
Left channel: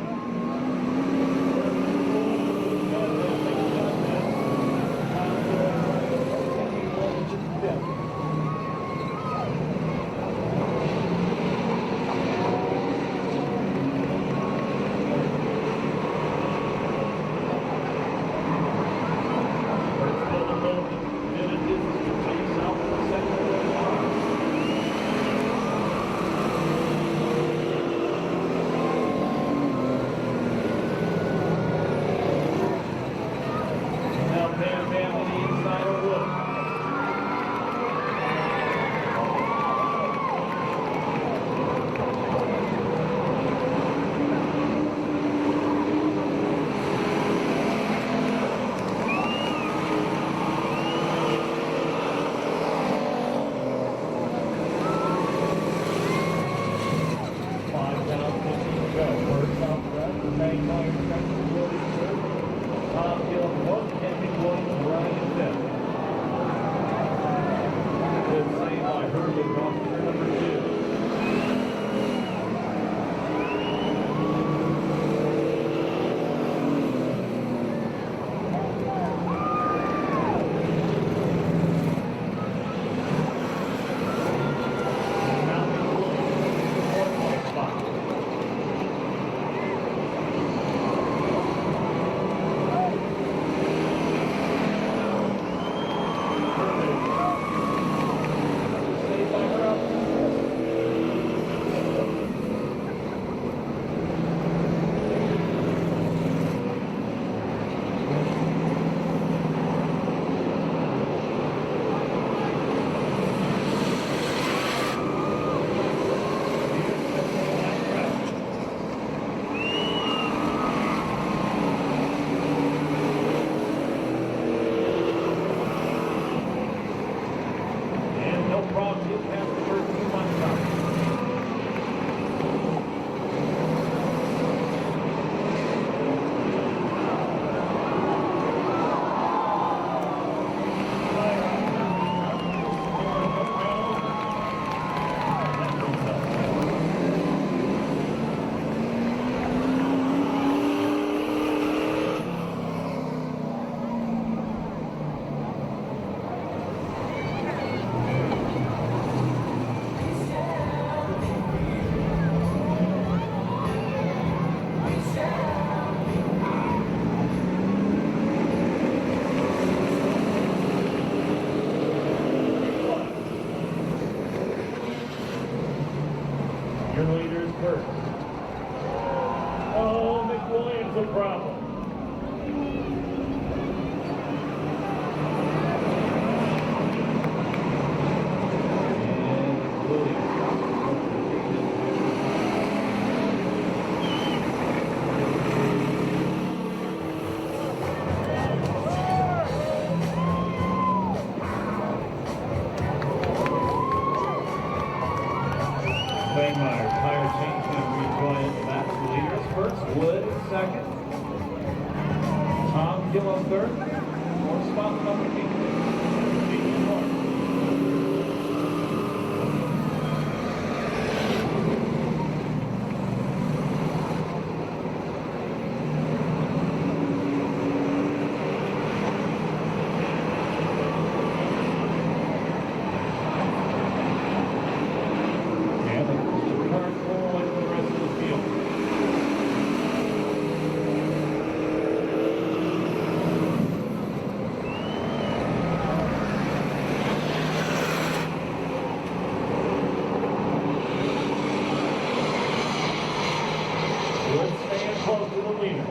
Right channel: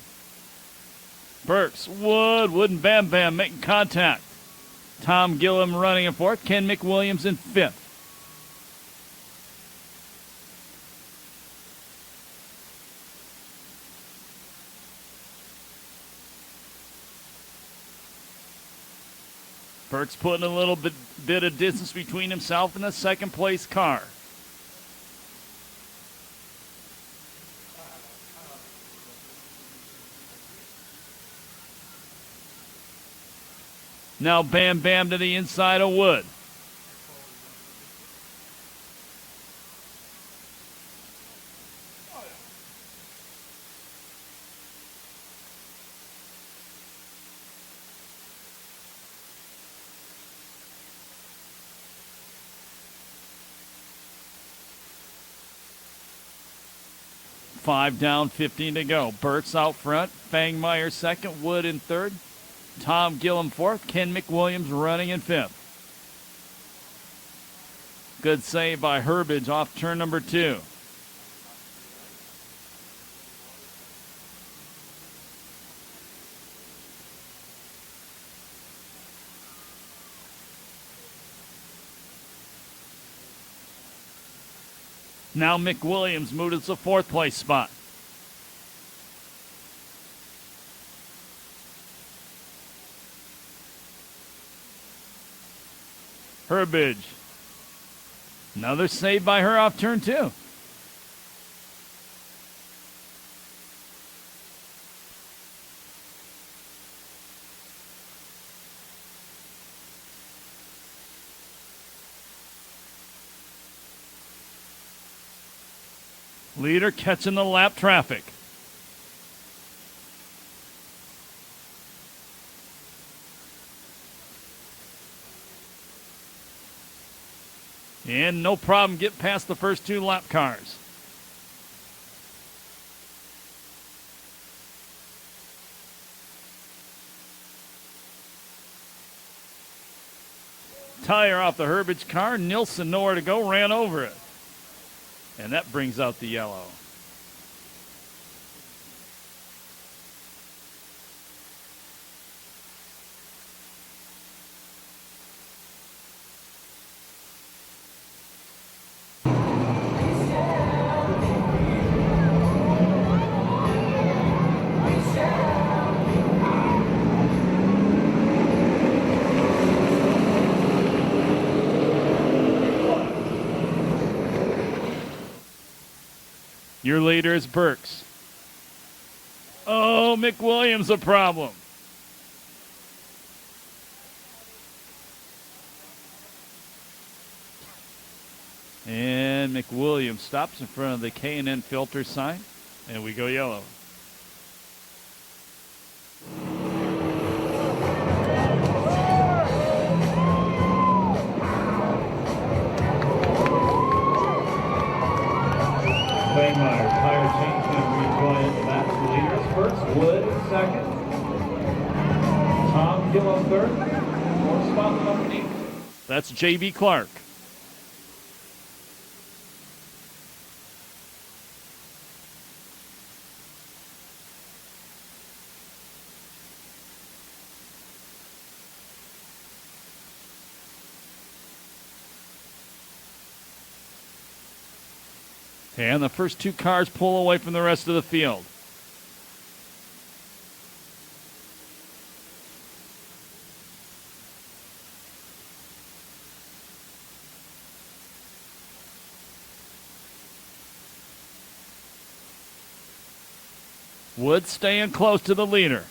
Burks, Wood, and Bam Bam making contact. Tom Gillum running in 4th. Ken McWilliams in 5th. Burks putting a little bit of distance between himself and the 2nd place car. Now Bam Bam to the inside of Wood. Five down, 15 to go. Burks out front. Bangmeyer 2nd. Wood in 3rd. Tom Gillum 4th, Ken McWilliams running in 5th. Good save by Herbage off turn number 2. Now McWilliams moving to the 4th place spot. Herbage. Another save by her off turn 2. leader catching the lap traffic. And no problem getting past the first 2 lap cars. Tire off the Herbage car. Nilsson nowhere to go, ran over it. And that brings out the yellow. Your leader is Perris. Oh, McWilliams a problem. And McWilliams stops in front of the K&N filter sign. And we go yellow. Klingmeyer, tire change and rejoin. That's the leaders first. Wood in second. Tom Gillen third. 4th spot underneath. That's J.B. Clark. And the first 2 cars pull away from the rest of the field. Wood staying close to the leader.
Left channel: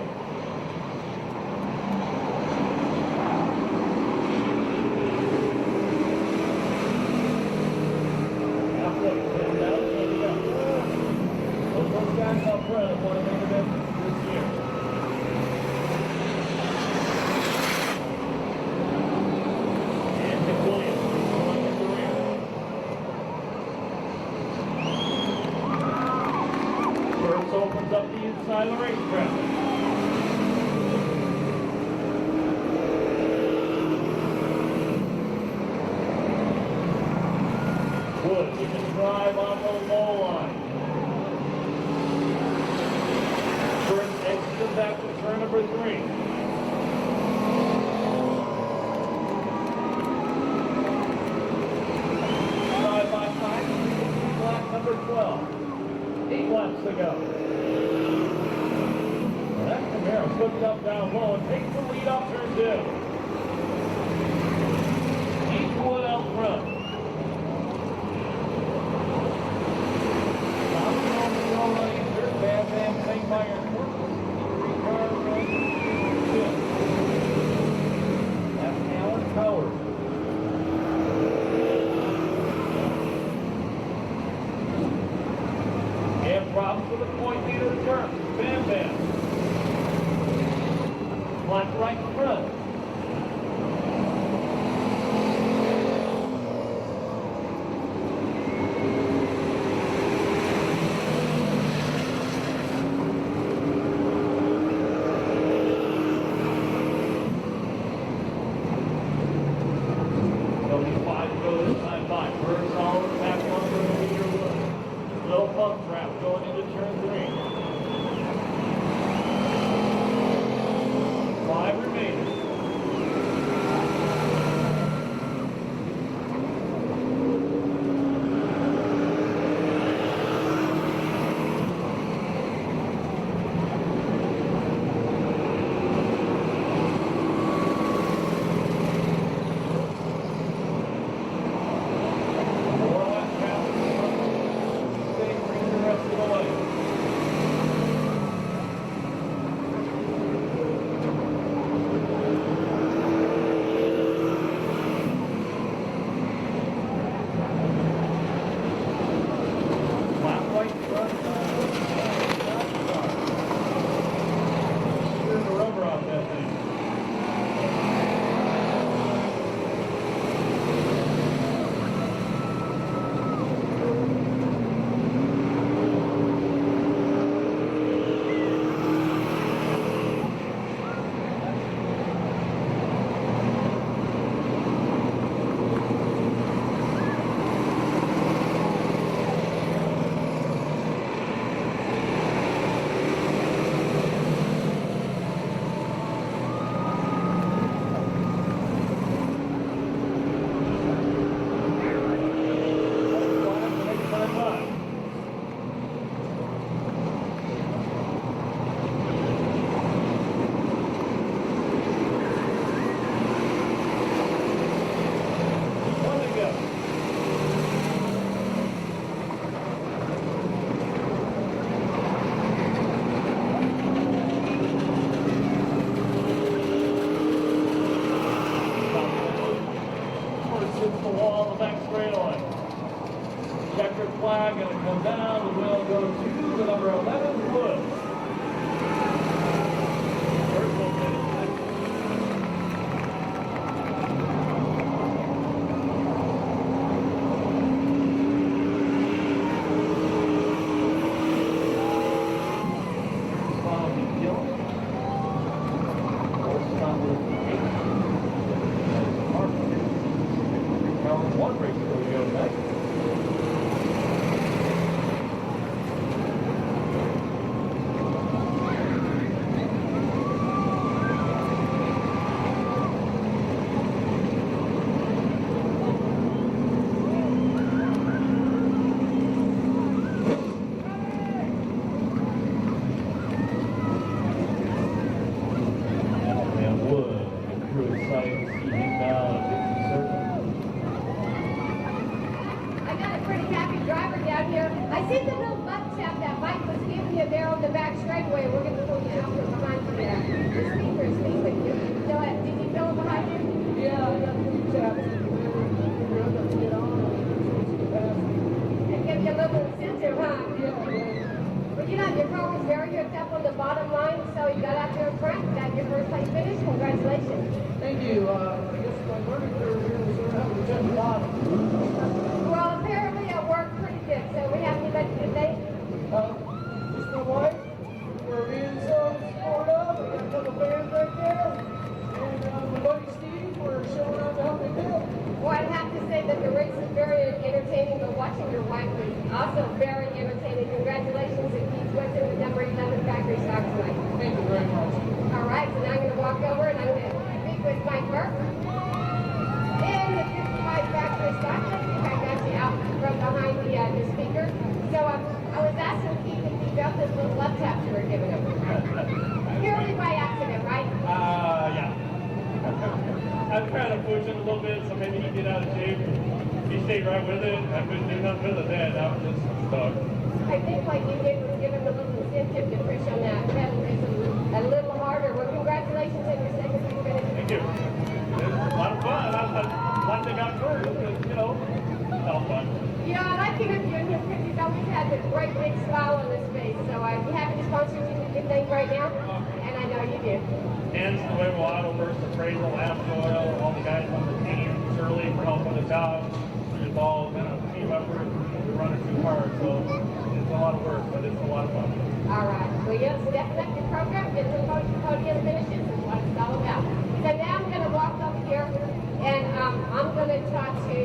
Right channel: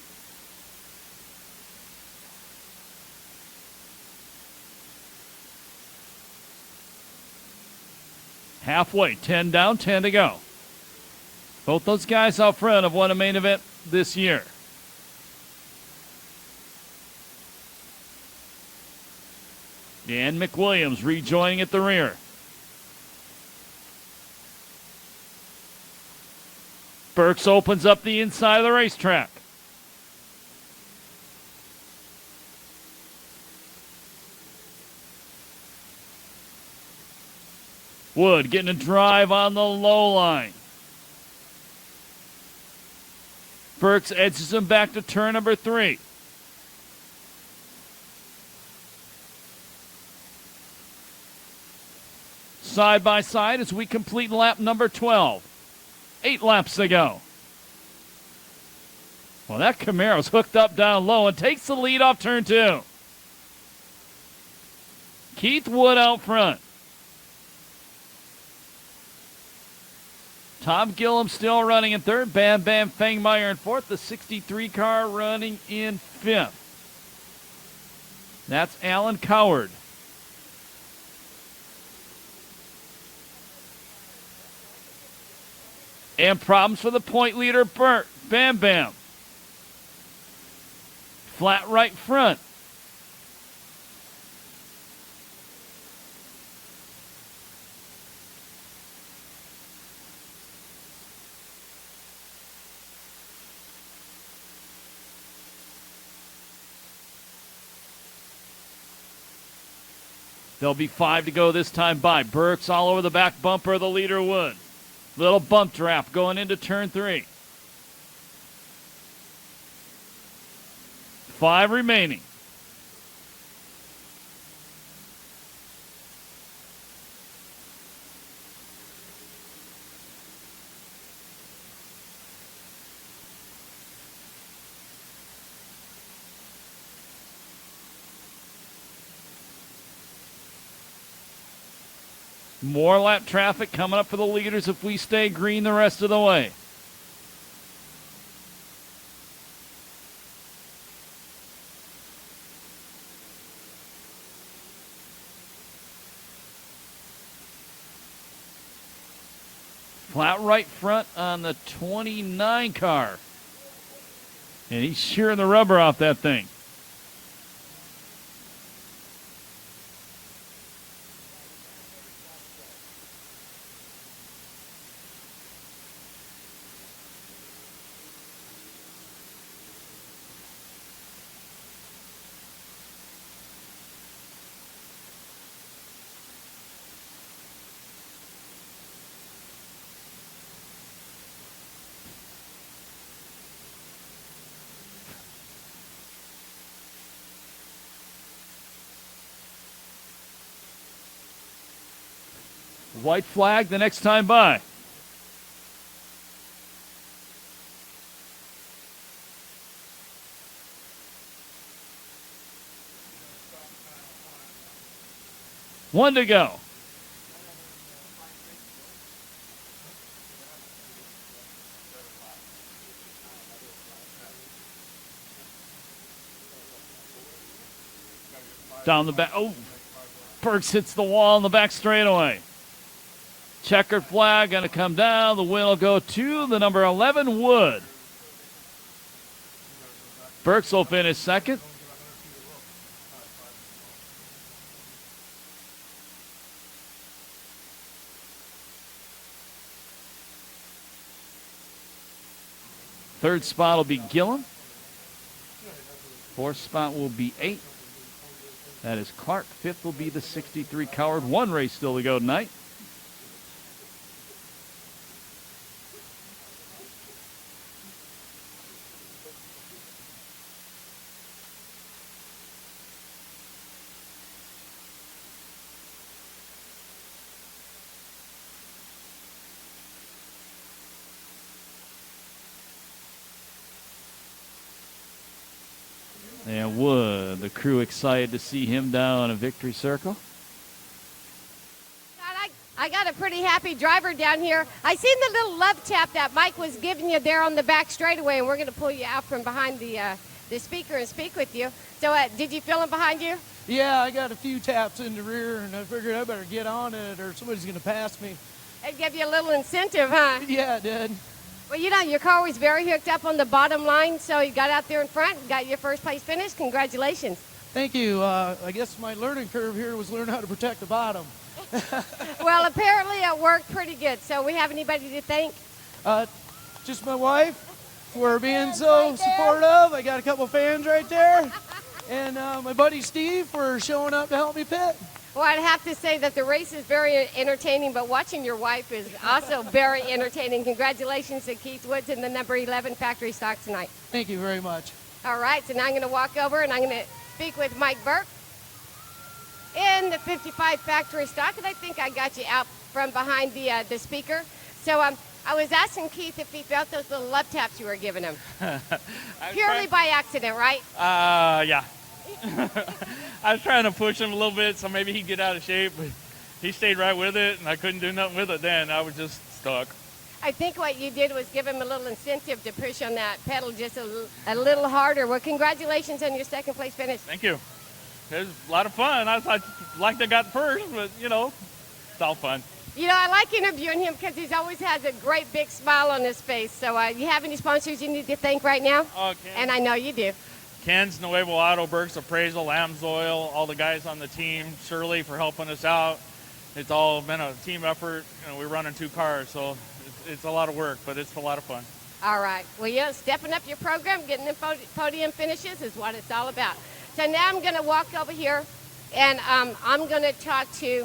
Halfway, 10 down, 10 to go. Both those guys out front have won a main event this year. And McWilliams rejoining at the rear. Burks opens up the inside of the racetrack. Wood getting a drive on the low line. Burks edges him back to turn number 3. Side by side as we complete lap number 12. 8 laps to go. Well, that Camaro's hooked up down low and takes the lead off turn 2. Keith Wood out front. Tom Gillum still running in 3rd. Bam Bam Fangmeyer in 4th. The 63 car running in 5th. That's Alan Coward. And problems for the point leader, Burke. Bam Bam. Flat right front. There'll be 5 to go this time by. Burks all over the back bumper of the leader Wood. Little bump trap going into turn 3. 5 remaining. More lap traffic coming up for the leaders if we stay green the rest of the way. Flat right front on the 29 car. And he's shearing the rubber off that thing. White flag the next time by. One to go. Down the back. Oh, Perris hits the wall on the back straightaway. Checkered flag going to come down. The win will go to the number 11 Wood. Perris will finish second. Third spot will be Gillum. Fourth spot will be 8. As Clark, fifth will be the 63 Coward. One race still to go tonight. Excited to see him down a victory circle. I got a pretty happy driver down here. I see the little love tap that Mike was giving you there on the back straightaway. We're going to pull you out from behind the speaker and speak with you. So did you feel him behind you? Yeah, I got a few taps in the rear, and I figured I better get on it or somebody's going to pass me. And give you a little incentive, huh? Yeah, it did. Well, you know, your car was very hooked up on the bottom line, so you got out there in front, got your first place finish. Congratulations. Thank you. I guess my learning curve here was learn how to protect the bottom. Well, apparently it worked pretty good. So we have anybody to thank? Just my wife for being so supportive. I got a couple fans right there. And my buddy Steve for showing up to help me pit. Well, I have to say that the race is very entertaining, but watching your wife is also very entertaining. Congratulations to Keith Woods in the number 11 factory stock tonight. Thank you very much. All right, so now I'm going to walk over and I'm going to speak with Mike Burke. In the 55 factory stock, I think I got you out from behind the speaker. So I was asking Keith if he felt those little love taps you were giving him. Purely by accident, right? Yeah. I was trying to push him a little bit so maybe he'd get out of shape. He stayed right with it. I couldn't do nothing with it then. I was just stuck. I think what you did was give him a little incentive to push on that pedal just a little harder. Well, congratulations on your second place finish. Thank you. It was a lot of fun. I liked I got first, but, you know, it's all fun. You know, I like interviewing him because he's always had a great big smile on his face. So do you have any sponsors you need to thank right now? And I know you do. Kent's, Nuevo Auto, Burke's Appraisal, Amsoil, all the guys on the team, Shirley for helping us out. It's all been a team effort. You know, we're running 2 cars, so it's a lot of work, but it's a lot of fun. All right. Well, yeah, stepping up your program, getting the podium finishes is what it's all about. So now I'm going to walk over here, and I'm going to talk to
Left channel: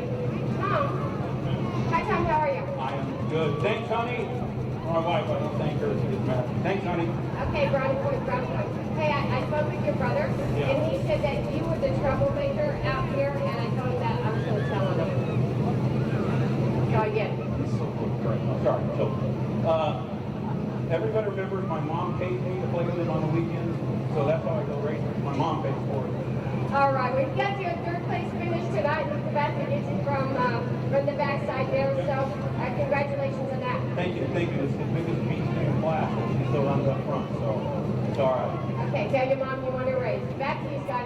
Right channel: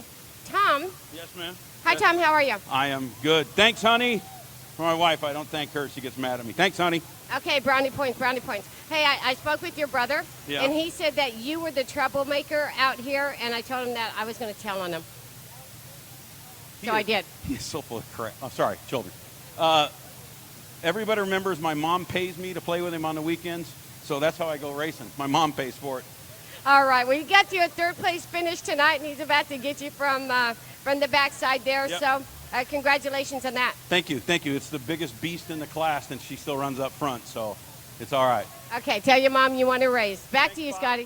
Tom. Yes, ma'am. Hi, Tom. How are you? I am good. Thanks, honey. For my wife, I don't thank her. She gets mad at me. Thanks, honey. Okay, brownie points, brownie points. Hey, I spoke with your brother, Yeah. and he said that you were the troublemaker out here, and I told him that I was going to tell on him. So I did. He's so full of crap. I'm sorry, children. Everybody remembers my mom pays me to play with him on the weekends, so that's how I go racing. My mom pays for it. All right, well, you got you a third place finish tonight, and he's about to get you from the backside there, Yep. so congratulations on that. Thank you, thank you. It's the biggest beast in the class that she still runs up front, so it's all right. Okay, tell your mom you want to race. Back to you, Scotty.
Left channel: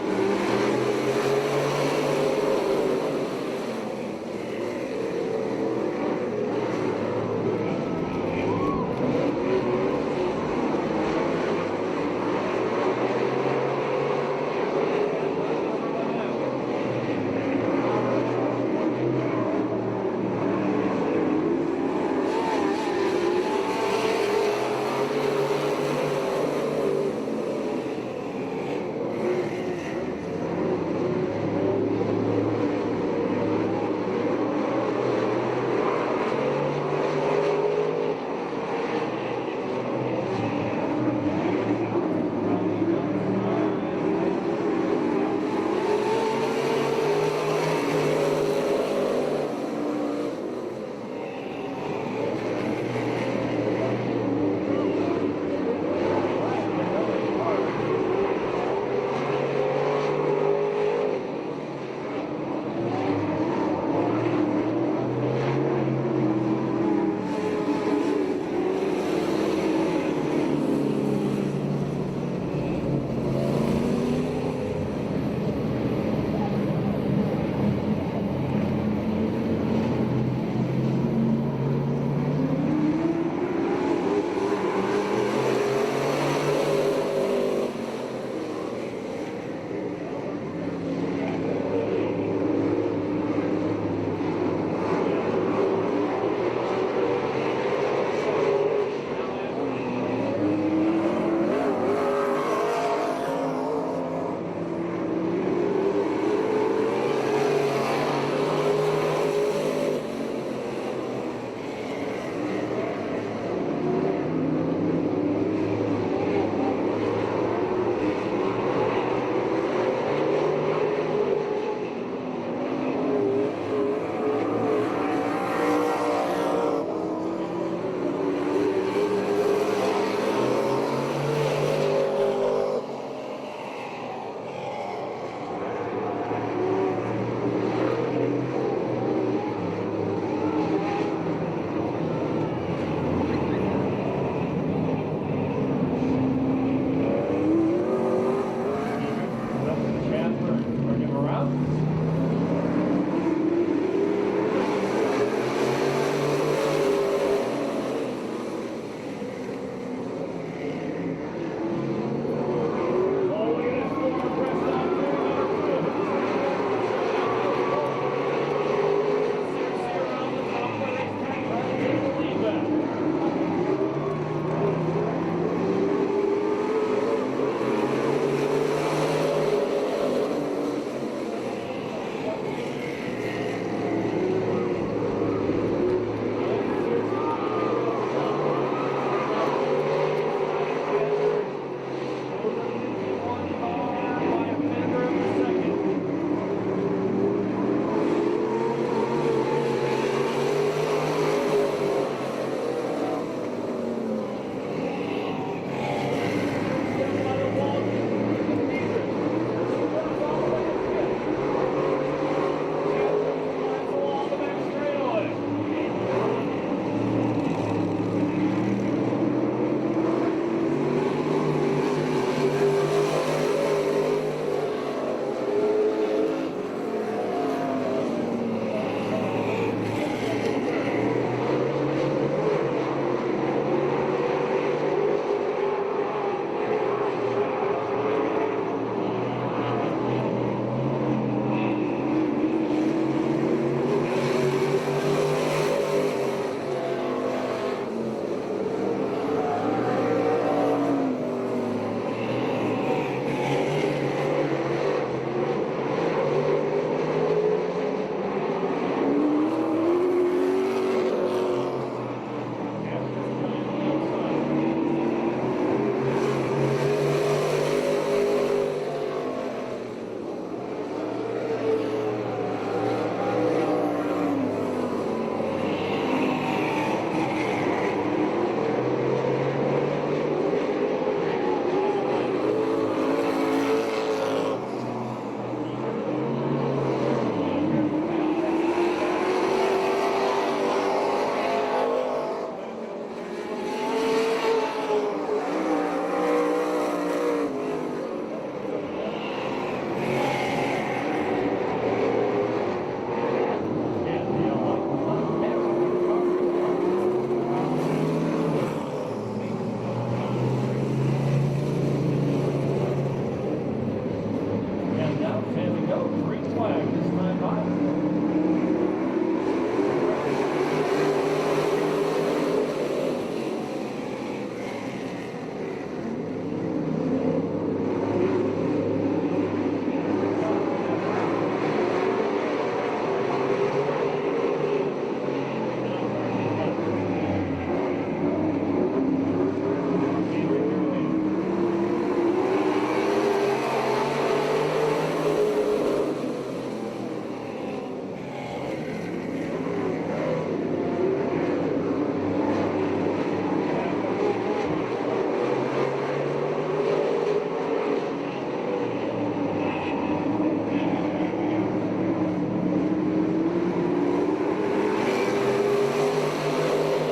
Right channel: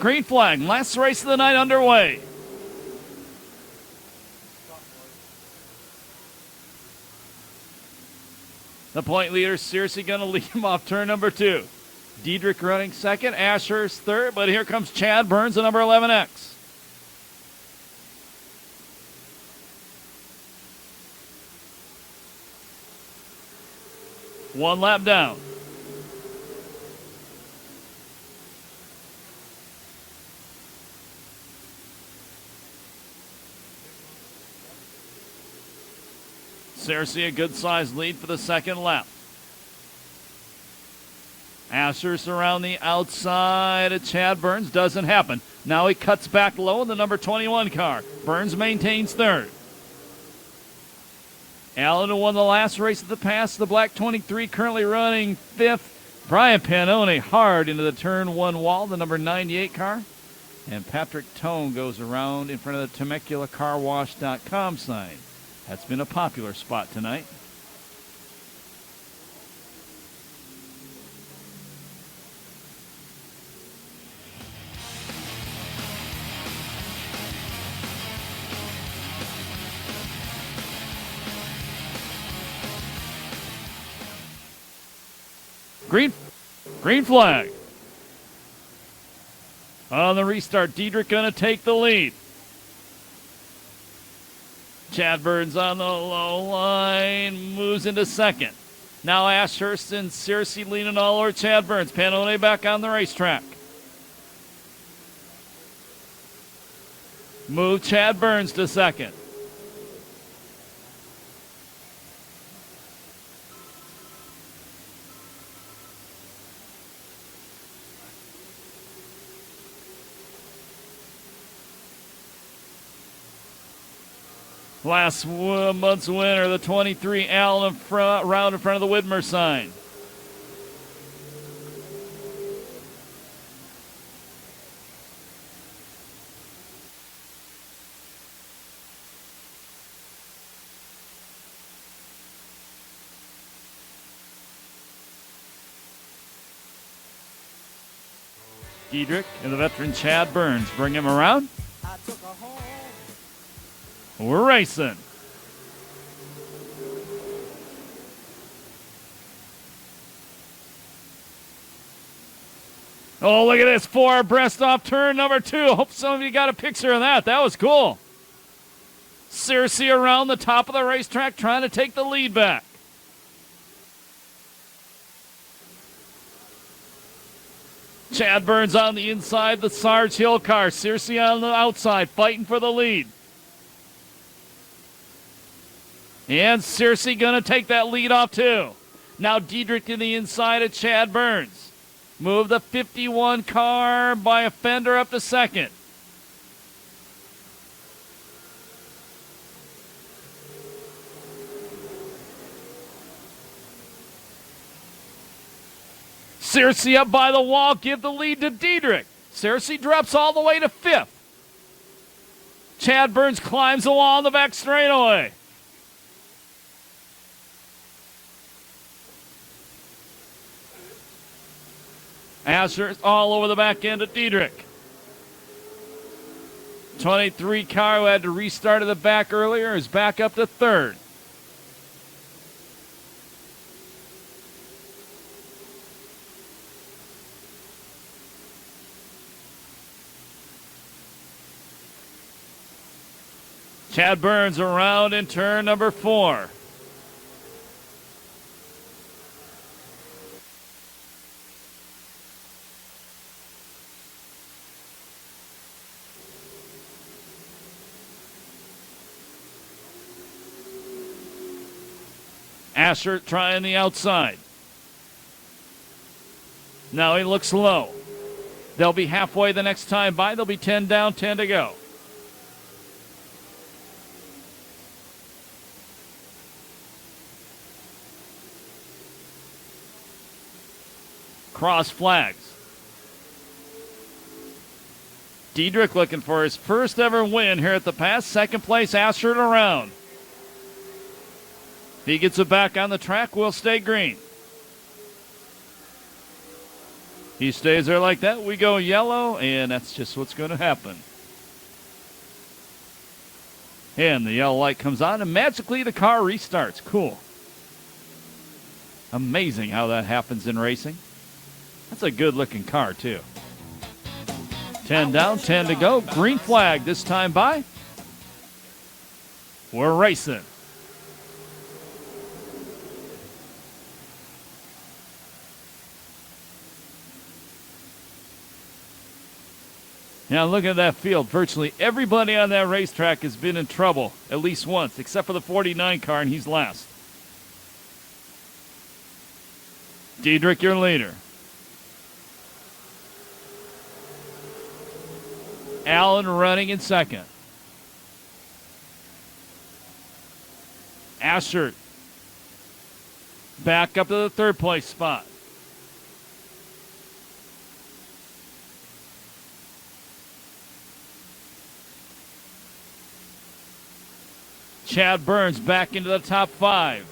green flag. Last race of the night underway. The point leader, seriously going to lead him off turn number 2. Diedrich running second, Ashurst third, but here comes Chad Burns, the number 11X. One lap down. Seriously, a good sized lead for the second lap. Ashurst around the outside of Chad Burns. Doesn't happen. Now he cuts back low in the number 21 car. Burns maintains third. Allen, who won the last race at the pass, the black 23, currently running fifth. Brian Pannone hard into the turn 1 wall, the number 98 car. And Patrick Tone goes around in front of the TemeculaCarWash.com sign. That's been a popular spot tonight. Green flag. On the restart, Diedrich gonna take the lead. Chad Burns on the low line, moves into second. Now Ashurst and Searcy leaning all over Chad Burns. Pannone back on the racetrack. Move Chad Burns to second. Last month's winner, the 23 Allen in front, round in front of the Widmer sign. Diedrich and the veteran Chad Burns bring him around. We're racing. Oh, look at this 4 breast off turn number 2. Hope somebody got a picture of that. That was cool. Searcy around the top of the racetrack trying to take the lead back. Chad Burns on the inside, the Sarge Hill car. Searcy on the outside, fighting for the lead. And Searcy gonna take that lead off too. Now Diedrich to the inside of Chad Burns. Move the 51 car by a fender up to second. Searcy up by the wall, give the lead to Diedrich. Searcy drops all the way to 5th. Chad Burns climbs the wall on the back straightaway. Ashurst all over the back end of Diedrich. 23 car who had to restart at the back earlier is back up to 3rd. Chad Burns around in turn number 4. Ashurst trying the outside. Now he looks low. They'll be halfway the next time by. They'll be 10 down, 10 to go. Cross flags. Diedrich looking for his first ever win here at the pass. Second place, Ashurst around. If he gets it back on the track, we'll stay green. He stays there like that. We go yellow, and that's just what's going to happen. And the yellow light comes on, and magically the car restarts. Cool. Amazing how that happens in racing. It's a good-looking car, too. 10 down, 10 to go. Green flag this time by. We're racing. Now look at that field. Virtually everybody on that racetrack has been in trouble at least once, except for the 49 car, and he's last. Diedrich, your leader. Allen running in second. Asher back up to the third place spot. Chad Burns back into the top 5.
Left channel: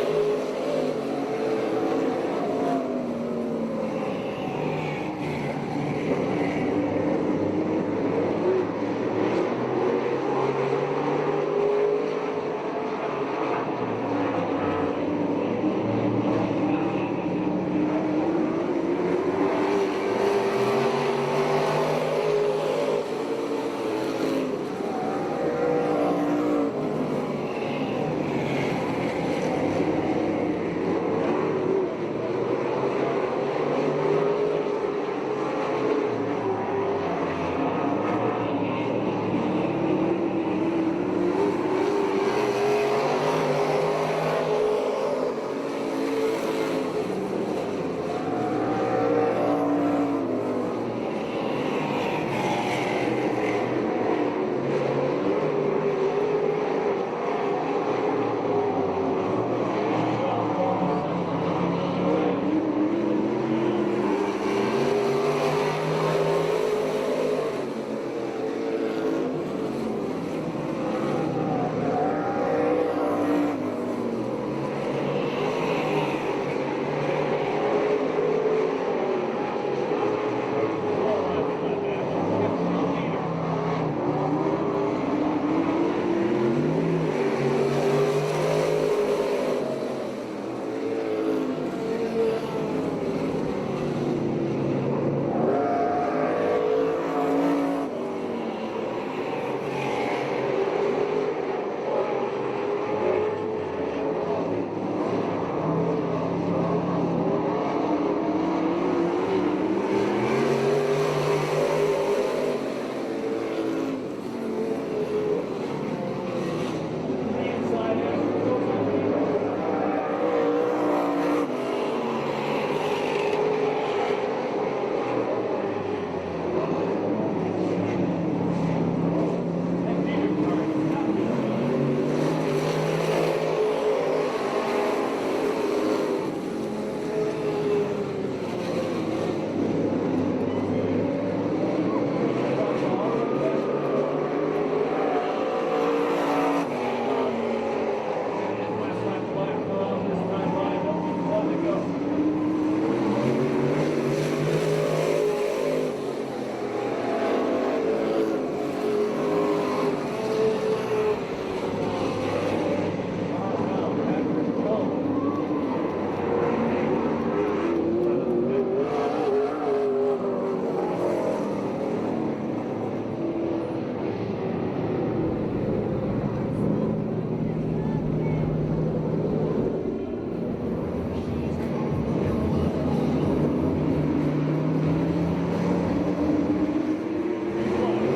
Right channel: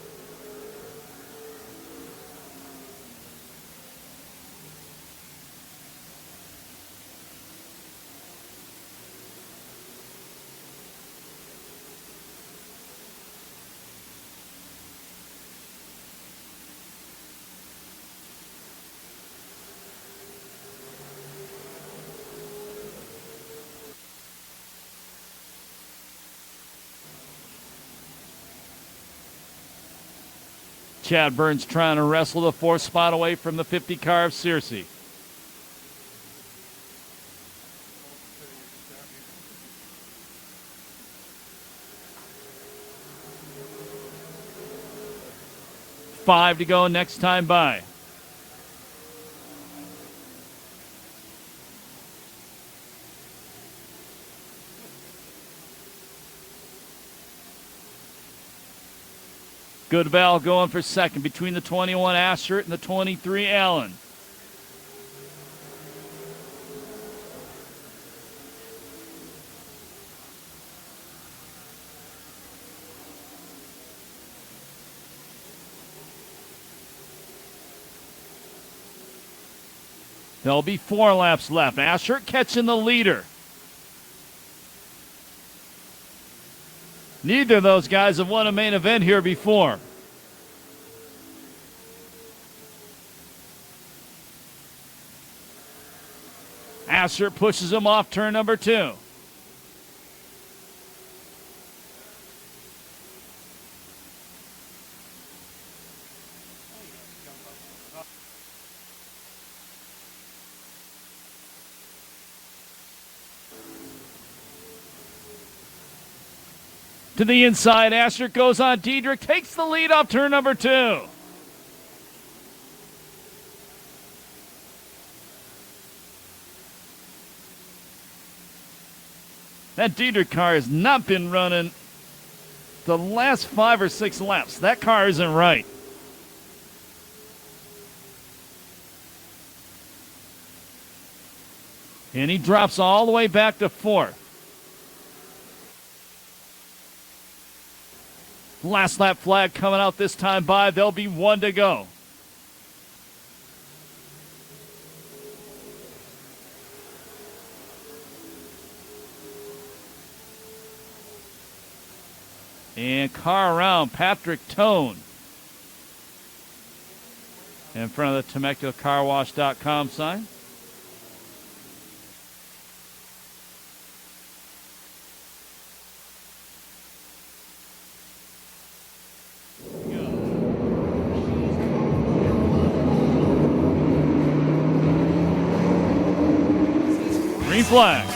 Chad Burns trying to wrestle the 4th spot away from the 50 car of Searcy. Five to go next time by. Goodbell going for second between the 21 Asher and the 23 Allen. There'll be 4 laps left. Asher catching the leader. Neither of those guys have won a main event here before. Asher pushes him off turn number 2. To the inside, Asher goes on. Diedrich takes the lead off turn number 2. That Diedrich car has not been running the last 5 or 6 laps. That car isn't right. And he drops all the way back to 4th. Last lap flag coming out this time by. There'll be 1 to go. And car around Patrick Tone in front of the TemeculaCarWash.com sign. Flag.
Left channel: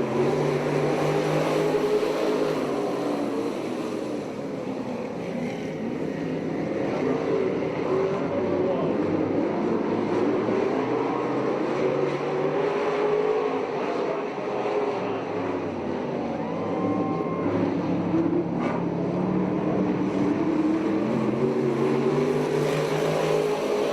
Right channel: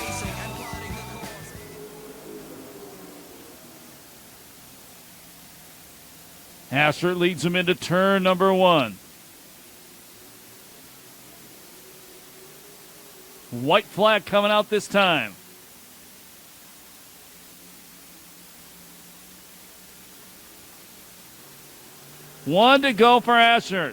Asher leads him into turn number 1. White flag coming out this time. One to go for Asher.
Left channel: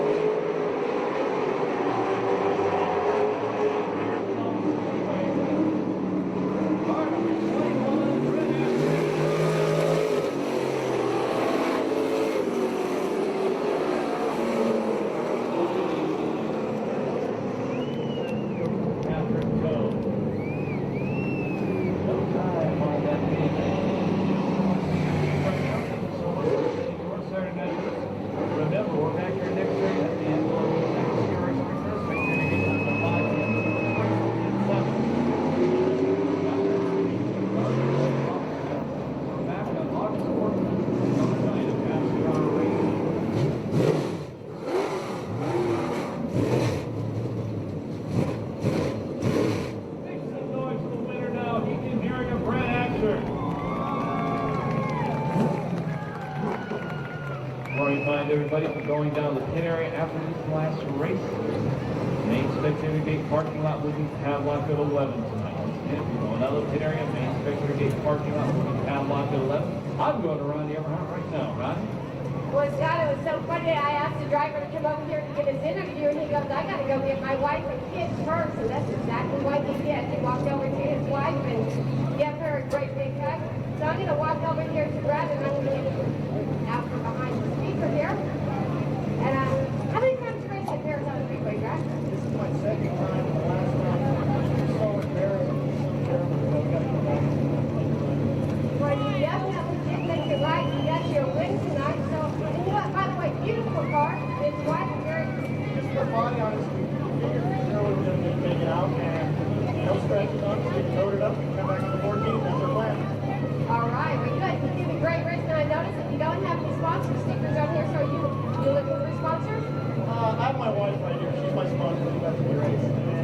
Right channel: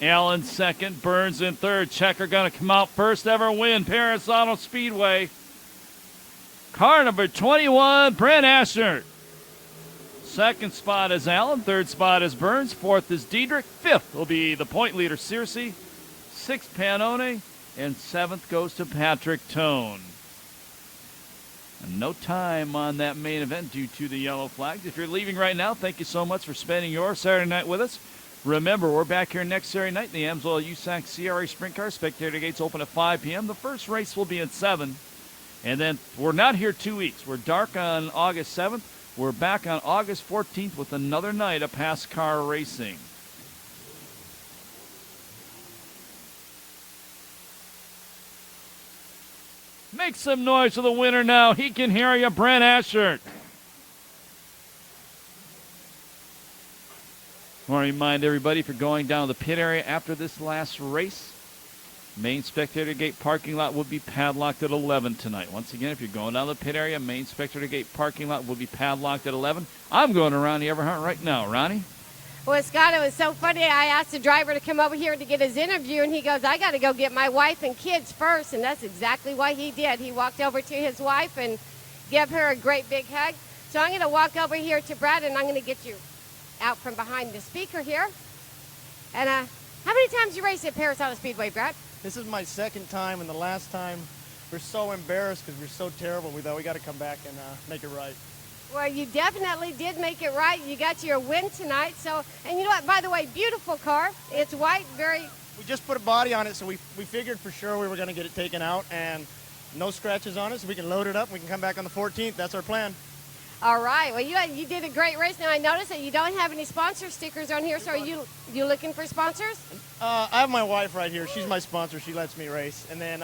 Allen second, Burns in third. Checker going to come out first, never win. Perris Auto Speedway. Car number 21, Brent Asher. Second spot is Allen. Third spot is Burns. Fourth is Diedrich. Fifth will be the point leader, Searcy. Sixth, Panone. And seventh goes to Patrick Tone. No time on that main event due to the yellow flag. If you're leaving right now, thank you so much for spending your Saturday night with us. Remember, we're back here next Saturday night. The Amsoil USAC CRA Sprint Car Spectator gates open at 5 p.m. The first race will be at 7. And then we're not here 2 weeks. We're dark on August 7th. We're back on August 14th with another night of PASSCAR racing. Make some noise for the winner now. He can hear you, Brent Asher. I want to remind everybody for going down the pit area after this last race, main spectator gate parking lot will be padlocked at 11 tonight. Once again, if you're going down the pit area, main spectator gate parking lot will be padlocked at 11. I'm going to Ronnie Everhart right now. Ronnie? Well, Scott, it was so funny. I asked the driver to come over here to get his interview, and he goes, I got to go get my wife and kids first. And that's exactly what he did. He walked over to his wife and gave her a great big hug. So I'm going to walk over here to Brad, and I'm going to get you out from behind the speaker here. And how many times you raced at Perris on the Speedway, Brad? This is my second time. The last time, we're so embarrassed because we're so terrible that we got to come back and make it right. Well, you definitely did make it right. You got your win tonight. So, and you know what? By the way, beautiful car. It's white, very. We just put a body on it, so we figured for sure we were going to get it taken out, and no scratches on us. We can load it up. We can come back on the 14th. That's our plan. All right. Well, you did a great race. Now I noticed that you don't have any sponsor stickers on here. So are you looking for sponsors? I have my wife right here. She's my sponsor. She lets me race. And then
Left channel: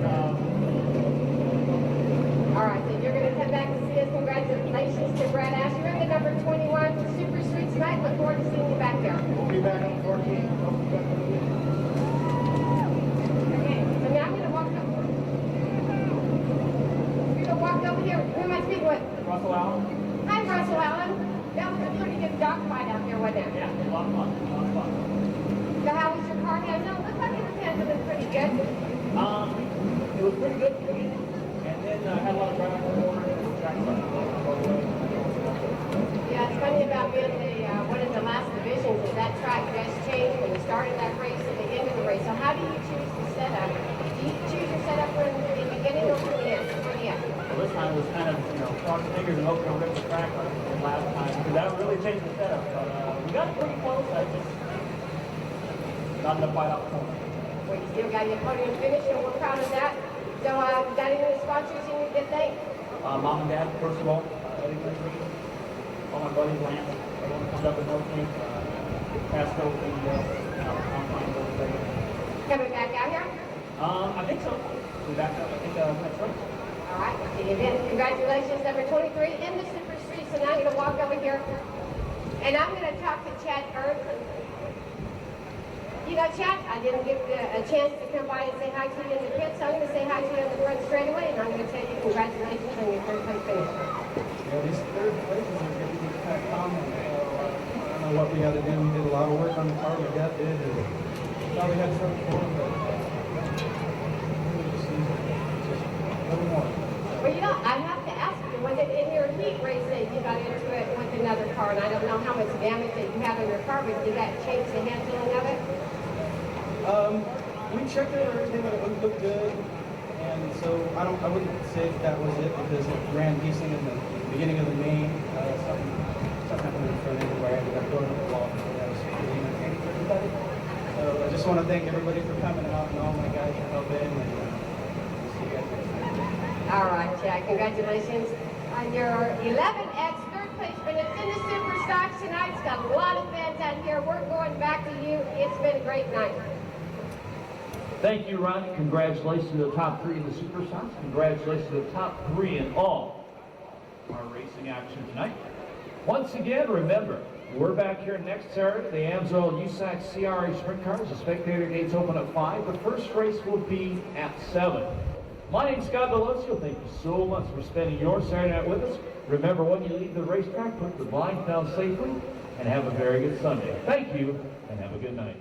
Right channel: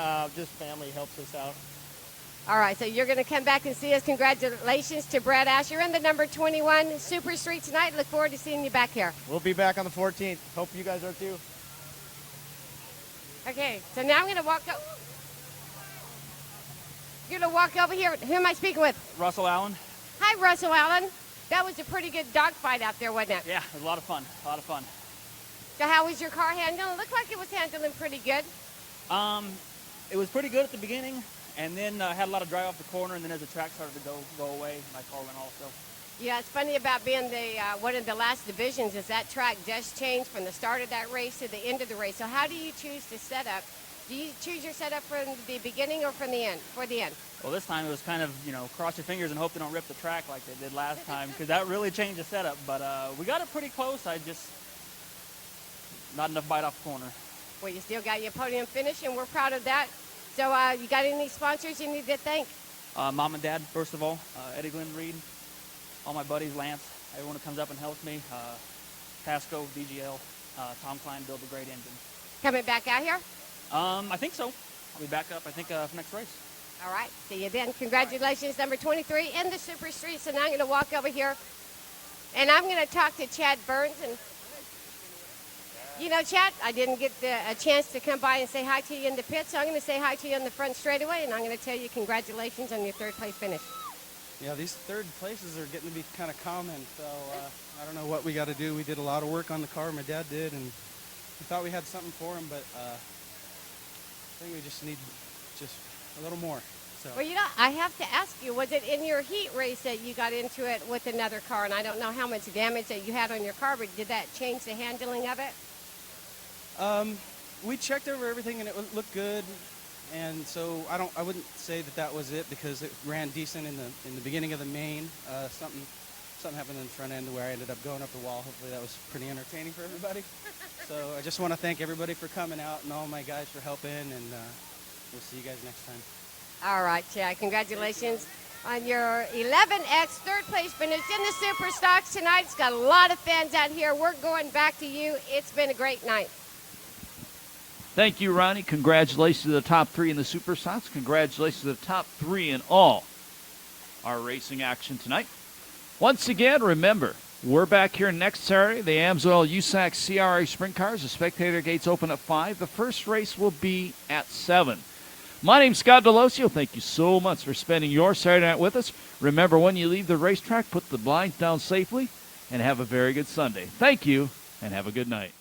all right, so you're going to come back and see us. Congratulations to Brad Asher in the number 21 Super Street tonight. Look forward to seeing you back here. We'll be back on the 14th. Hope you guys are doing it. Okay, so now I'm going to walk up. You're going to walk over here. Who am I speaking with? Russell Allen. Hi, Russell Allen. That was a pretty good dogfight out there, wasn't it? Yeah, a lot of fun. A lot of fun. So how was your car handled? It looked like it was handling pretty good. It was pretty good at the beginning, and then had a lot of drive on the corner and then the track started. Yeah, it's funny about being one of the last divisions is that track does change from the start of that race to the end of the race. So how do you choose to set up? Do you choose to set up from the beginning or from the end? For the end? This time it was kind of, cross your fingers and hope to rip the track the last time. That really changed the setup, but we got it pretty close. I just not enough fight off the phone. Well, you still got your podium finish, and we're proud of that. So, you got any sponsors you need to thank? Mom and Dad, first of all, Eddie Green, all my buddies, Lance, everyone comes up and helps me. PASSCAR will be Coming back out here? I think so. We're back up, I think, next race. All right, see you then. Congratulations, number 23 in the Super Streets, and I'm going to walk over here, and I'm going to talk to Chad Burns. You know, Chad, I didn't get a chance to come by and say hi to you in the pit, so I'm going to say hi to you on the front straightaway, and I'm going to tell you congratulations on your third place finish. This third place is going to be kind of common. I don't know what we got to do. We did a lot of work on the car we got did. All we got stuff for it, but we'll just see. Well, you know, I have to ask you, was it in your heat race that you got into it with another car? And I don't know how much damage that you had on your car, but did that change the handling of it? We checked over everything and it looked good, and so I wouldn't say that was it because it ran decent in the beginning of the game. It's not really right, but I put it on the wall. So I just want to thank everybody for coming out and all the guys who helped in. See you guys. All right, Chad, congratulations on your 11X third place finish in the Super Stocks tonight. It's got a lot of fans out here. We're going back to you. It's been a great night. Thank you, Ronnie. Congratulations to the top 3 in the Super Stocks. Congratulations to the top 3 in all our racing action tonight. Once again, remember, we're back here next Saturday. The Amsoil USAC CRA Sprint Cars. The spectator gates open at 5. The first race will be at 7. My name's Scott Delosio. Thank you so much for spending your Saturday night with us. Remember, when you leave the racetrack, put the blinds down safely and have a very good Sunday. Thank you, and have a good night.